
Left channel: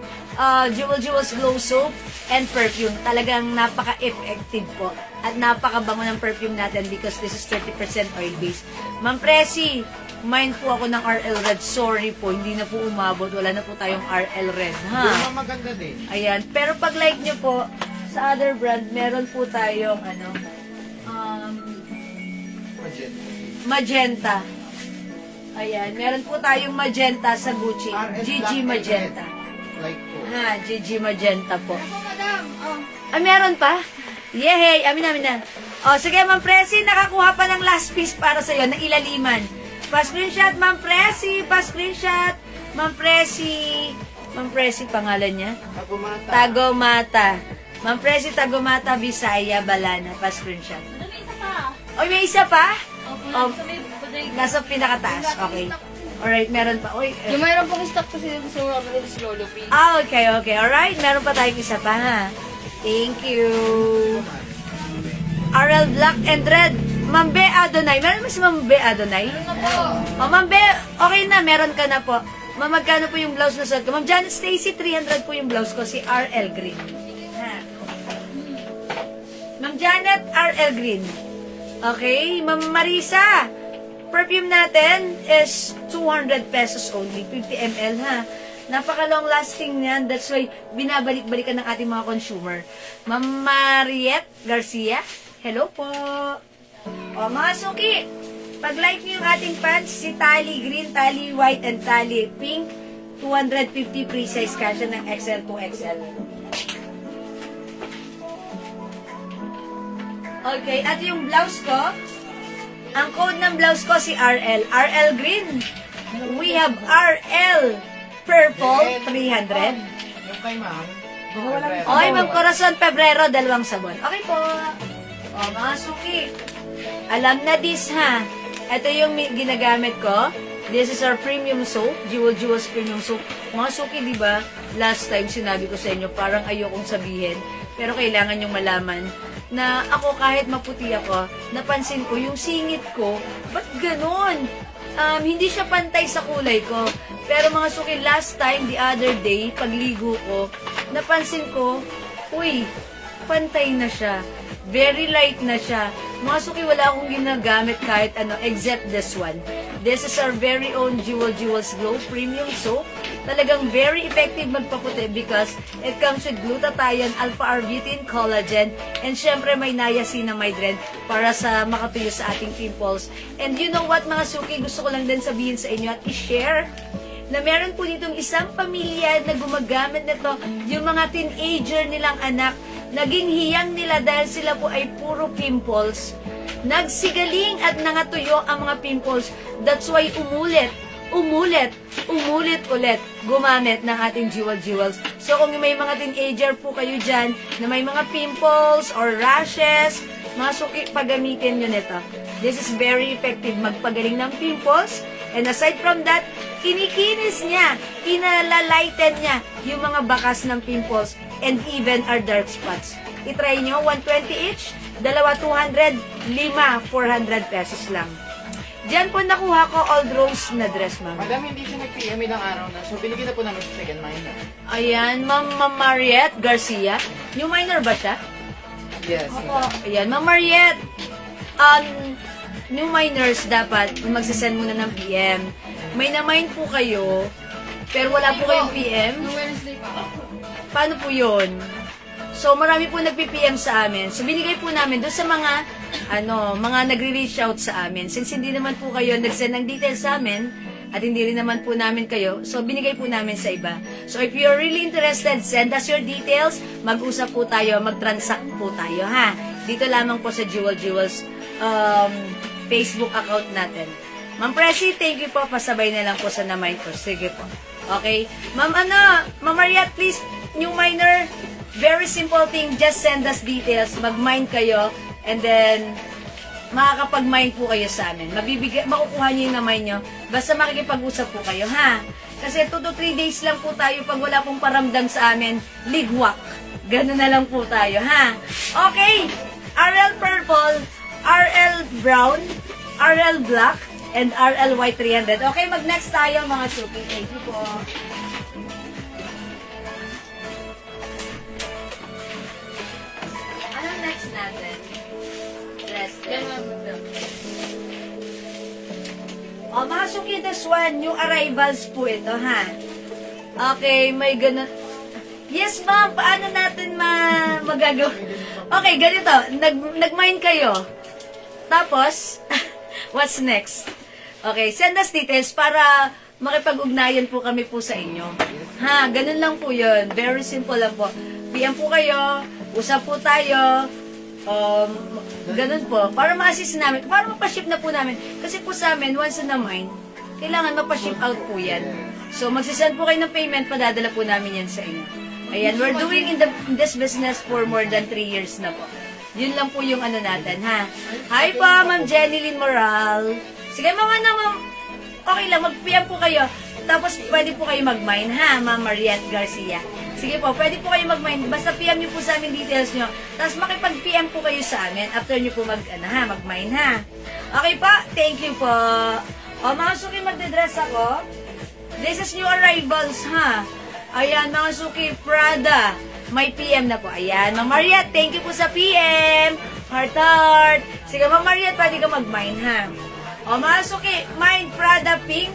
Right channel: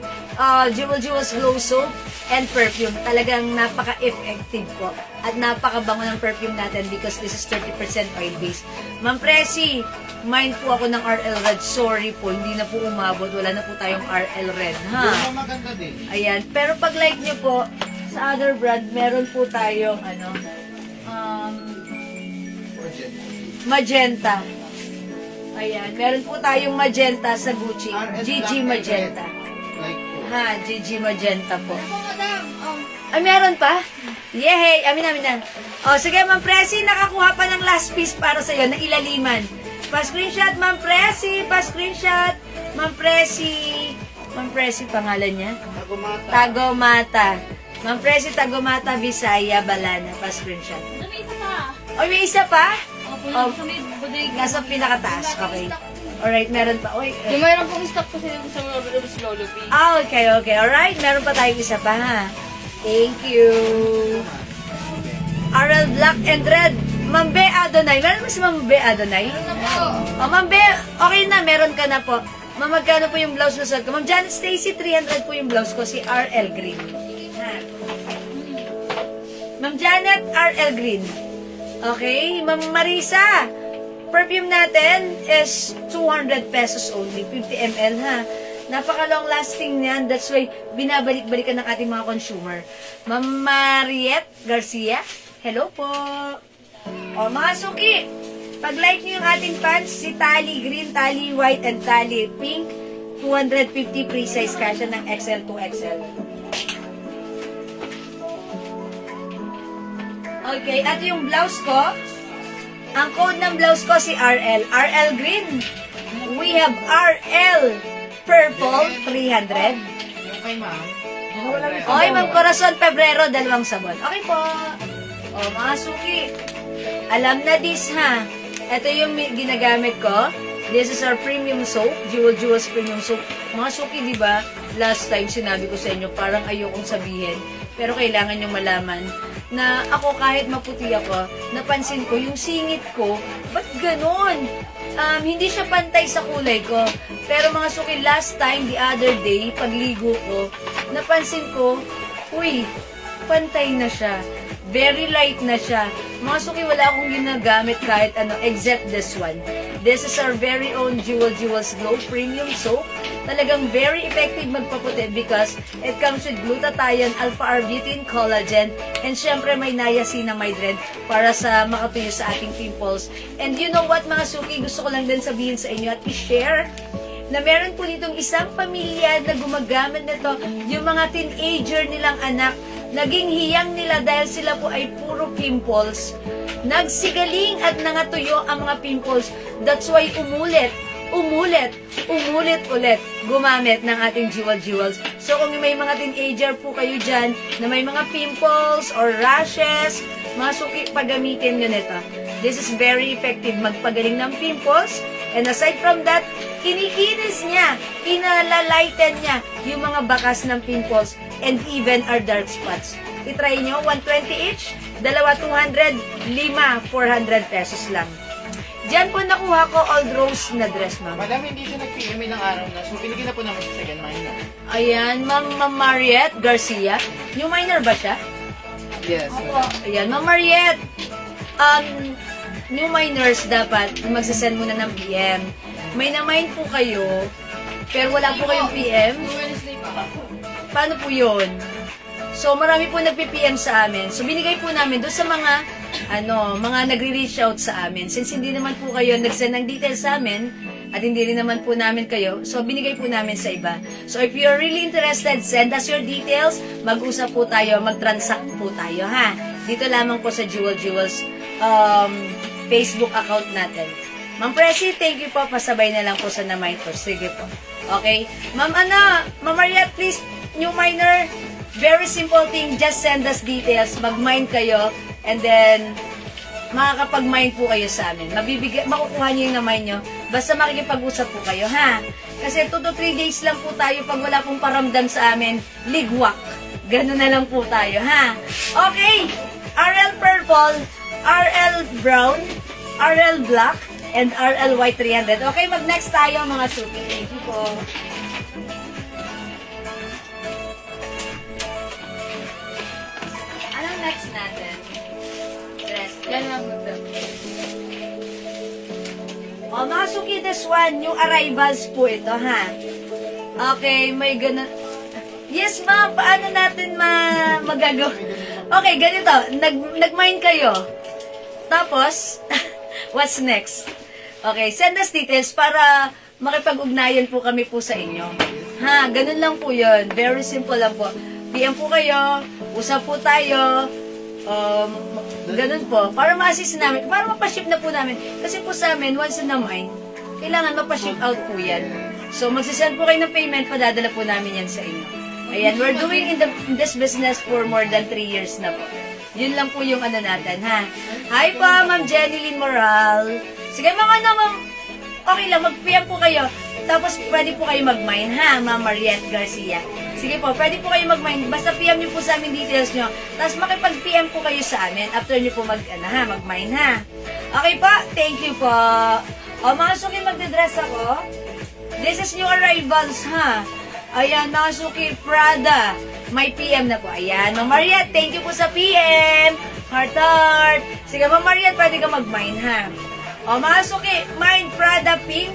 Jewels Glow Soap and perfume. Talagang napaka-effective po. At napakabango ng perfume natin because this is 30% oil-based. Ma'am Presi, mind po ako ng RL Red. Sorry po, hindi na po umabot. Wala na po tayong RL Red. Ha? Yung maganda din. Ayan. Pero pag like nyo po, sa other brand, meron po tayong, magenta. Ayan. Meron po tayong magenta sa Gucci. GG Magenta. Like po. Ha, GG Magenta po. Ako, madam. Oh. Ay, meron pa? Yehey! Amin yan. O, sige, Ma'am Presi, nakakuha pa ng last piece para sa'yo, na ilaliman. Pa-screenshot, Ma'am Presi! Pa-screenshot! Ma'am Presi, pangalan niya? Tagomata. Ma'am Presi, Tagomata, Bisaya, Balana. Pa-screenshot. May isa pa. O, may isa pa? Opo, Oh. sa may bodega. Nasa pinakataas. Okay. Alright, meron pa. Uy, Yung mayroon pong stock kasi dito sa Robert of Lolo P. okay. Alright, meron pa tayong isa pa, ha? Thank you. RL Black and Red. Ma'am Be Adonai. Meron mo si Ma'am Be Adonai? Ano po? O, Ma'am Be, okay na. Meron ka na po. Ma'am, magkano po yung blouse mo sa ko? Ma'am Janet Stacy, 300 po yung blouse ko. Si RL Green. Ha. Ma'am Janet, RL Green. Okay. Ma'am Marisa, perfume natin is 200 pesos only. 50 ml, ha? Napaka-long lasting niyan. That's why binabalik-balikan ng ating mga consumer. Ma'am Mariette Garcia, hello po. O, mga suki, pag-like niyo yung ating pants, si Tali Green, Tali White, and Tali Pink, 250 pre-size kasha ng XL to XL. Okay, at yung blouse ko, ang code ng blouse ko si RL. RL Green. We have RL Purple, 300. Yung kay ma'am. Oy, Ma'am Corazon, Pebrero, 2 sabon. Okay po. O, mga suki. Alam na this, ha? Ito yung ginagamit ko. This is our premium soap. Jewels premium soap. Mga suki, di ba? Last time sinabi ko sa inyo, parang ayokong sabihin. Pero kailangan nyo malaman na ako kahit maputi ako, napansin ko yung singit ko, ba't ganon? Hindi siya pantay sa kulay ko. Pero mga suki, last time, the other day, pagligo ko, napansin ko, uy, pantay na siya. Very light na siya. Mga suki, wala akong ginagamit kahit ano, except this one. This is our very own Jewels Glow Premium Soap. Talagang very effective magpaputi because it comes with glutathione, alpha-arbutin, collagen, and syempre may niacinamide para sa makatuloy sa ating pimples. And you know what, mga suki, gusto ko lang din sabihin sa inyo at i-share na meron po ditong isang pamilya na gumagamit nito, yung mga teenager nilang anak, naging hiyang nila dahil sila po ay puro pimples. Nagsigaling at nangatuyo ang mga pimples. That's why umulit ulit gumamit ng ating Jewels. So kung may mga teenager po kayo dyan na may mga pimples or rashes, mga suki, pagamitin nyo nito. This is very effective magpagaling ng pimples. And aside from that, kinikinis niya, pinalalighten niya yung mga bakas ng pimples and even our dark spots. I-try nyo, 120 each, dalawa 200, 5, 400 pesos lang. Diyan po nakuha ko Old Rose na dress, ma'am. Madam, hindi siya nag-PM ilang araw na. So, binigyan na po namin sa second minor. Ayan, Ma'am Mariette Garcia. New minor ba siya? Yes. Opo. Ayan, Ma'am Mariette. New minors dapat magsasend muna ng PM. May na-mine po kayo, pero wala po kayong PM. Paano po yun? So, marami po nagpi-PM sa amin. So, binigay po namin doon sa mga nagre-reach out sa amin. Since hindi naman po kayo nag-send ng details sa amin, at hindi rin naman po namin kayo, so binigay po namin sa iba. So, if you're really interested, send us your details, mag-usap po tayo, mag-transact po tayo, ha? Dito lamang po sa Jewels Facebook account natin. Ma'am Presi, thank you po. Pasabay na lang po sa na-mine ko. Sige po. Okay? Ma'am Mariette, please, new minor, very simple thing, just send us details, mag-mine kayo, and then, makakapag-mine po kayo sa amin. Makukuha nyo yung na-mine nyo, basta makikipag-usap po kayo, ha? Kasi 2 to 3 days lang po tayo, pag wala pong paramdam sa amin, ligwak. Ganun na lang po tayo, ha? Okay, RL Purple, RL Brown, RL Black, and RL White 300. Okay, mag-next tayo mga suki. Thank you po. Anong next natin? Dress. Oh, mga suki, this one, yung arrivals po ito, ha? Okay, may ganun. Yes, ma'am, paano natin magagawa? Okay, ganito, nag-mine kayo. Tapos, what's next? Okay, send us details para makipag-ugnayan po kami po sa inyo. Ha, ganun lang po yun. Very simple lang po. PM po kayo, usap po tayo, ganun po. Para ma-assist namin, para mapaship na po namin. Kasi po sa amin, once in a mine, kailangan mapaship out po yan. So, magsasend po kayo ng payment, padadala po namin yan sa inyo. Ayan, we're doing in this business for more than 3 years na po. Yun lang po yung natin, ha? Hi po, Ma'am Jenny Lynn Moral. Sige, mga ma'am, okay lang, mag-PM po kayo. Tapos, pwede po kayo mag-mine, ha, Ma'am Mariette Garcia. Sige po, pwede po kayo mag-mine. Basta PM niyo po sa amin details nyo. Tapos, makipag-PM po kayo sa amin after niyo po mag-mine, ha? Okay po, thank you po. O, mga suki, magdadress ako. This is new arrivals, ha? Ayan, mga suki, Prada. May PM na po. Ayan, Ma'am Mariette, thank you po sa PM. Heart. Sige, Ma'am Mariette, pwede ka mag-mine, ha? O, mga suki, mine Prada Pink.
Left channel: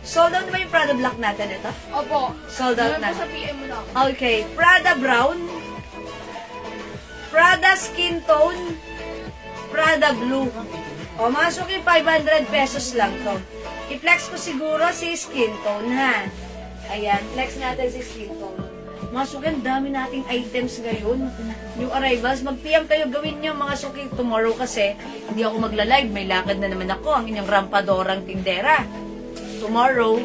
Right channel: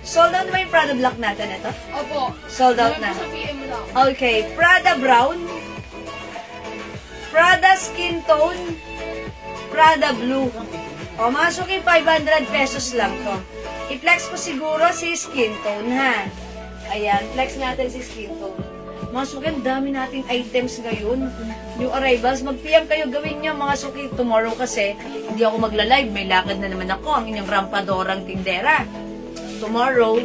Sold out na yung Prada Black natin ito? Opo. Sold out na. Sa PM lang. Okay, Prada Brown. Prada Skin Tone. Prada Blue. O, mga suki, 500 pesos lang to. I-flex ko siguro si Skin Tone, ha? Ayan, flex natin si Skin Tone. Mga suki, ang dami nating items ngayon. New arrivals, mag-PM kayo, gawin nyo mga suki. Tomorrow kasi, hindi ako magla-live. May lakad na naman ako, ang inyong rampadorang tindera. Tomorrow,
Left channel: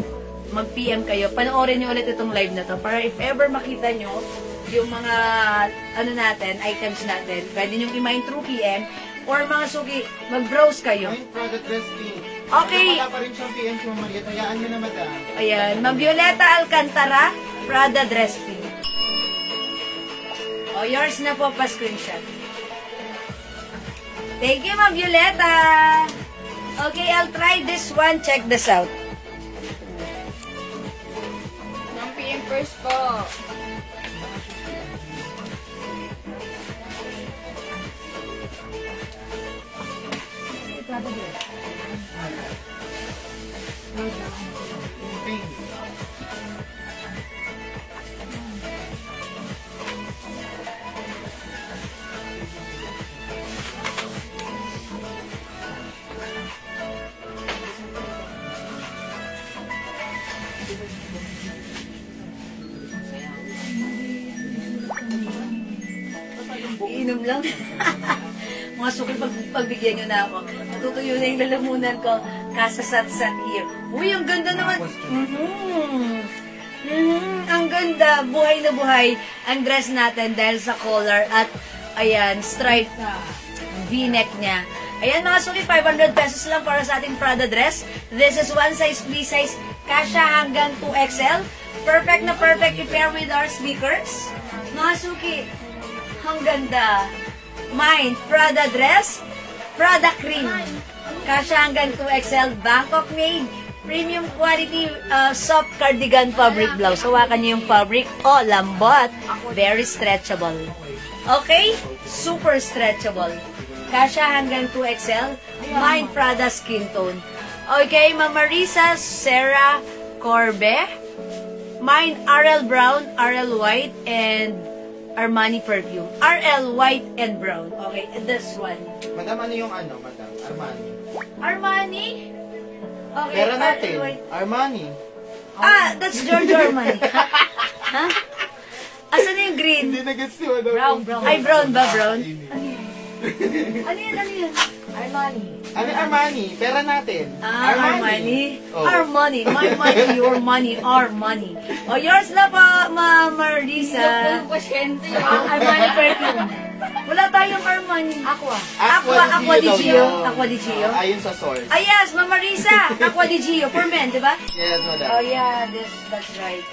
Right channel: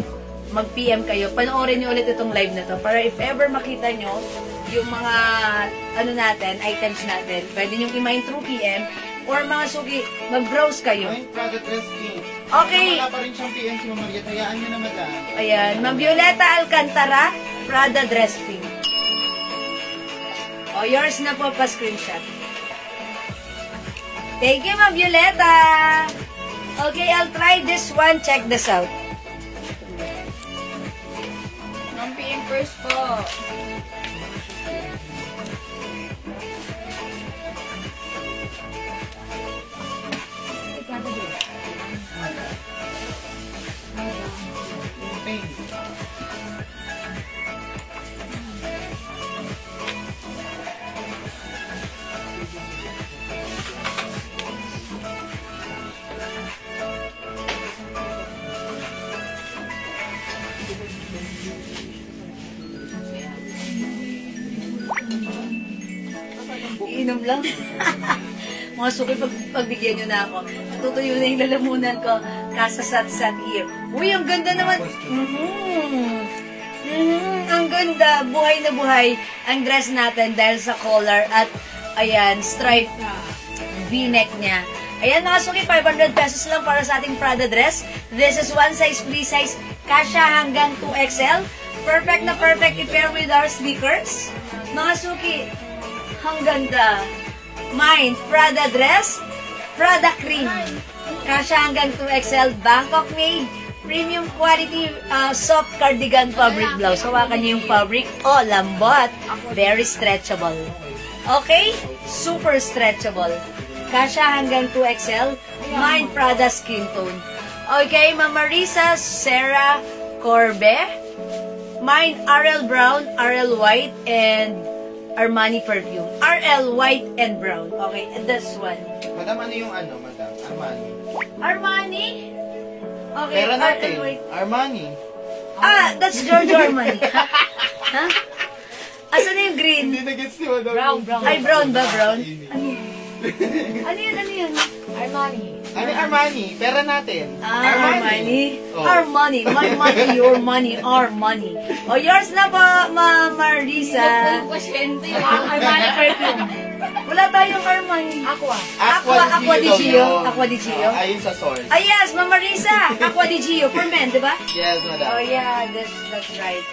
mag-PM kayo. Panoorin nyo ulit itong live na to. Para if ever makita nyo, yung mga, items natin, pwede nyo i-mine through PM. Or mga suki, mag-browse kayo. Ay, product listing. Okay. Wala pa rin siyang PM si Ma'am Mariette. Hayaan nyo na, madam. Ayan, Ma'am Violeta Alcantara, Prada Dress Pink. O, yours na po pa-screenshot. Thank you, Ma'am Violeta. Okay, I'll try this one. Check this out. Ma'am PM first po. Iinom lang. Mga suki, pagbigyan nyo na ako. Tutuyo na yung lalamunan ko. Kasasat-sat here. Uy, ang ganda naman. Ang ganda. Buhay na buhay ang dress natin dahil sa collar at ayan, stripe v-neck niya. Ayan mga suki, 500 pesos lang para sa ating Prada dress. This is one size, free size. Kasha hanggang 2XL. Perfect na perfect i-pair with our sneakers. Mga suki, Ang ganda. Mine, Prada dress, Prada cream. Kasha hanggang 2XL, Bangkok made, premium quality soft cardigan fabric blouse. Hawakan niyo yung fabric. Oh, lambot. Very stretchable. Okay? Super stretchable. Kasha hanggang 2XL. Mine, Prada skin tone. Okay, Mama Risa, Sarah Corbe. Mine, RL Brown, RL White, and Armani perfume. RL White and Brown. Okay, and this one. Madam, ano yung ano, madam? Armani. Armani? Okay, Pera natin. RL White. Armani. Ah, that's Giorgio Armani. Ha? Asan yung green? Hindi na-gets ni madam. Brown. Ay, brown ba? Brown? Ano yun? Ano yun? Armani. Ano yung Armani? Pera natin. Ah, Armani. Oh. Armani. My money, your money, our money. O, yours na po, Mama Risa. Pasyente Armani perfume. Wala tayong Armani. Aqua. Aqua di Gio. Aqua di Gio. Ayun sa source. Ay, yes, Mama Risa. Aqua di Gio for men, di ba? Yes, madam. Oh, yeah, that's right.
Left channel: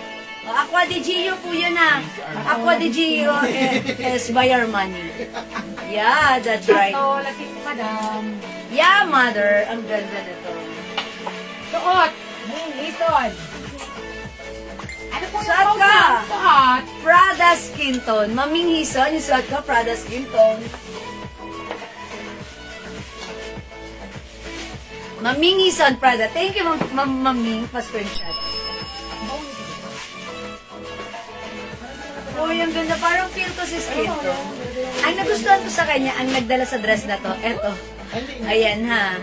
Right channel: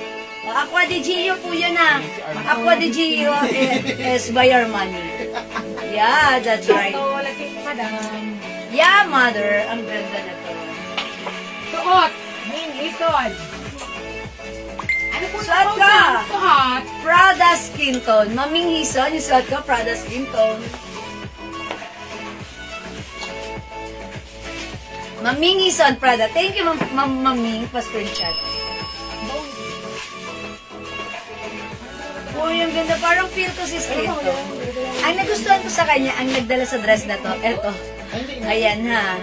Aqua di Gio po yun ah. Aqua di Gio is by Armani. Yeah, that's right. So, lapit madam. Yeah, mother. Ang ganda na to. Suot. Ison. Ano po Suot yung ka. suot? Prada skin tone. Maming Hison, yung suot ko, Prada skin tone. Maming Hison, Prada. Thank you, Maming. Pa-screenshot. Oh, yung ganda. Parang feel to si skin tone. Ang nagustuhan ko sa kanya, ang nagdala sa dress na to, eto. Ayan ha.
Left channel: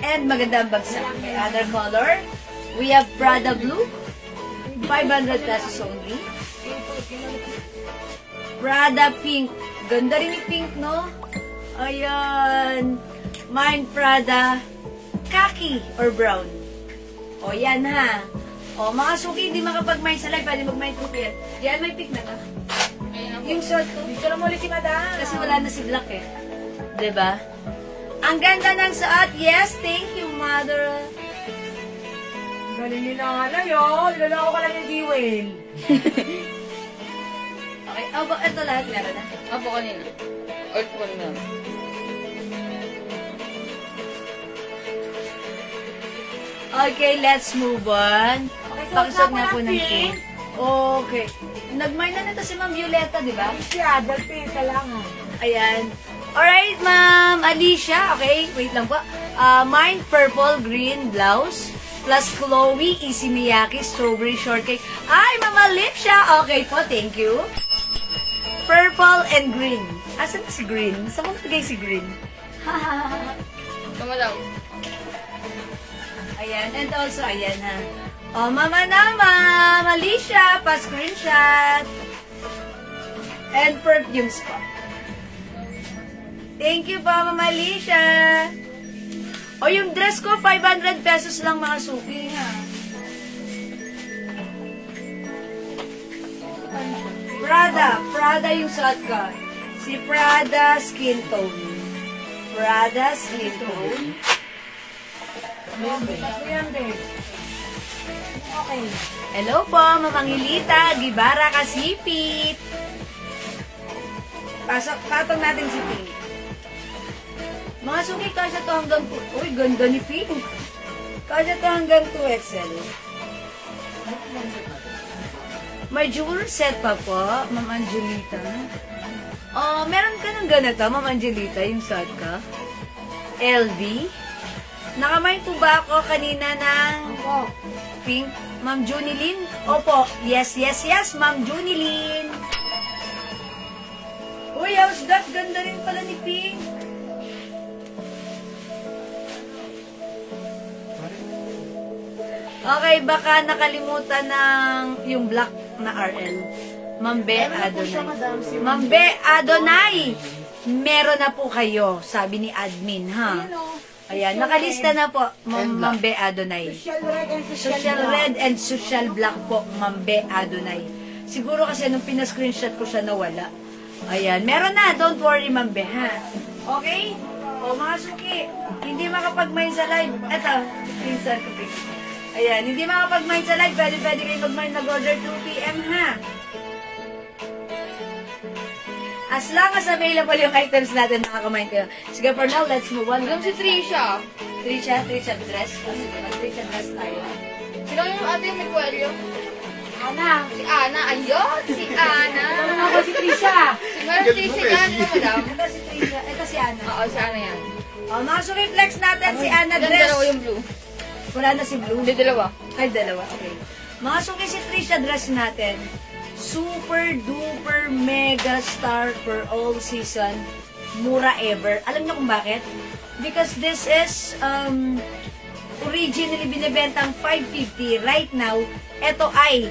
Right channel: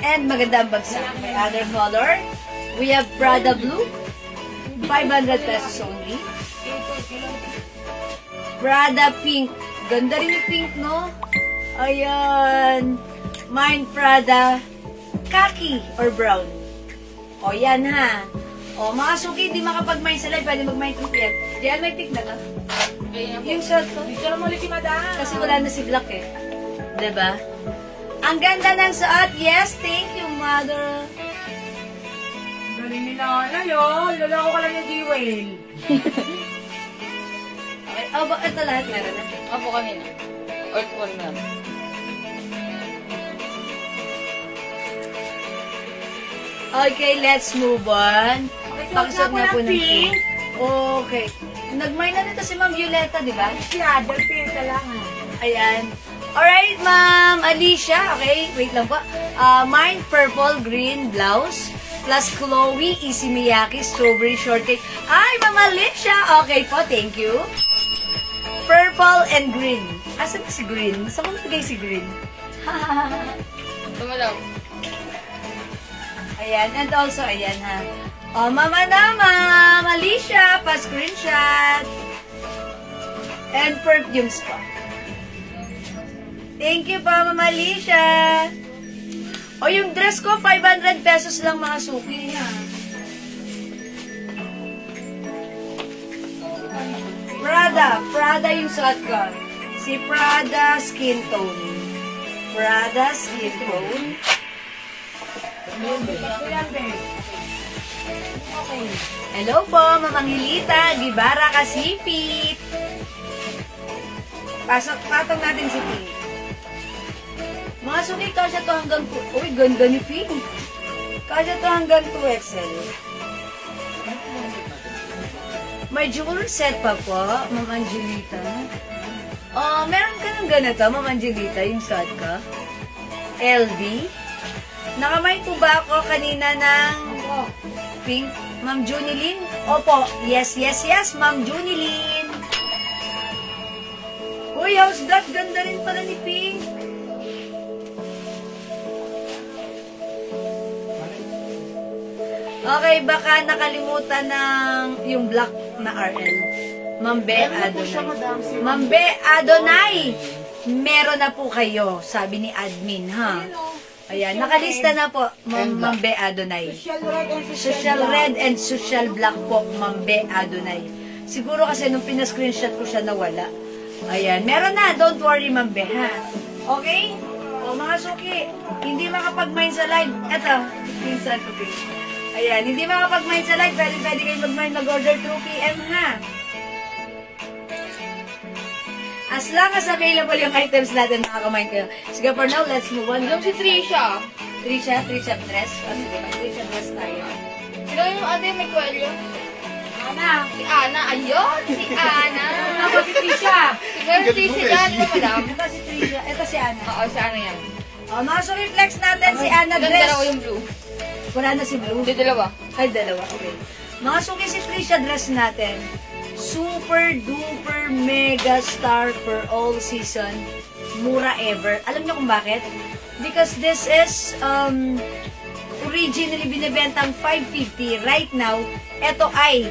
And maganda ang bagsak. May other color. We have Prada Blue. 500 pesos only. Prada Pink. Ganda rin yung pink, no? Ayan. Mine Prada Khaki or brown. O, yan ha. O, mga suki, hindi makapag-mine sa live. Pwede mag-mine ko yan. Diyan, may pink na ka. Yung short ko. Dito na muli si madam. Kasi wala na si Black eh. Diba? Ang ganda ng suot. Yes, thank you, mother. Galing nila. Ano yun? Loloko ka lang yung G-Whale. Okay. Oh, ito lahat meron na. Apo kanina. Or po na. Okay, let's move on. Pakisot na po ng pink. pink. Okay. Nag-mine na nito si Ma'am Violeta, di ba? Siya, dagpisa lang ah. Ayan. Alright, Ma'am Alicia. Okay, wait lang po. Mine, purple, green blouse. Plus Chloe, Easy Miyaki, strawberry shortcake. Ay, Ma'am Alicia. Okay po, thank you. Purple and green. Asan na si green? Saan mo nagay si green? Tama lang. Ayan, and also, ayan ha. Oh, Mama na, Ma'am Alicia, pa-screenshot. And perfumes pa. Thank you pa, Mama Alicia. O, yung dress ko, 500 pesos lang mga suki ha. Prada yung suot ko. Si Prada Skin Tone. Prada Skin Tone. Okay. Hello po, Mamang Hilita, Gibara Kasipit. Patong natin si Pink. Mga suki, kasya to hanggang 2. Uy, ganda ni Pink. Kasya to hanggang 2XL. May jewelry set pa po, Ma'am Angelita. Oh, meron ka ng ganito, Ma'am Angelita, yung set ka. LV. Nakamay po ba ako kanina ng pink? Ma'am Junilyn? Opo. Yes, Ma'am Junilyn. Uy, how's that? Ganda rin pala ni Pink. Okay, baka nakalimutan ng yung black na RL. Mambe Adonai. Mambe Adonai! Meron na po kayo, sabi ni admin, ha? Ayan, nakalista na po, Mambe Adonai. Social red and social black po, Mambe Adonai. Siguro kasi nung pinascreenshot ko siya nawala. Ayan, meron na, don't worry Mambe, ha? Okay? O mga suki, hindi makapag-mine sa live. Eto, minsan ko din. Ayan, hindi makapag-mine sa live, pwede kayo mag-mine nag-order 2 PM, ha? As long as available yung items natin, makakamain kayo. Sige, for now, let's move on. Alam si Trisha. Trisha dress. Trisha dress tayo. Sino yung ate may kwelyo? Ana. Si Ana. Ayun! Si Ana. Ako si Trisha. Siguro Trisha dyan na madam. Ito si Trisha. Ito si Ana. Oo, si Ana yan. Mga sumiflex natin si Ana Ganda dress. dalawa yung blue. Wala na si Blue. Hindi, dalawa. Ay, dalawa. Okay. Mga suki si Trisha dress natin. Super duper mega star for all season. Mura ever. Alam niyo kung bakit? Because this is originally binibentang 550. Right now, ito ay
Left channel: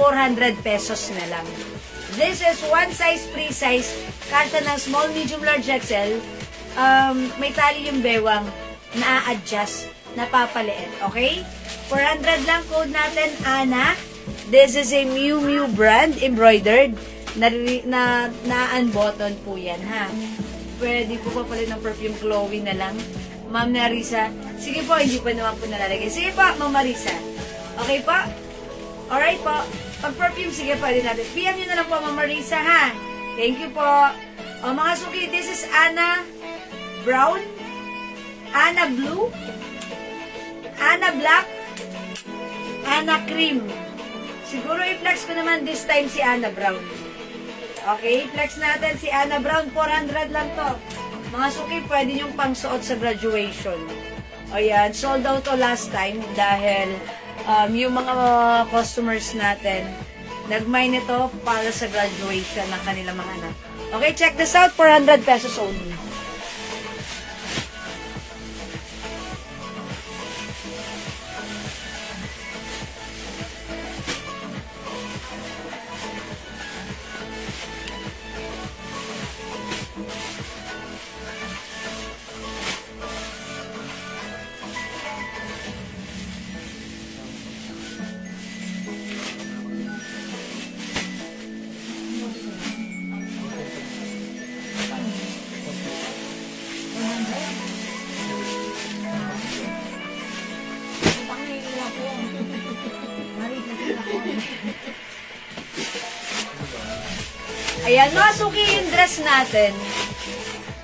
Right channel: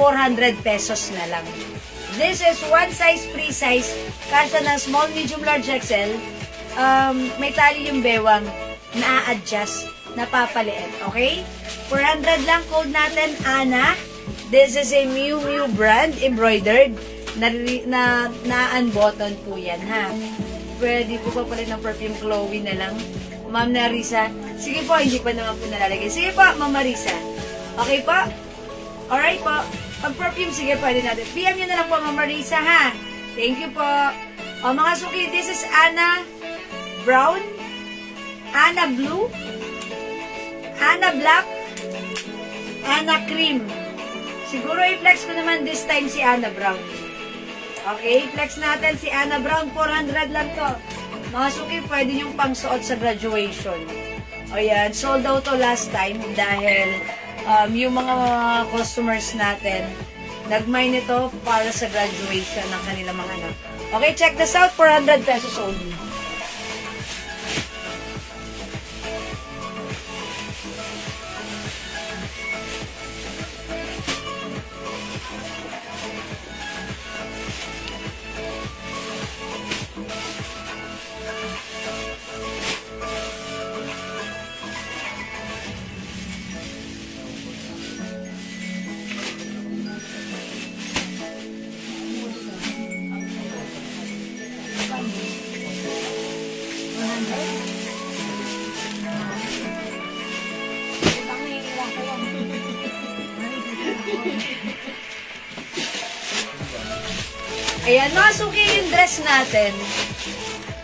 400 pesos na lang. This is one size, free size. Kasya na small, medium, large, XL. May tali yung bewang. Na-adjust. Napapaliit. Okay? 400 lang. Code natin, Ana. This is a Miu Miu brand, embroidered. Na-unbutton po yan, ha? Pwede po pa pala ng perfume Chloe na lang. Ma'am Narisa. Sige po, hindi pa naman po nalalagay. Sige po, Ma'am Marisa. Okay po? Alright po. Pag perfume, sige, pwede natin. PM nyo na lang po, Ma'am Marisa, ha? Thank you po. O, mga suki, this is Ana Brown, Ana Blue, Ana Black, Ana Cream. Siguro i-flex ko naman this time si Ana Brown. Okay, flex natin si Ana Brown. 400 lang to. Mga suki, pwede yung pangsuot sa graduation. O yan, sold out to last time dahil yung mga customers natin nag-mine ito para sa graduation ng kanilang mga anak. Okay, check this out. 400 pesos only. Ayan, mga suki yung dress natin.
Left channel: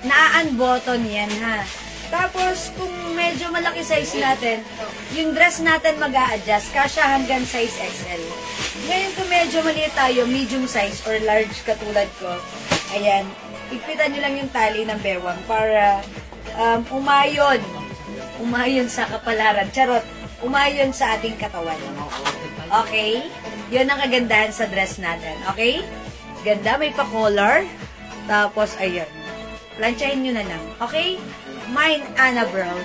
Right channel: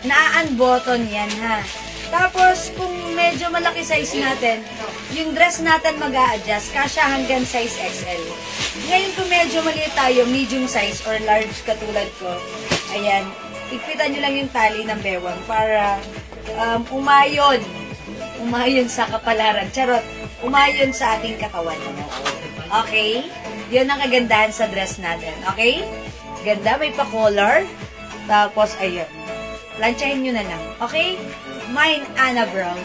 Na-unbutton yan, ha. Tapos, kung medyo malaki size natin, yung dress natin mag-a-adjust, kasya hanggang size XL. Ngayon, kung medyo maliit tayo, medium size or large katulad ko, ayan, ikpitan nyo lang yung tali ng bewang para umayon sa kapalaran. Charot, umayon sa ating katawan. Okay? Yan ang kagandahan sa dress natin. Okay? Ganda, may pa-color. Tapos, ayun. Lansyahin nyo na lang. Okay? Mine, Ana Brown.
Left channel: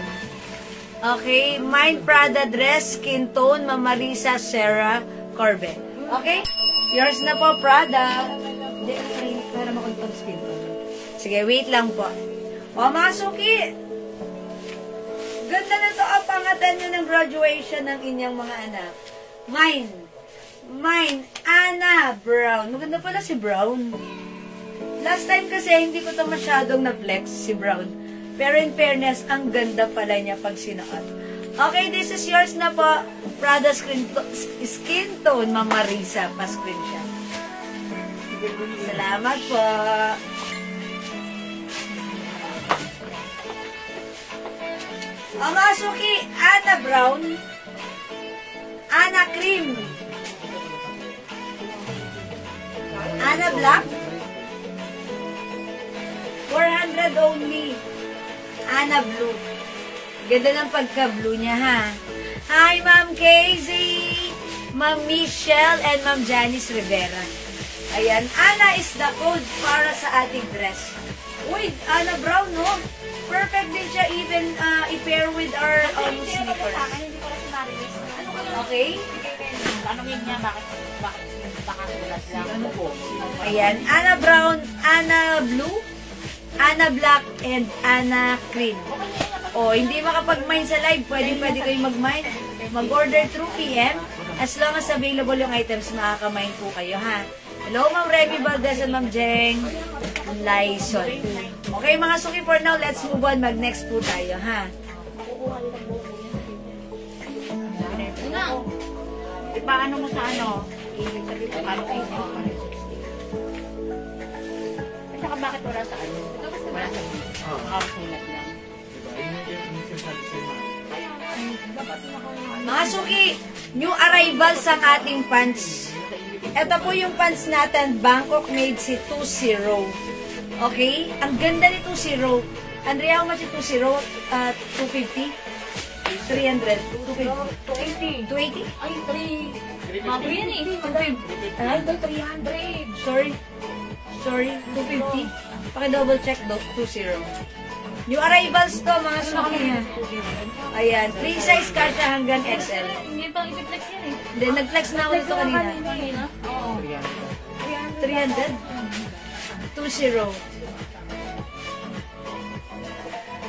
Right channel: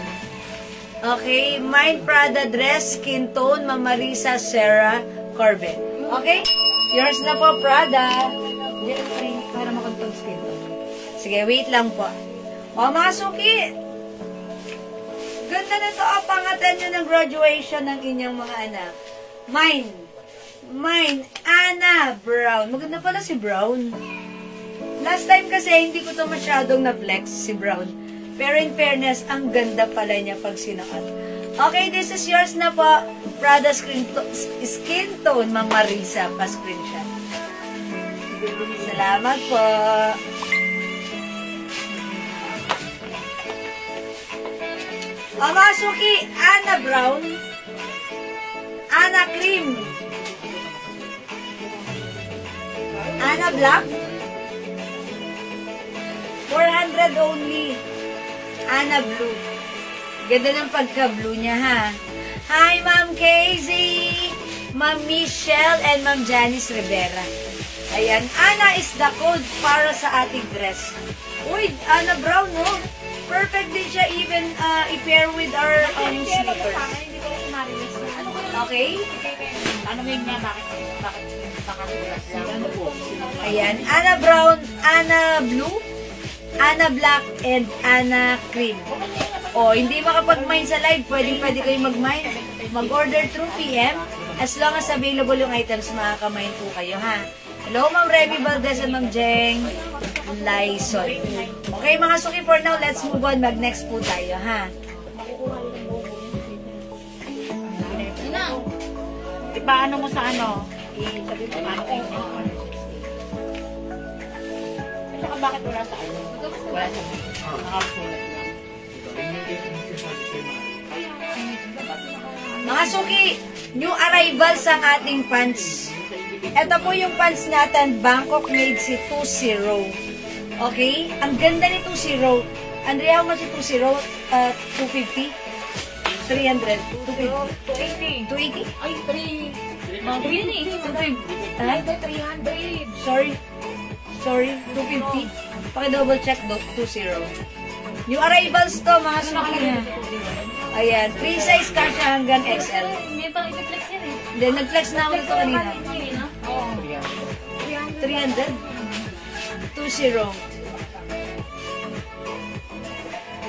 Okay? Mine, Prada dress, skin tone, Mama Marisa, Sarah, Corbett. Okay? Yours na po, Prada. Para makuntong skin tone. Sige, wait lang po. O, mga suki. Ganda na ito. Pangatan nyo ng graduation ng inyong mga anak. Mine, Ana Brown. Maganda pala si Brown. Last time kasi, hindi ko to masyadong na-flex si Brown. Pero in fairness, ang ganda pala niya pag sinuot. Okay, this is yours na po. Prada skin tone, Ma'am Marisa. Pa-screenshot. Salamat po. Mga suki, Ana Brown, Ana Cream, Ana Black, 400 only. Ana Blue. Ganda ng pagka-blue niya, ha? Hi, Ma'am Casey, Ma'am Michelle, and Ma'am Janice Rivera. Ayan, Ana is the code para sa ating dress. Uy, Ana Brown, no? Perfect din siya even i-pair with our sneakers. Okay? Ano nga, bakit sulat lang? Ayan, Ana Brown, Ana Blue, Ana Black, and Ana Cream. O, hindi makapag-mine sa live, pwede kayo mag-mine. Mag-order through PM. As long as available yung items, makaka-mine po kayo, ha? Hello, Ma'am Remy Valdez and Ma'am Jeng Lyson. Okay, mga suki, for now, let's move on. Mag-next po tayo, ha? Yun na. Ipaano mo sa ano? kung bakit wala sa ano. Wala sa nakasulat lang. Mga suki, new arrivals ang ating pants. Ito po yung pants natin, Bangkok made si 2-0. Okay? Ang ganda ni 2-0. Andrea, how much si 2-0? 250? 300? 280? 280? Ay, 3. Mga 3 yan eh. Ay, 300. Sorry, 250. Paki-double check, 2-0. New arrivals to, mga suki. Ayan, free size kasha hanggang XL. Hindi pa i-flex yun eh. Then, nag-flex na ako dito kanina. Oo. 300? 2-0.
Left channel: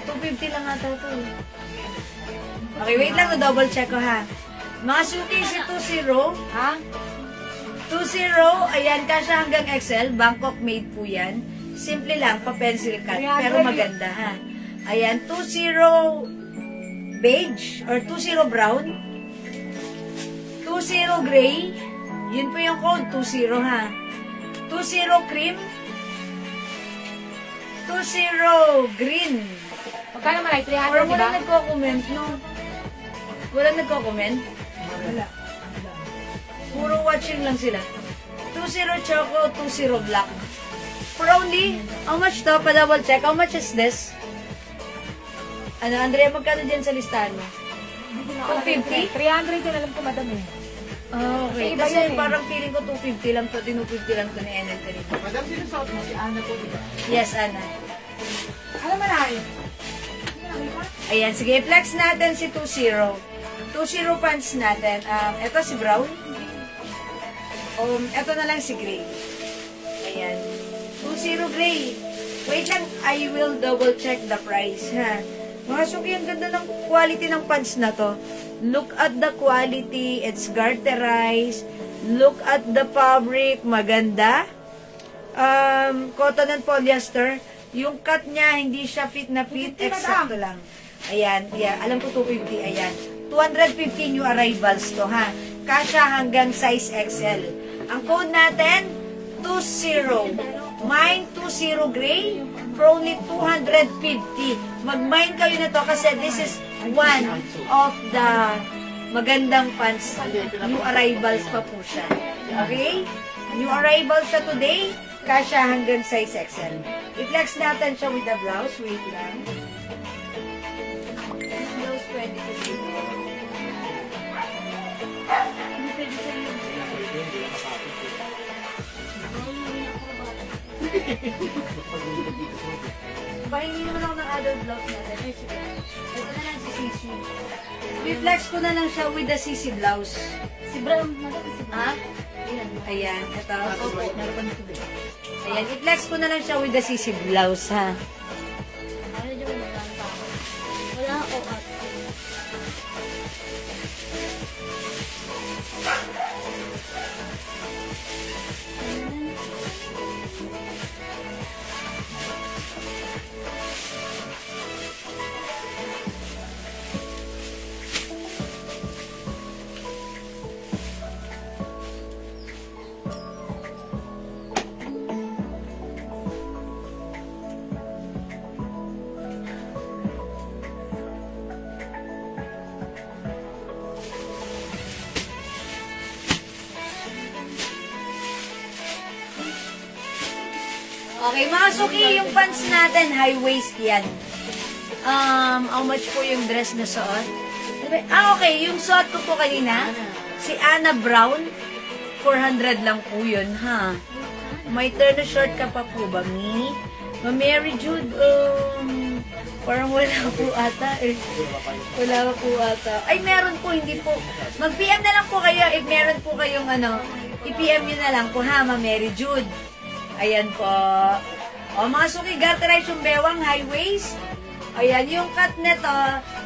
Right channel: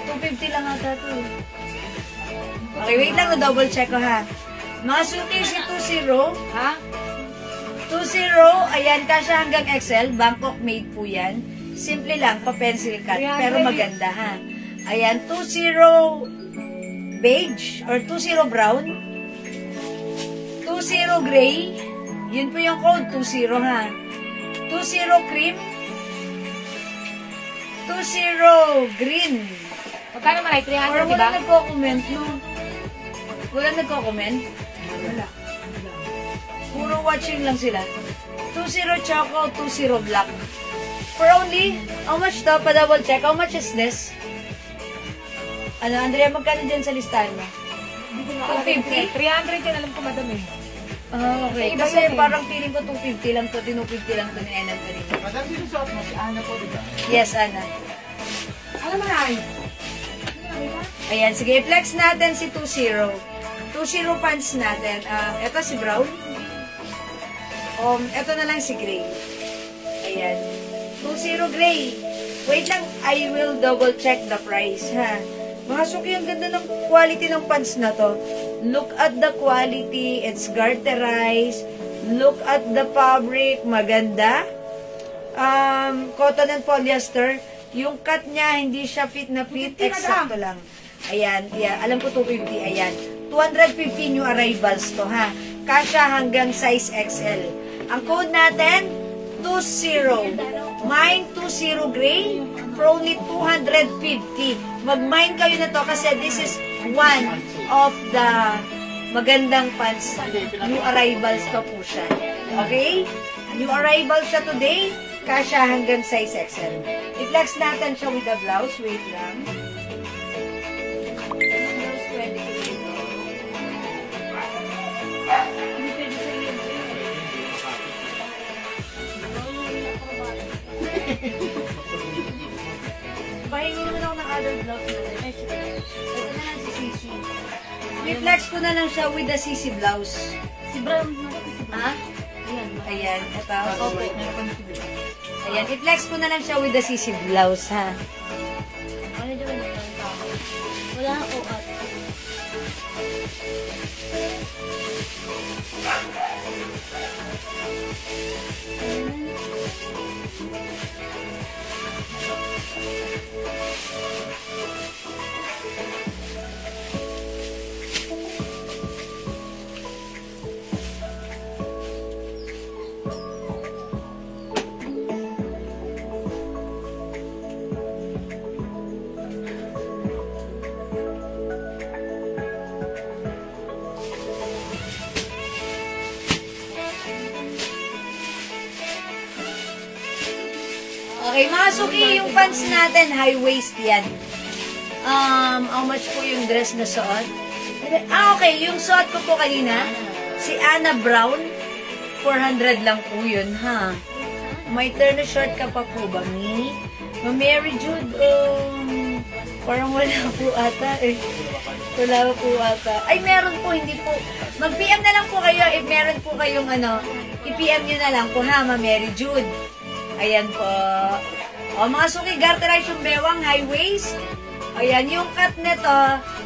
250 lang ata to. Okay, wait lang, na-double check ko ha. Mga suki si 2-0, ha? 2-0, ayan, kasha hanggang XL, Bangkok made po yan. Simple lang, pa-pencil cut, pero maganda ha. Ayan, 2-0 beige, or 2-0 brown, 2-0 gray, yun po yung code, 2-0 ha. 2-0 cream, 2-0 green. Magkano malay? 300, Or di ba? wala nagko-comment, no? Wala nagko-comment? Wala. Puro watching lang sila. 2-0 choco, 2-0 black. For only, how much to? Pa-double check. How much is this? Ano, Andrea, magkano dyan sa listahan mo? 250? 300 din, alam ko madam eh. Okay. Iba Kasi yan eh. parang feeling ko 250 lang to, 250 lang to ni Ainan to rin. Madam, sino sa mo? Si Ana po, di ba? Yes, Ana. Ano malay? Ayan, sige, flex natin si 2-0. 2-0 pants natin. Ito si brown. Ito na lang si gray. Ayan. 2-0 gray. Wait lang, I will double check the price, ha. Mga suki, ang ganda ng quality ng pants na to. Look at the quality. It's garterized. Look at the fabric. Maganda. Cotton and polyester. Yung cut niya, hindi siya fit na fit. Exacto lang. Ayan, yeah, alam ko 250. Ayan. 250 new arrivals to, ha. Kasha hanggang size XL. Ang code natin, 20. Mine 20 gray for only 250. Mag-mine kayo na to kasi this is one of the magandang pants. New arrivals pa po siya. Okay? New arrivals siya today. Kasha hanggang size XL. I-flex natin siya with the blouse. Wait lang. Blouse pwede ko dito. Hindi pwede sa iyo. Pahingi naman ako ng other blouse na rin. Ito na lang si Sisi. I-flex ko na lang siya with the Sisi blouse. Si Brown, nakita si Brown. Ha? Ayan, ito. Ayan, i-flex ko na lang siya with the Sisi blouse, ha? Ano dyan may lang pa? Wala ang OAT. Okay, mga suki, yung pants natin, high waist yan. How much po yung dress na suot? Okay, yung suot ko po kanina, si Ana Brown, 400 lang po yun, ha? May turn short ka pa po ba, Mi? Mary Jude, parang wala po ata, eh. Wala po ata. Ay, meron po, hindi po. Mag-PM na lang po kayo, if meron po kayong i-PM nyo na lang po, ha, Mary Jude. Ayan po. O, mga suki, garterize yung bewang, high waist. Ayan, yung cut nito,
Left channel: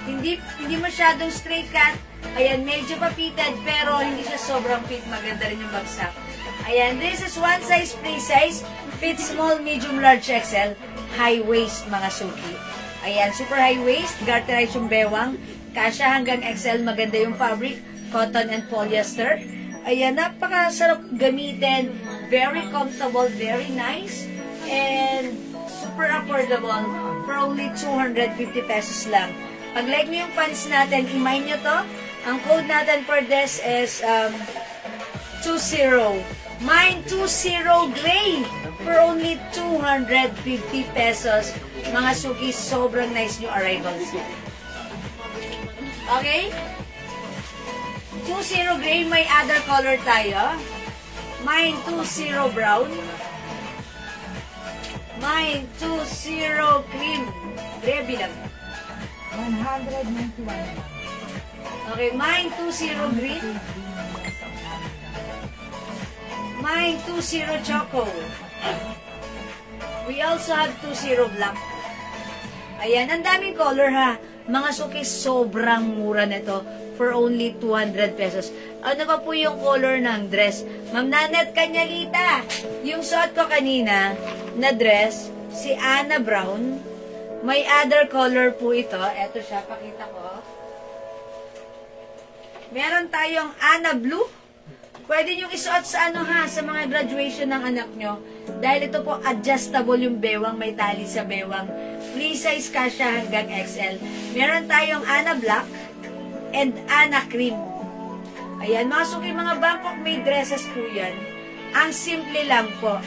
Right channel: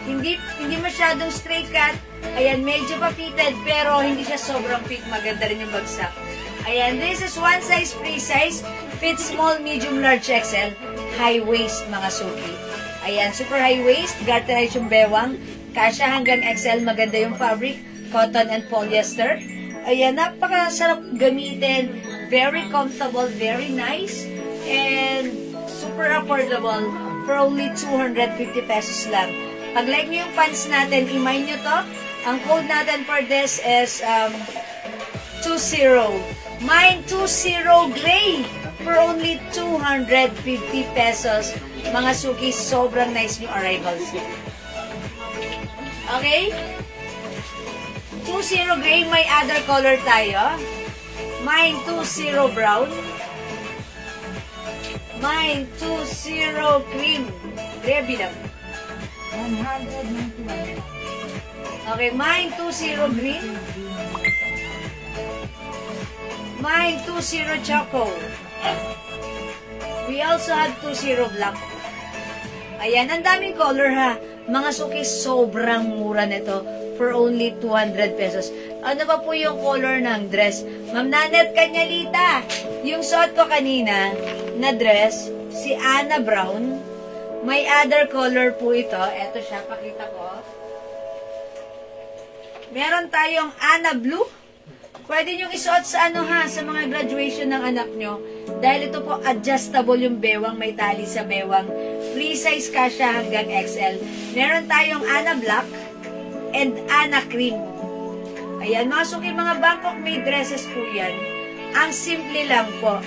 hindi masyadong straight cut. Ayan, medyo pa-fitted, pero hindi siya sobrang fit. Maganda rin yung bagsak. Ayan, this is one size, free size. Fit small, medium, large, XL. High waist, mga suki. Ayan, super high waist, garterize yung bewang. Kasha hanggang XL, maganda yung fabric. Cotton and polyester. Ayan, napakasarap gamitin. Very comfortable, very nice. and super affordable for only 250 pesos lang. Pag like nyo yung pants natin, i-mine nyo to. Ang code natin for this is 20. Mine 20 gray for only 250 pesos. Mga suki, sobrang nice new arrivals. Okay? 20 gray, may other color tayo. Mine 20 brown. Mine 20 cream. Ready lang. 191. Okay, mine 20 green. Mine 20 choco. We also have 20 black. Ayan, ang daming color ha. Mga suki, sobrang mura nito for only 200 pesos. Ano ba po yung color ng dress? Ma'am Nanat Kanyalita, yung suot ko kanina na dress, si Anna Brown, may other color po ito. Ito siya, pakita ko. Meron tayong Anna Blue. Pwede nyo isuot sa ano ha, sa mga graduation ng anak nyo. Dahil ito po adjustable yung bewang, may tali sa bewang. Free size kasya hanggang XL. Meron tayong Anna Black and Anna Cream. Ayan, mga suki, mga Bangkok made dresses po yan. Ang simple lang po.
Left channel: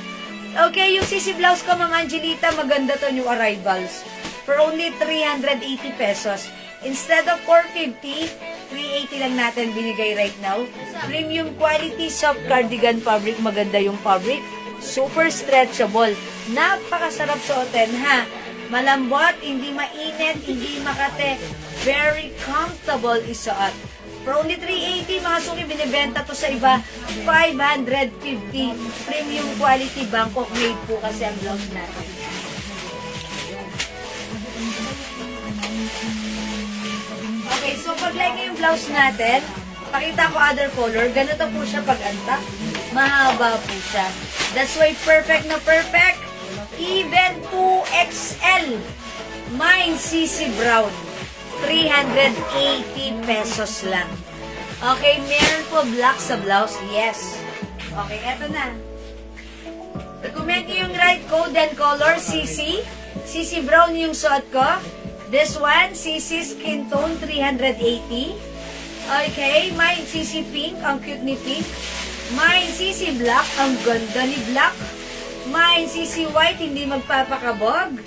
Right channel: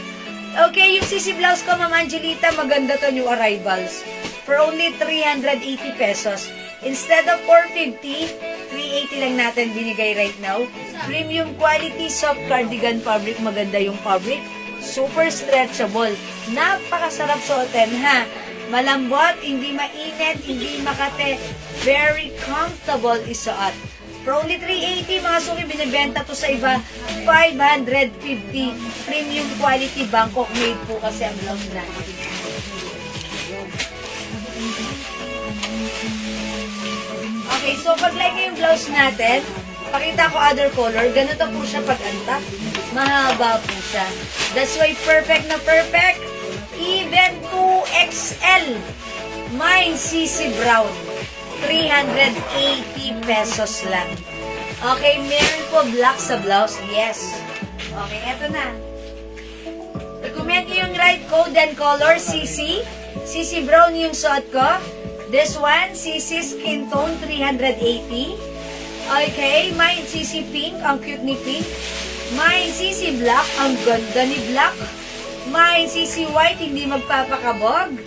Okay, yung sisi blouse ko, Ma'am Angelita, maganda to, new arrivals. For only 380 pesos. Instead of 450, 380 lang natin binigay right now. Premium quality soft cardigan fabric. Maganda yung fabric. Super stretchable. Napakasarap suotin ha. Malambot, hindi mainit, hindi makate. Very comfortable isuot. For only 380, mga suki, binibenta to sa iba. 550. Premium quality Bangkok made po kasi ang blouse natin. Okay, so pag like yung blouse natin, pakita ko other color. Ganito po siya pag-anta. Mahaba po siya. That's why perfect na perfect. Even 2XL. Mine CC Brown. 380 pesos lang. Okay, meron po black sa blouse. Yes. Okay, eto na. Recommend nyo yung right code and color, CC. CC Brown yung suot ko. This one, CC Skin Tone, 380. Okay, mine CC Pink, ang cute ni Pink. Mine CC Black, ang ganda ni Black. Mine CC White, hindi magpapakabog.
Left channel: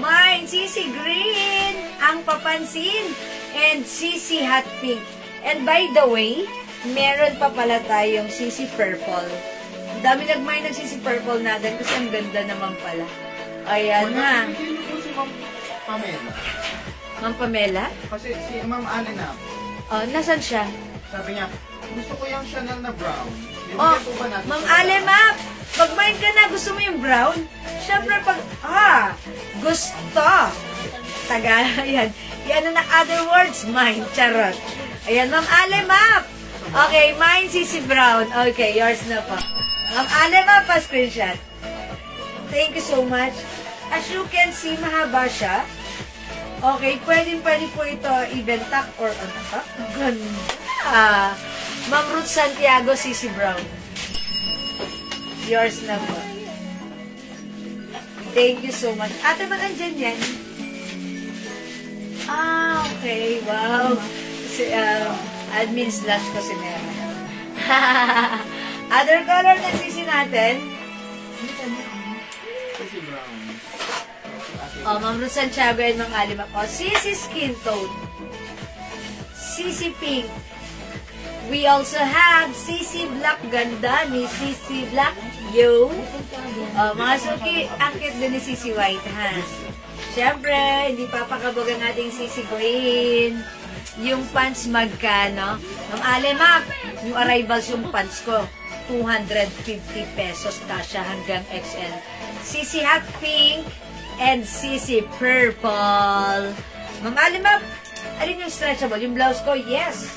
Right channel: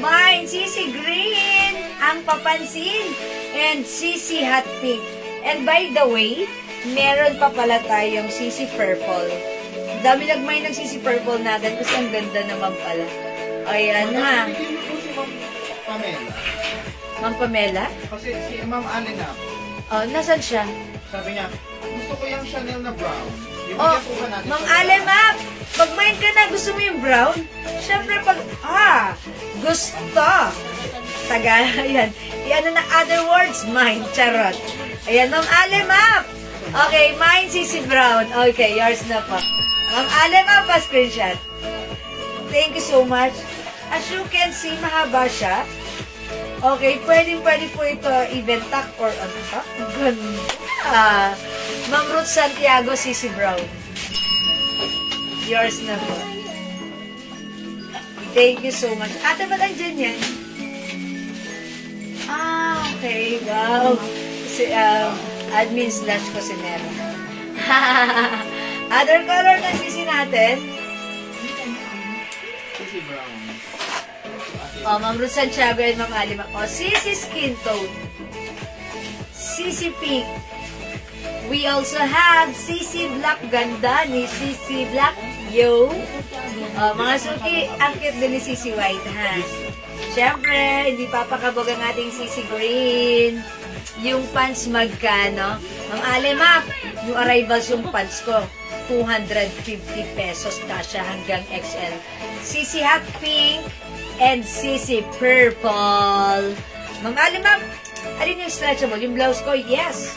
Mine CC Green, ang papansin. And CC Hot Pink. And by the way, meron pa pala tayong CC Purple. Dami nagmay ng CC Purple natin kasi ang ganda naman pala. Ayan ha. Pamela. Ma'am Pamela? Kasi si Ma'am Alena, Oh, nasan siya? sabi niya, gusto ko yung Chanel na brown. Oh, Bibigyan po ba natin Ma'am siya? Alena, pag mind ka na, gusto mo yung brown? Siyempre pag, gusto. Taga, ayan. Yan na other words, mine, charot. Ayan, Ma'am Alena. Okay, mine, CC Brown. Okay, yours na po. Ma'am Alena, pa-screenshot. Thank you so much. As you can see, mahaba siya. Okay, pwede po ito even tuck or ano ka? Ganda. Ma'am Ruth Santiago, CC Brown. Yours na po. Thank you so much. Ate, ba't andyan yan? Okay. Wow. Si, admin slash kusinera. Other color na CC natin. Si brown. Oh, Ma'am Ruth Santiago and Ma'am Alima. Oh, CC Skin Tone. CC Pink. We also have CC Black. Ganda ni CC Black. Yo. Oh, mga suki, ang cute din ni CC White, ha? Siyempre, hindi papakabog ang ating CC Green. Yung pants magkano? Ma'am Alima, yung arrivals yung pants ko. 250 pesos kasya hanggang XL. CC Hot Pink and CC Purple. Ma'am Alima, alin yung stretchable? Yung blouse ko? Yes.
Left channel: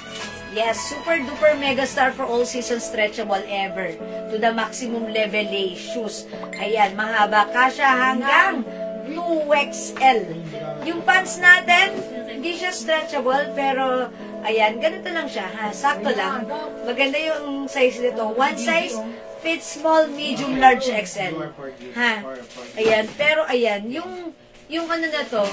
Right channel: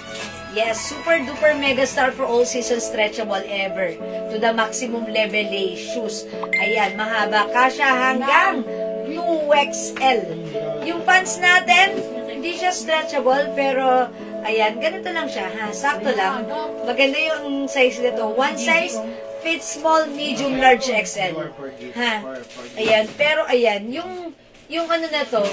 Yes, super duper mega star for all season stretchable ever. To the maximum level shoes. Ayan, mahaba kasya hanggang 2XL. Yung pants natin, hindi siya stretchable, pero ayan, ganito lang siya, ha? Sakto lang. Maganda yung size nito. One size, fit small, medium, large, XL. Ha? Ayan. Pero ayan, yung ano na to,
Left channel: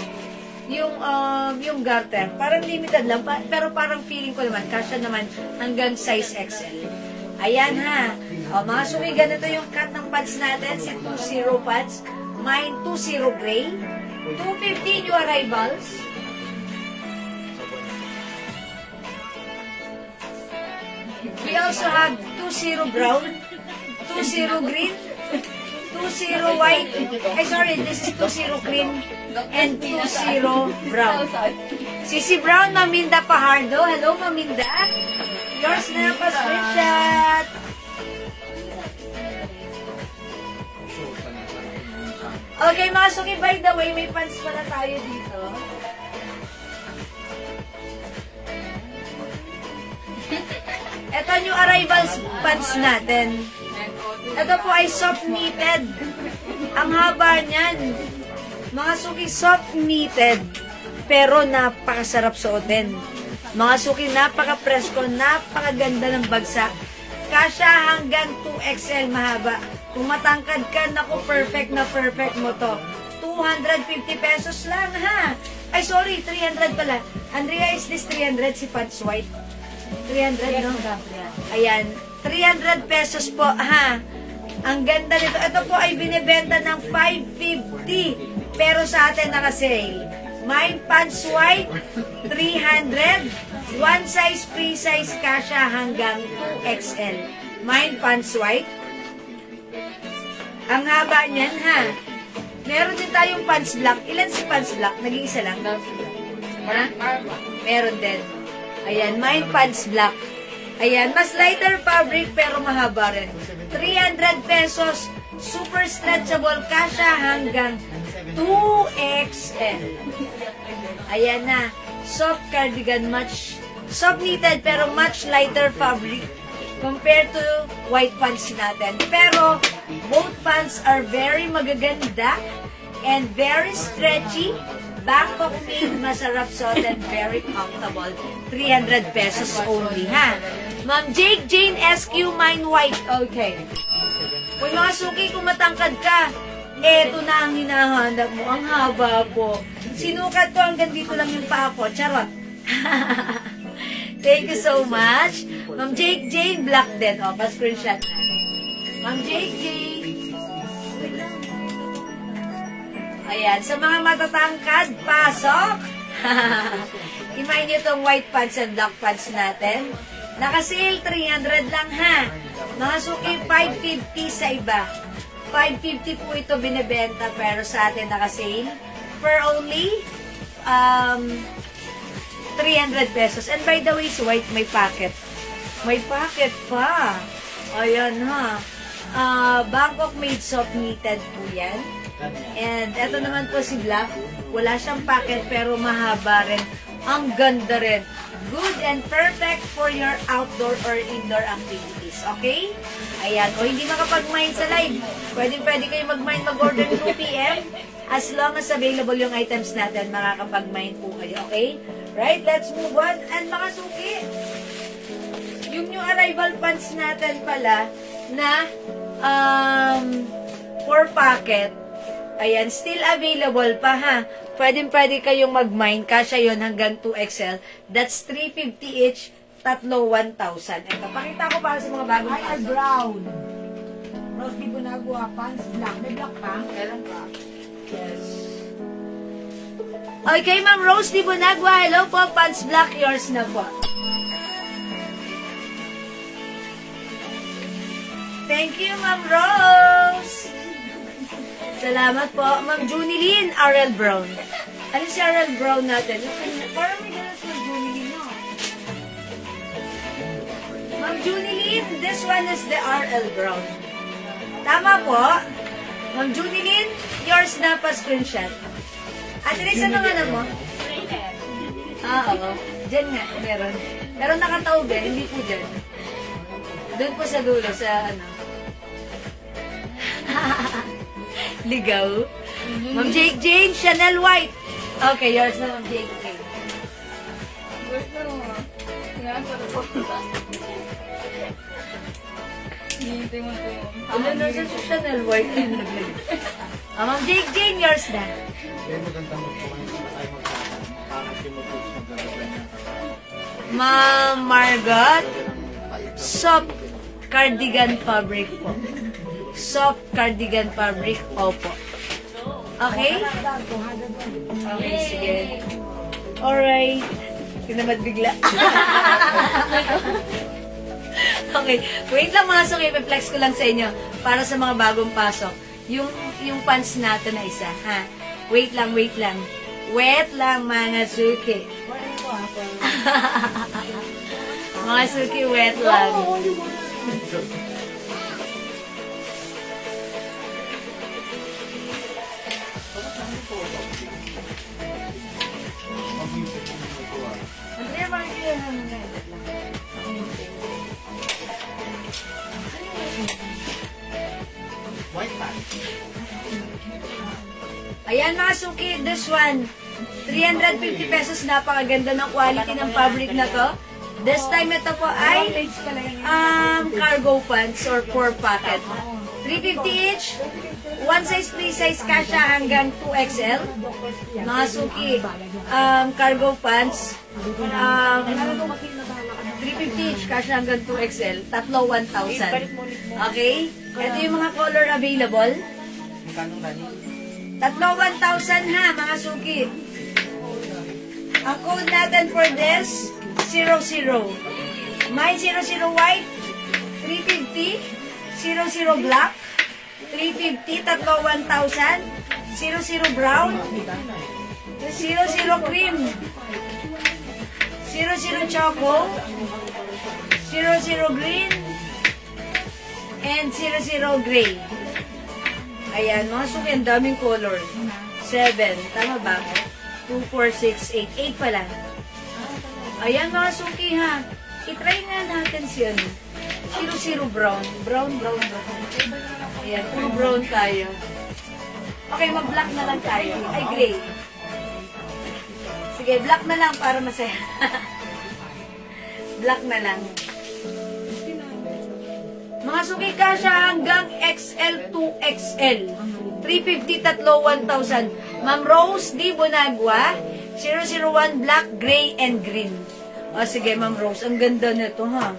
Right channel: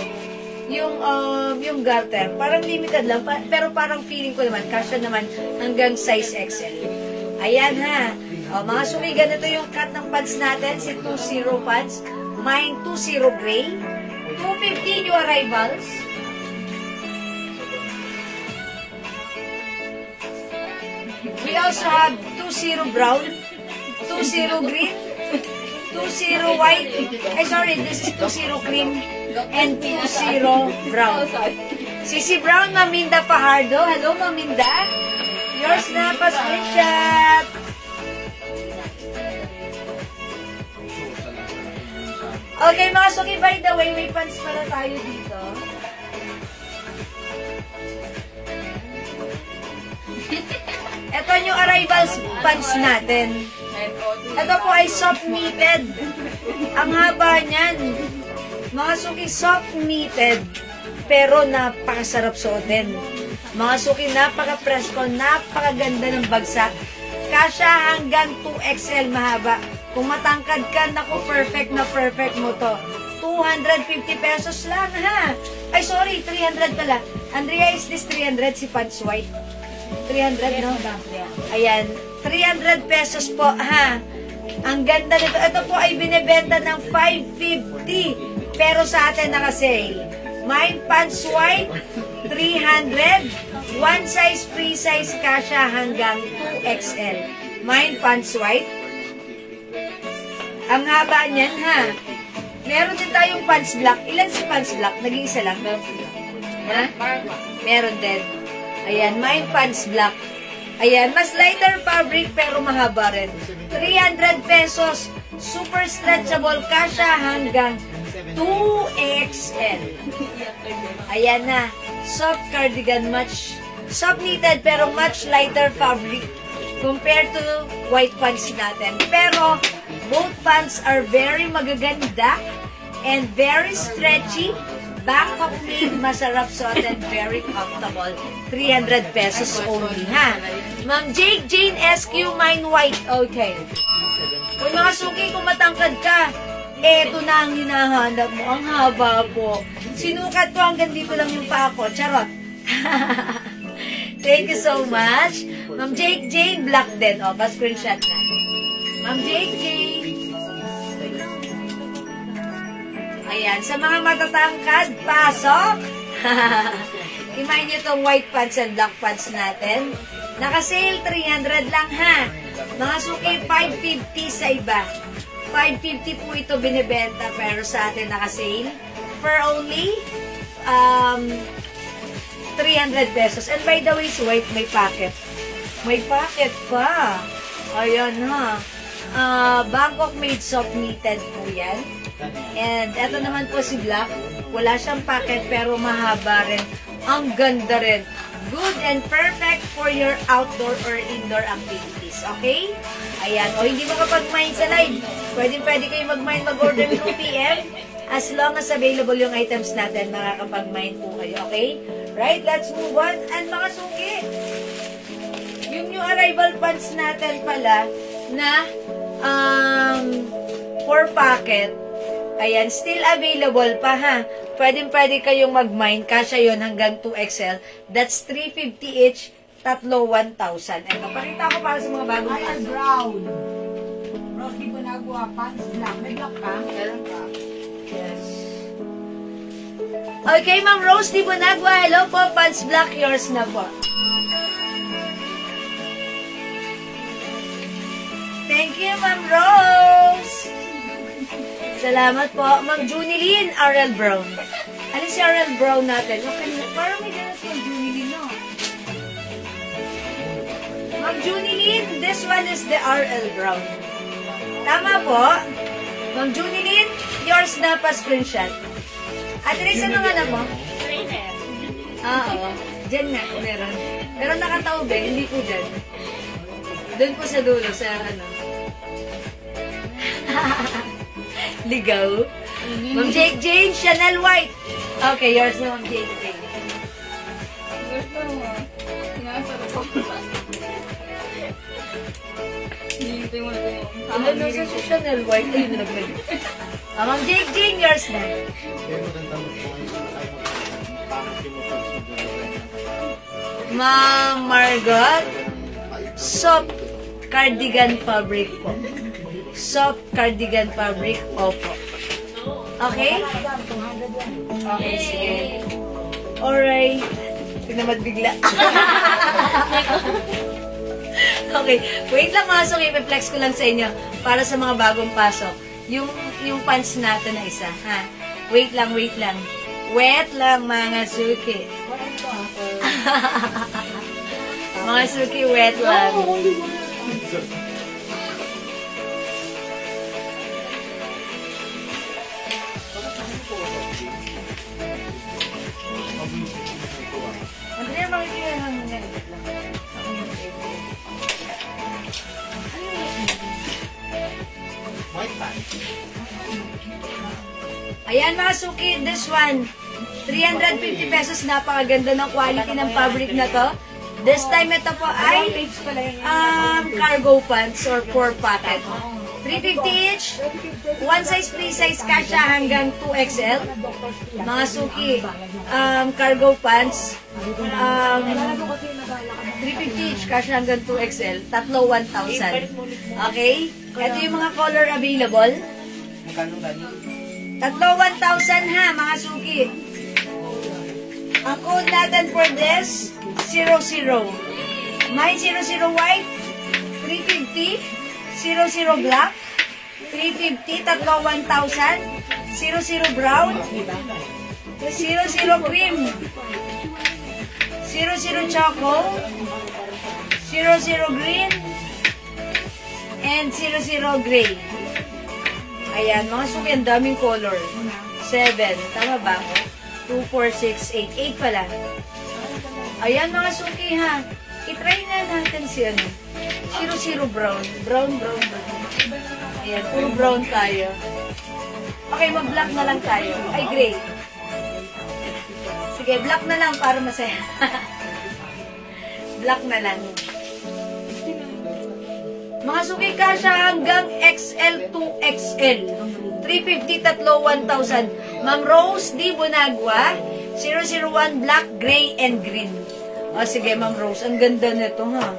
yung garter, parang limited lang, pero parang feeling ko naman, kasya naman hanggang size XL. Ayan ha. O, mga suki, ganito yung cut ng pads natin, si 2-0 pads. Mine 2-0 gray. 250 new arrivals. We also have 2-0 brown, 2-0 green, 2-0 white. Ay, sorry, this is 2-0 cream and 2-0 brown. Sisi Brown, Maminda Pajardo. Hello, Maminda. Yours na, pa-screenshot. Okay, mga suki, by the way, may pants pala tayo dito. Ito yung arrivals pants natin. Ito po ay soft knitted. Ang haba niyan. Mga suki, soft knitted. Pero napakasarap suotin. Mga suki, napaka-presko, napakaganda ng bagsak. Kasya hanggang 2XL mahaba. Kung matangkad ka, naku, perfect na perfect mo to. 250 pesos lang, ha? Ay, sorry, 300 pala. Andrea, is this 300 si pants white? 300, no? Ayan, 300 pesos po, ha? Ang ganda nito. Ito po ay binibenta ng 550. Pero sa atin naka-sale. Mine pants white, 300. One size, free size, kasya hanggang 2XL. Mine pants white. Ang haba niyan, ha? Meron din tayong pants black. Ilan si pants black? Nag-iisa lang? Ha? Meron din. Ayan, mine pants black. Ayan, mas lighter fabric pero mahaba rin. 300 pesos. Super stretchable, kasya hanggang 2XL. Ayan na. Soft cardigan, much soft knitted pero much lighter fabric compared to white pants natin. Pero both pants are very magaganda and very stretchy. Bangkok made, masarap suot and very comfortable. 300 pesos only, ha? Ma'am Jake Jane SQ, mine white. Okay. Kung mga suki, kung matangkad ka, eto na ang hinahanap mo. Ang haba po. Sinukat ko hanggang dito lang yung paa ko. Charot. Thank you so much. Ma'am Jake Jane, black din. O, pa-screenshot na. Ma'am Jake Jane. Ayan, sa mga matatangkad, pasok! Imayin nyo itong white pants and black pants natin. Naka-sale, 300 lang, ha? Mga suki, 550 sa iba. 550 po ito binibenta, pero sa atin naka-sale for only 300 pesos. And by the way, si white may pocket. May pocket pa. Ayan, ha? Bangkok made soft knitted po yan. And eto naman po si black. Wala siyang pocket pero mahaba rin. Ang ganda rin. Good and perfect for your outdoor or indoor activities. Okay? Ayan. O hindi makapag-mine sa live. Pwede kayo mag-mine, mag-order 2 PM. As long as available yung items natin, makakapag-mine po kayo. Okay? Right? Let's move on. And mga suki, yung new arrival pants natin pala na 4 pocket, ayan, still available pa, ha? Pwede kayong mag-mine. Kasya yun hanggang 2XL. That's 350 each. Tatlo, 1,000. Ito, pakita ko para sa mga bagong Ay, brown. Rose di Bunagua, pants black. May black pa? Meron pa. Yes. Okay, Ma'am Rose di Bunagua. Hello po, pants black. Yours na po. Thank you, Ma'am Rose. Salamat po. Ma'am Junilyn, RL Brown. Ano si RL Brown natin? Parang may ganas Ma'am Junilyn, no? Ma'am Junilyn, this one is the RL Brown. Tama po. Ma'am Junilyn, yours na pa screenshot. At rin sa mga anak mo? Oo. Diyan nga, meron. Pero nakataob eh, hindi po dyan. Doon po sa dulo, sa ano. Ligaw. Ma'am Jake Jane, Chanel White. Okay, yours na, Ma'am Jake Jane. Gusto mo. Sinasarap ko pa. Hintay mo na kayo. Ano na sa Chanel White? Ayun, naglag. Ma'am Jane, yours na. Ma'am Margot, soft cardigan fabric po. Soft cardigan fabric, opo. Okay? Okay, sige. Alright. Tinamad bigla. Okay. Wait lang mga suki, i-flex ko lang sa inyo para sa mga bagong pasok. Yung pants natin na isa, ha? Wait lang, wait lang. Wait lang mga suki. Mga suki, wait lang. Andrea, makikita na muna. Ayan mga suki, this one, 350 pesos, napakaganda ng quality ng fabric na to. This time ito po ay cargo pants or 4 pocket. 350 each, one size, free size, kasha hanggang 2XL. Mga suki, cargo pants, 350 each, kasha hanggang 2XL, tatlo 1,000. Okay? Ito yung mga color available. Tatlo 1,000 ha, mga suki. Ang code natin for this, 00. May 00 white, 350. 00 black, 350, tatlo 1,000. 00 brown, 00 cream, 00 choco, 00 green, and 00 gray. Ayan, mga suki, ang daming color. 7, tama ba? 2, 4, 6, 8. 8 pala. Ayan, mga suki ha. I-try nga natin si ano. 00 brown. Brown. Ayan, puro brown tayo. Okay, mag-black na lang tayo. Ay, gray. Sige, black na lang para masaya. Black na lang. Mga suki, kasha hanggang XL to XL. 350, tatlo 1,000. Ma'am Rose D. Bonagua, 001 black, gray, and green. O sige, Ma'am Rose, ang ganda nito ha.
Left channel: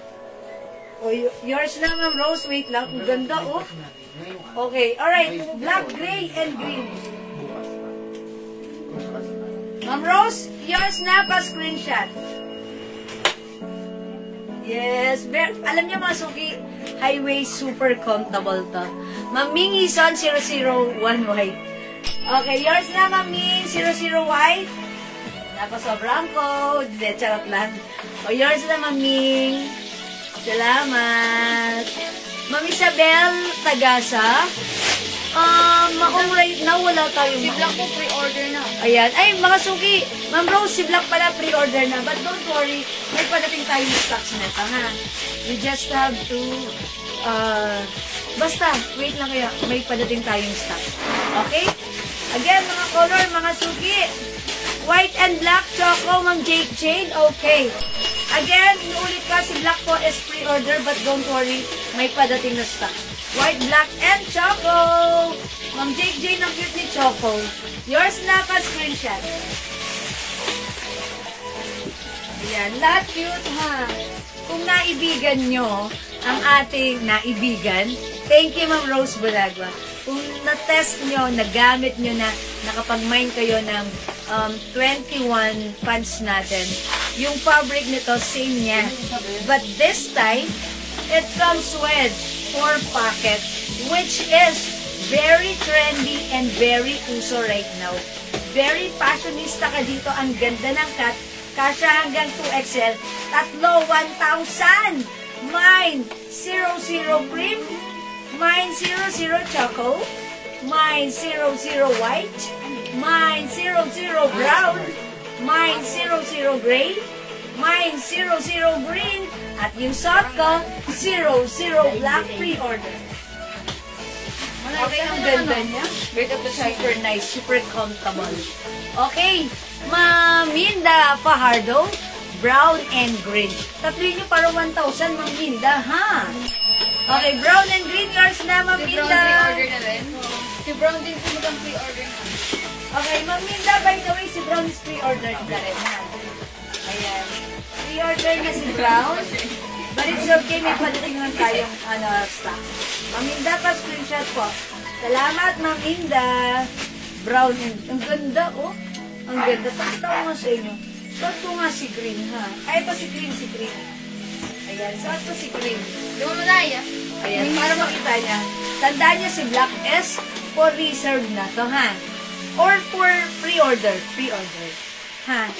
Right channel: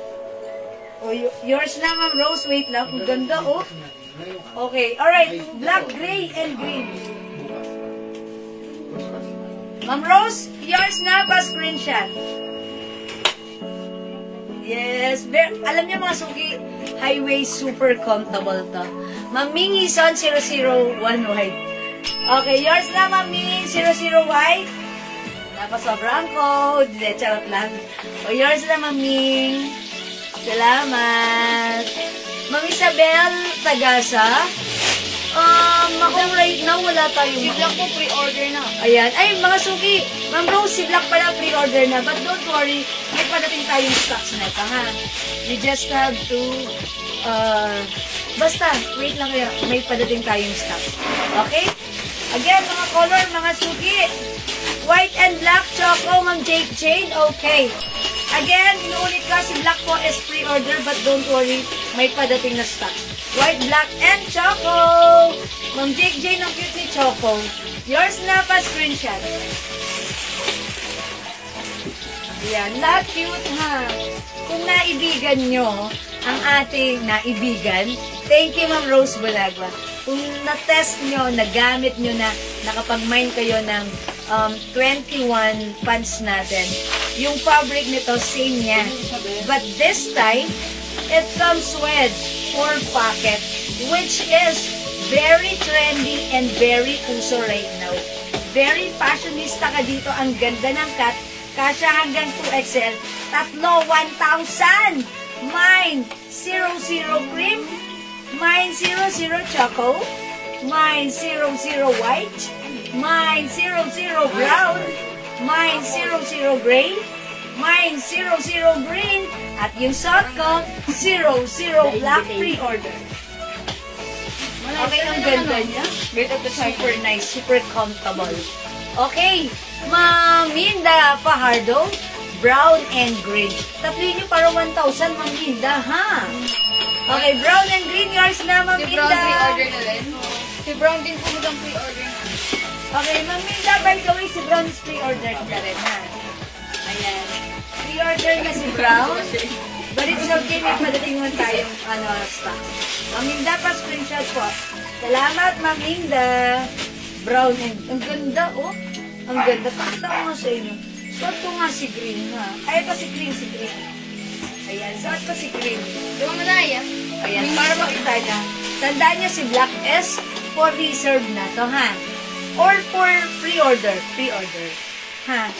O, yours na, Ma'am Rose. Wait lang, ang ganda oh. Okay, alright. Black, gray, and green. Ma'am Rose, yours na, pa-screenshot. Yes, alam niyo mga suki, highway super comfortable to. Ma'am Ming Ison, 001 white. Okay, yours na, Ma'am Ming, 00 white. Napasobrang ko, charot lang. O, yours na, Ma'am Ming. Salamat. Ma'am Isabel Tagasa, ako right now, wala tayo. Si Black po, pre-order na. Ayan. Ay, mga suki. Ma'am Rose, si Black pala pre-order na. But don't worry, may padating tayong stocks na ito, ha? We just have to, basta, wait lang kaya, may padating tayong stocks. Okay? Again, mga color, mga suki. White and black, choco, Ma'am Jane. Okay. Again, inuulit ko, si Black po is pre-order, but don't worry, may padating na stock. White, black, and choco. Ma'am Jane, ang cute ni Choco. Yours na pa, screenshot. Yan, lahat cute ha. Kung naibigan nyo ang ating naibigan, thank you Ma'am Rose Bonagua. Kung na-test nyo, nagamit nyo na, nakapag-mine kayo ng 21 pants natin, yung fabric nito, same yan. But this time, it's from Swed 4 pocket, which is very trendy and very uso right now. Very fashionista ka dito. Ang ganda ng cut. Kasha hanggang 2XL. Tatlo, 1,000. Mine, 00 cream. Mine, 00 choco. Mine, 00 white. Mine, 00 brown. Mine, 00 gray. Mine, 00 green. At yung shot ko, 00 black pre-order. Okay, ang ganda niya. Super nice, super comfortable. Okay, Ma'am Linda Fajardo, brown and green. Tatlo niyo para 1,000, Ma'am Linda, ha? Okay, brown and green yours na, Ma'am Si Brown Minda. pre-order na rin. Si Brown din po mukhang pre-order na. Okay, Ma'am Minda, by the way, si Brown is pre-order ka rin, ha? Ayan. Pre-order na si Brown. But it's okay, may padating lang tayong stock. Ma'am Minda, pa-screenshot po. Salamat, Ma'am Minda. Brown and... Ang ganda, oh. Ang ganda. Pakita ko nga sa inyo. Suot ko nga si green, ha? Ay, ito si green, si green. Ayan, suot ko si green. Di mo manaya. Ayan, para makita niya. Tandaan niyo si black S for reserve na to, ha? Or for pre-order. Pre-order. Ha?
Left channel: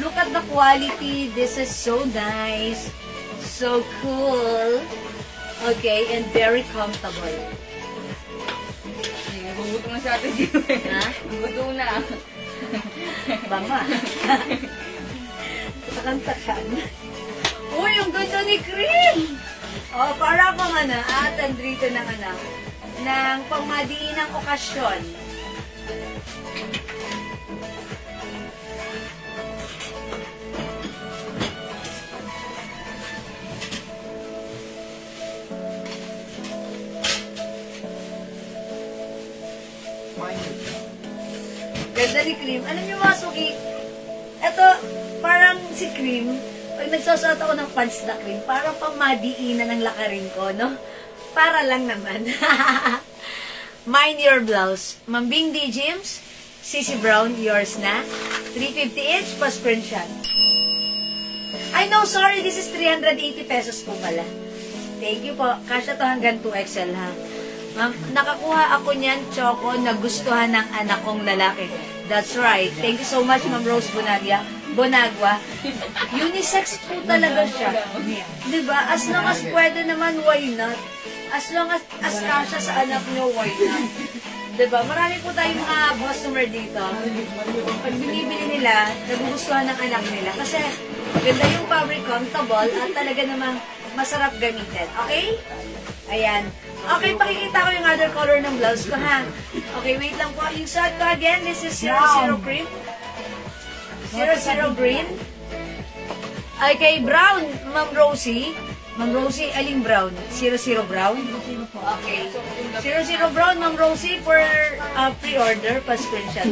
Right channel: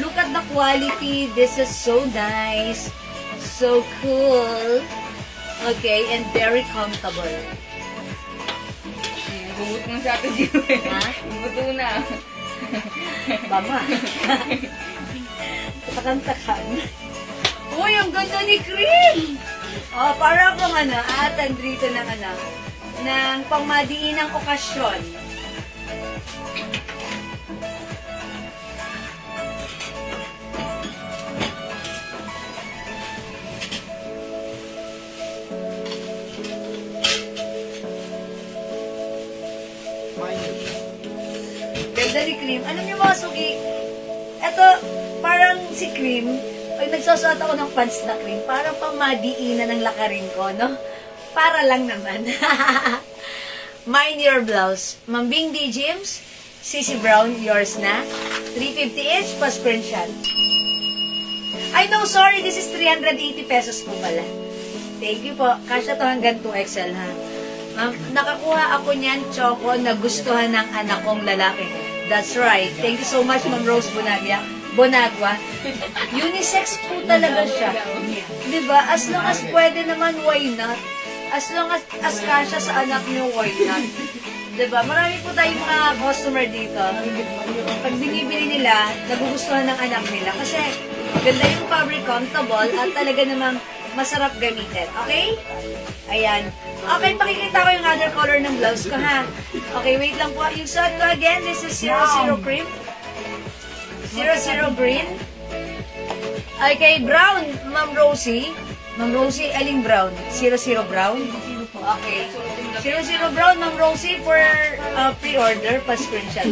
Look at the quality. This is so nice. So cool. Okay, and very comfortable. Hugot mo sa atin dito eh. Ha? Buto na. Bama. Takan-takan. Uy, ang ganda ni Cream! Oh, para akong atan dito ng ng pangmadiinang okasyon. Ganda ni Cream. Alam niyo mga suki, eto, parang si Cream, pag nagsusuot ako ng pants na Cream, parang pamadiinan ng lakarin ko, no? Para lang naman. Mind your blouse. Mambing D. James, CC Brown, yours na. 350 each, pa-screenshot. Ay, no, sorry, this is 380 pesos po pala. Thank you po. Kasya to hanggang 2XL, ha? Nakakuha ako niyan, Choco, na gustuhan ng anak kong lalaki. That's right. Thank you so much, Ma'am Rose Bonagua. Unisex po talaga siya. Diba? As long as pwede naman, why not? As long as kasya sa anak niyo, why not? Diba? Marami po tayong mga customer dito. Pag binibili nila, nagugustuhan ng anak nila. Kasi ganda yung fabric, comfortable, at talaga namang masarap gamitin. Okay? Ayan. Okay, pakikita ko yung other color ng blouse ko, ha? Okay, wait lang po. Yung suot ko again, this is 00 cream. 00 green. Okay, brown, Ma'am Rosie. Ma'am Rosie, aling brown? 00 brown? Okay. 00 brown, Ma'am Rosie, for pre-order, pa-screenshot.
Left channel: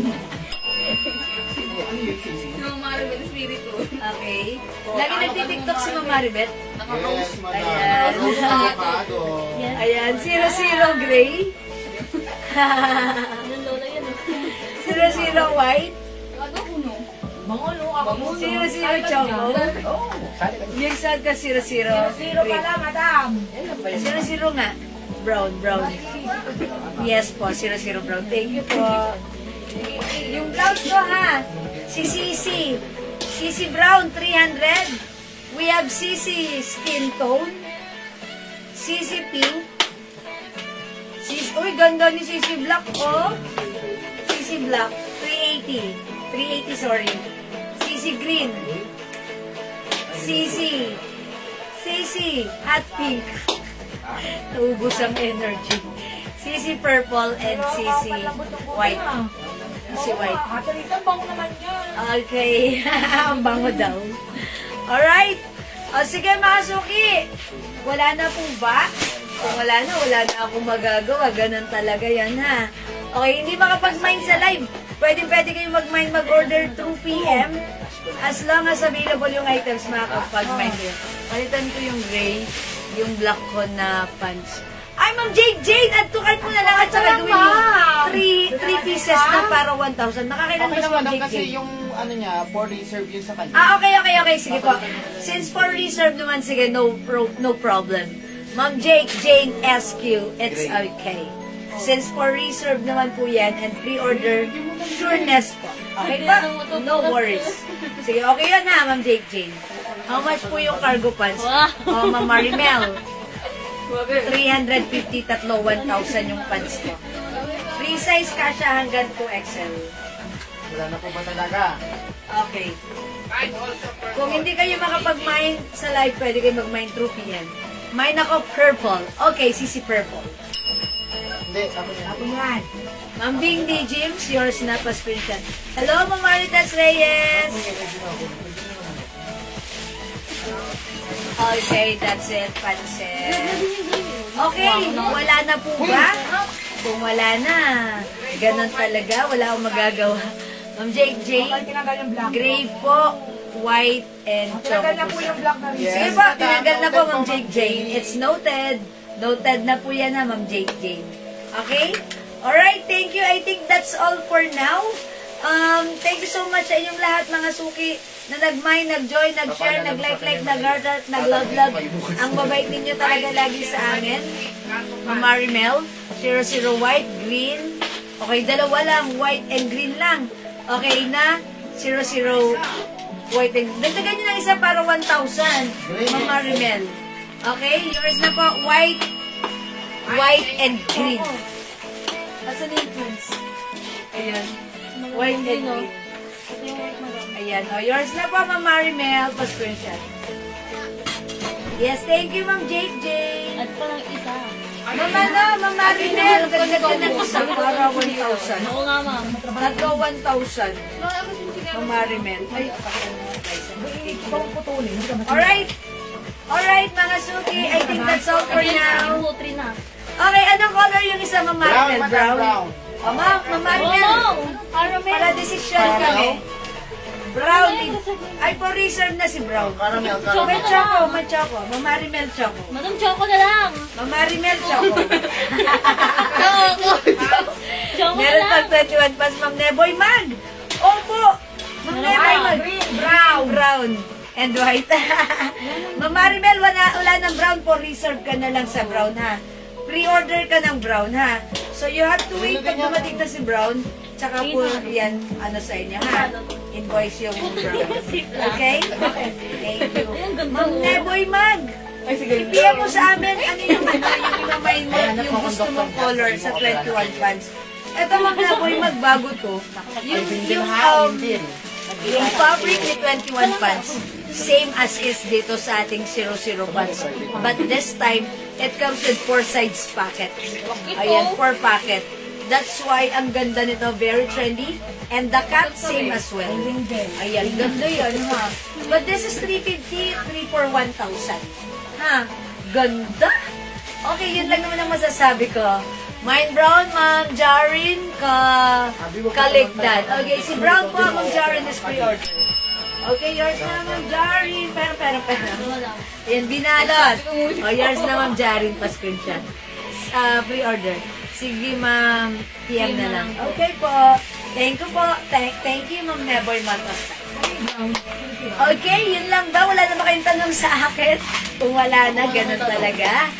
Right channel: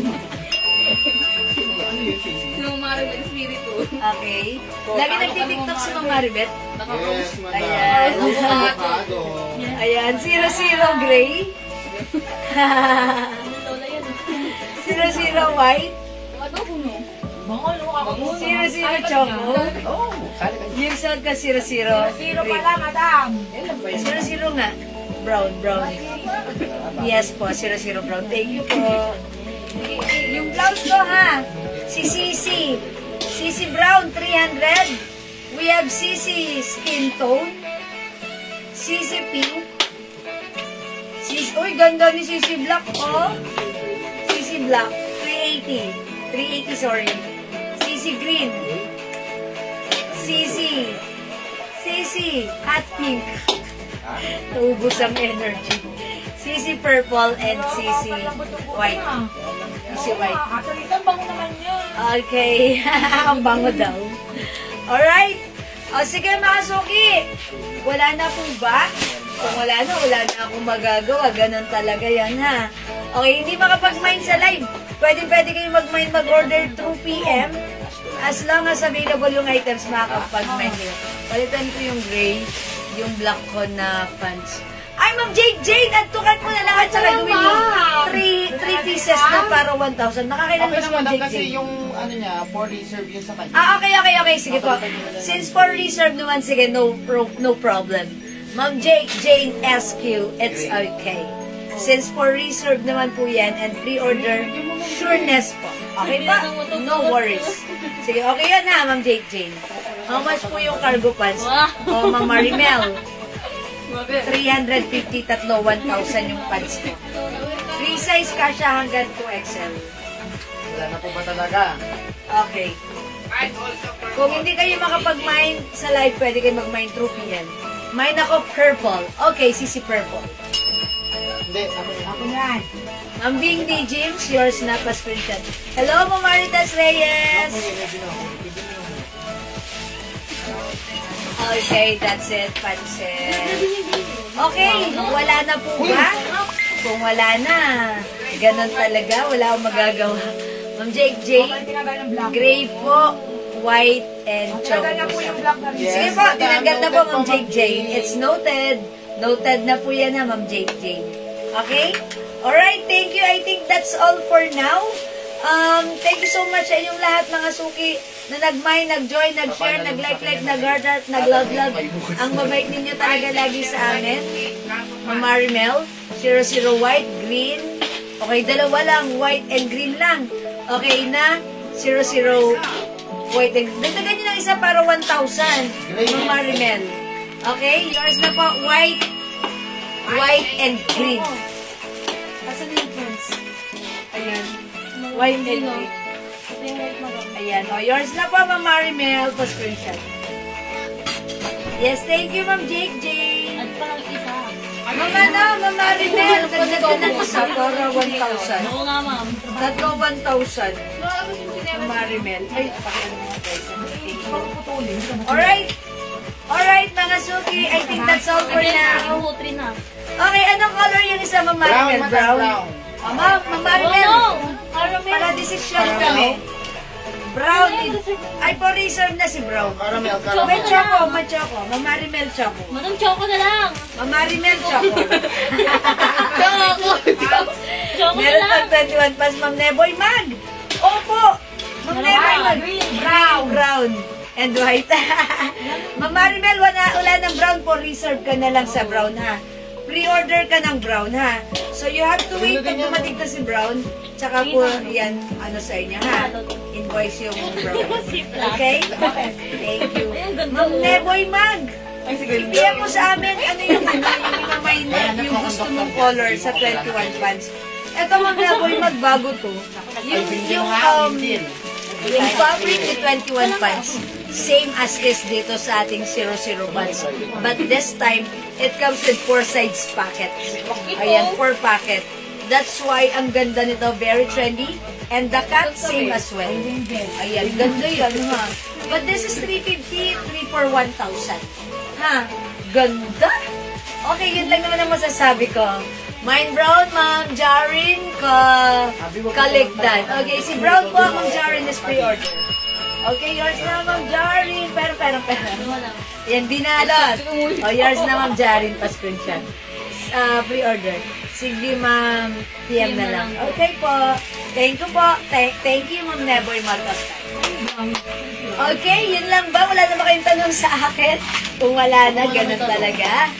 Nung Maribel Spirit po. Okay. Lagi nagtitiktok si Ma'am Maribel. Yes, madam. Ayan. Rose avocado. Ayan, 00 gray. 00 white. Ano ko no? 00 choco. Yung saan ka 00 green. Wala, madam. 00 nga. Brown. Yes po, 00 brown. Thank you po. Yung blouse ko, ha? Si Sisi. Sisi Brown, 300. We have Sisi Skin Tone. Sisi Pink. Uy, ganda ni Sisi Black, oh. Sisi Black, 380. 380, sorry. Sisi Green. Sisi Hot Pink. Naubos ang energy. Sisi Purple and Sisi White. Sisi White. Katalitan, bango naman yan. Okay. Ang bango daw. Alright. O sige mga suki. Wala na po ba? Kung wala na akong magagawa. Ganun talaga yan, ha? Okay, hindi makapag-mind sa live. Pwede kayo mag-mind mag-order 2 p.m. As long as available yung items, makakapag-mind yun. Palitan ko yung gray, yung black ko na pants. Ay, Ma'am Jade! Add to cart mo na lang at saka gawin yung 3 pieces na para 1,000. Nakakailan Okay ba lang, si Ma'am madam, Jade? kasi yung ano niya, for reserve yun sa kanya. Okay. Sige po. Since for reserve naman, sige, no problem. Ma'am Jane SQ, it's okay. Since for reserve naman po yan and pre-order, sureness po. Okay ba? No worries. Sige, okay yan ha, Ma'am Jane. How much po yung cargo pants? Oh, Ma'am Marimel. 350, 1,000 yung pants ko. Free size kasha hanggang 2XL. Wala na po ba talaga? Okay. Kung hindi kayo makapag-mine sa live, pwede kayo mag-mine through yan. Mine ako purple. Okay, Sisi purple. Hindi, ako Yan. Ma'am Bing D. James, yours na pa screenshot. Hello, Ma'am Maritas Reyes. Okay, that's it. Pansit. Okay, wala na po ba? Kung wala na, ganun talaga. Wala akong magagawa. Ma'am JJ, gray po, white, and chocolate. Sige po, tinanggal na po, Ma'am JJ. It's noted. Noted na po yan, Ma'am JJ. Okay? Alright, thank you. I think that's all for now. Thank you so much sa inyong lahat, mga suki, na nag-mind, nag-join, nag-share, nag-like, nag-heart, nag-love. Ang mabait ninyo talaga lagi sa amin. Ma'am Marimel, 00 white, green. Okay, dalawa lang, white and green lang. Okay na, 00 white and green. Dagdagan nyo ng isa para 1,000, Ma'am Marimel. Okay, yours na po, white and green. Asan yung fruits? Ayan. White and green. Ayan. O, yours na po, Ma'am Marimel. Pa-screenshot. Yes, thank you, Ma'am JJ. At parang isa. Ma'am Marimel. Ganda ng isa para 1,000. Oo nga, ma'am. Tatlo 1,000. Ma'am Marimel. Ay, pakiano mo, guys. Alright. Alright, mga suki. I think that's all for now. Three na. Okay, anong color yung isa, Ma'am Marimel? Brown. O, Ma'am Marimel. Para decision kami. Brown. Ay, po reserve na si Brown. May choco. Ma'am Marimel choco. Madam choco na lang. Ma'am Marimel choco. Choco. Choco na Meron lang. pag 21 pas, Ma'am Neboy Mag. Opo. Ma'am Neboy Mag. Brown. And white. Ma'am Marimel, wala ng brown po. Reserve ka na lang sa brown, ha? Pre-order ka ng brown, ha? So, you have to wait pag dumating na si brown. Tsaka po, yan, ano sa inyo, ha? Invoice yung brown. Okay? Thank you. Ma'am Neboy Mag. Kaya po sa amin, ano yung may net, yung gusto mong color sa 21 pants. Ito, Ma'am Neboy Mag, bago to. Yung fabric ni 21 pants. Same as is dito sa ating 00 pants. But this time, it comes with 4 sides packet. Ayan, 4 packet. That's why ang ganda nito, very trendy. And the cut, same as well. Ayan, ganda yan, ha? But this is 350, 3 for 1,000. Ha? Ganda? Okay, yun lang naman ang masasabi ko. Mine Brown, Ma'am Jarin, Kaligdan. Okay, si Brown po, Ma'am Jarin is pre-order. Okay, yours na, Ma'am Jarin. Pero. Yan, binalot. O, yours na, Ma'am Jarin, pa-screenshot. Pre-order. Sige, Ma'am, PM na lang. Okay po. Thank you po. Thank you, Ma'am Neboy Marcos. Okay, yun lang ba? Wala na ba kayong tanong sa akin? Kung wala na, ganun talaga.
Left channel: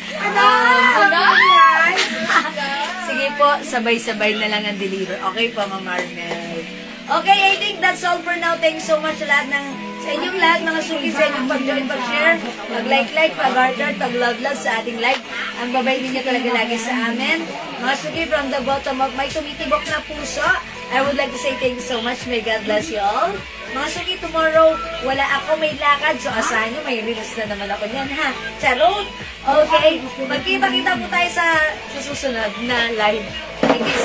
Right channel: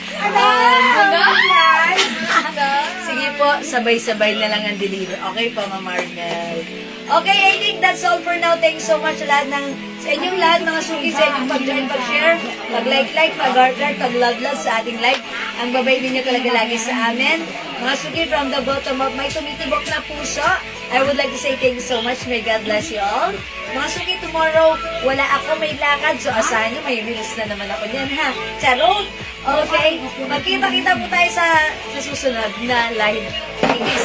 Sige po, sabay-sabay na lang ang deliver. Okay po, Ma'am Marnel. Okay, I think that's all for now. Thanks so much sa lahat sa inyong lahat, mga suki, sa inyong pag-join, pag-share, pag-like, pag-heart, pag-love sa ating live. Ang babay ninyo talaga lagi sa amin. Mga suki, from the bottom of my tumitibok na puso, I would like to say thank you so much. May God bless you all. Mga suki, tomorrow, wala ako, may lakad. So, asahan nyo, may release na naman ako niyan, ha? Charot! Okay, magkita-kita po tayo sa susunod na live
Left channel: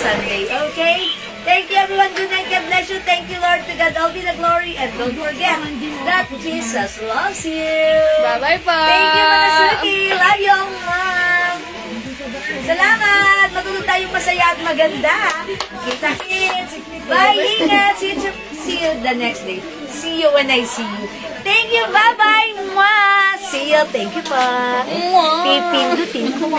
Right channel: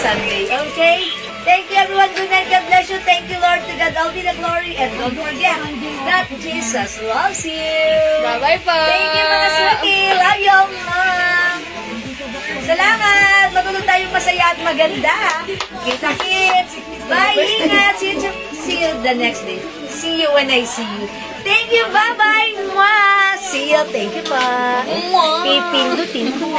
Sunday. Okay? Thank you, everyone. Good night. God bless you. Thank you, Lord. To God all be the glory. And don't forget that Jesus loves you. Bye-bye po. Thank you, mga suki. Love you all, Mom. Salamat. Matulog tayong masaya at maganda. Kita-kits. Bye. Ingat. See you the next day. See you when I see you. Thank you. Bye-bye. Mwah. See you. Thank you, pa. Mwah. Pipindutin ko.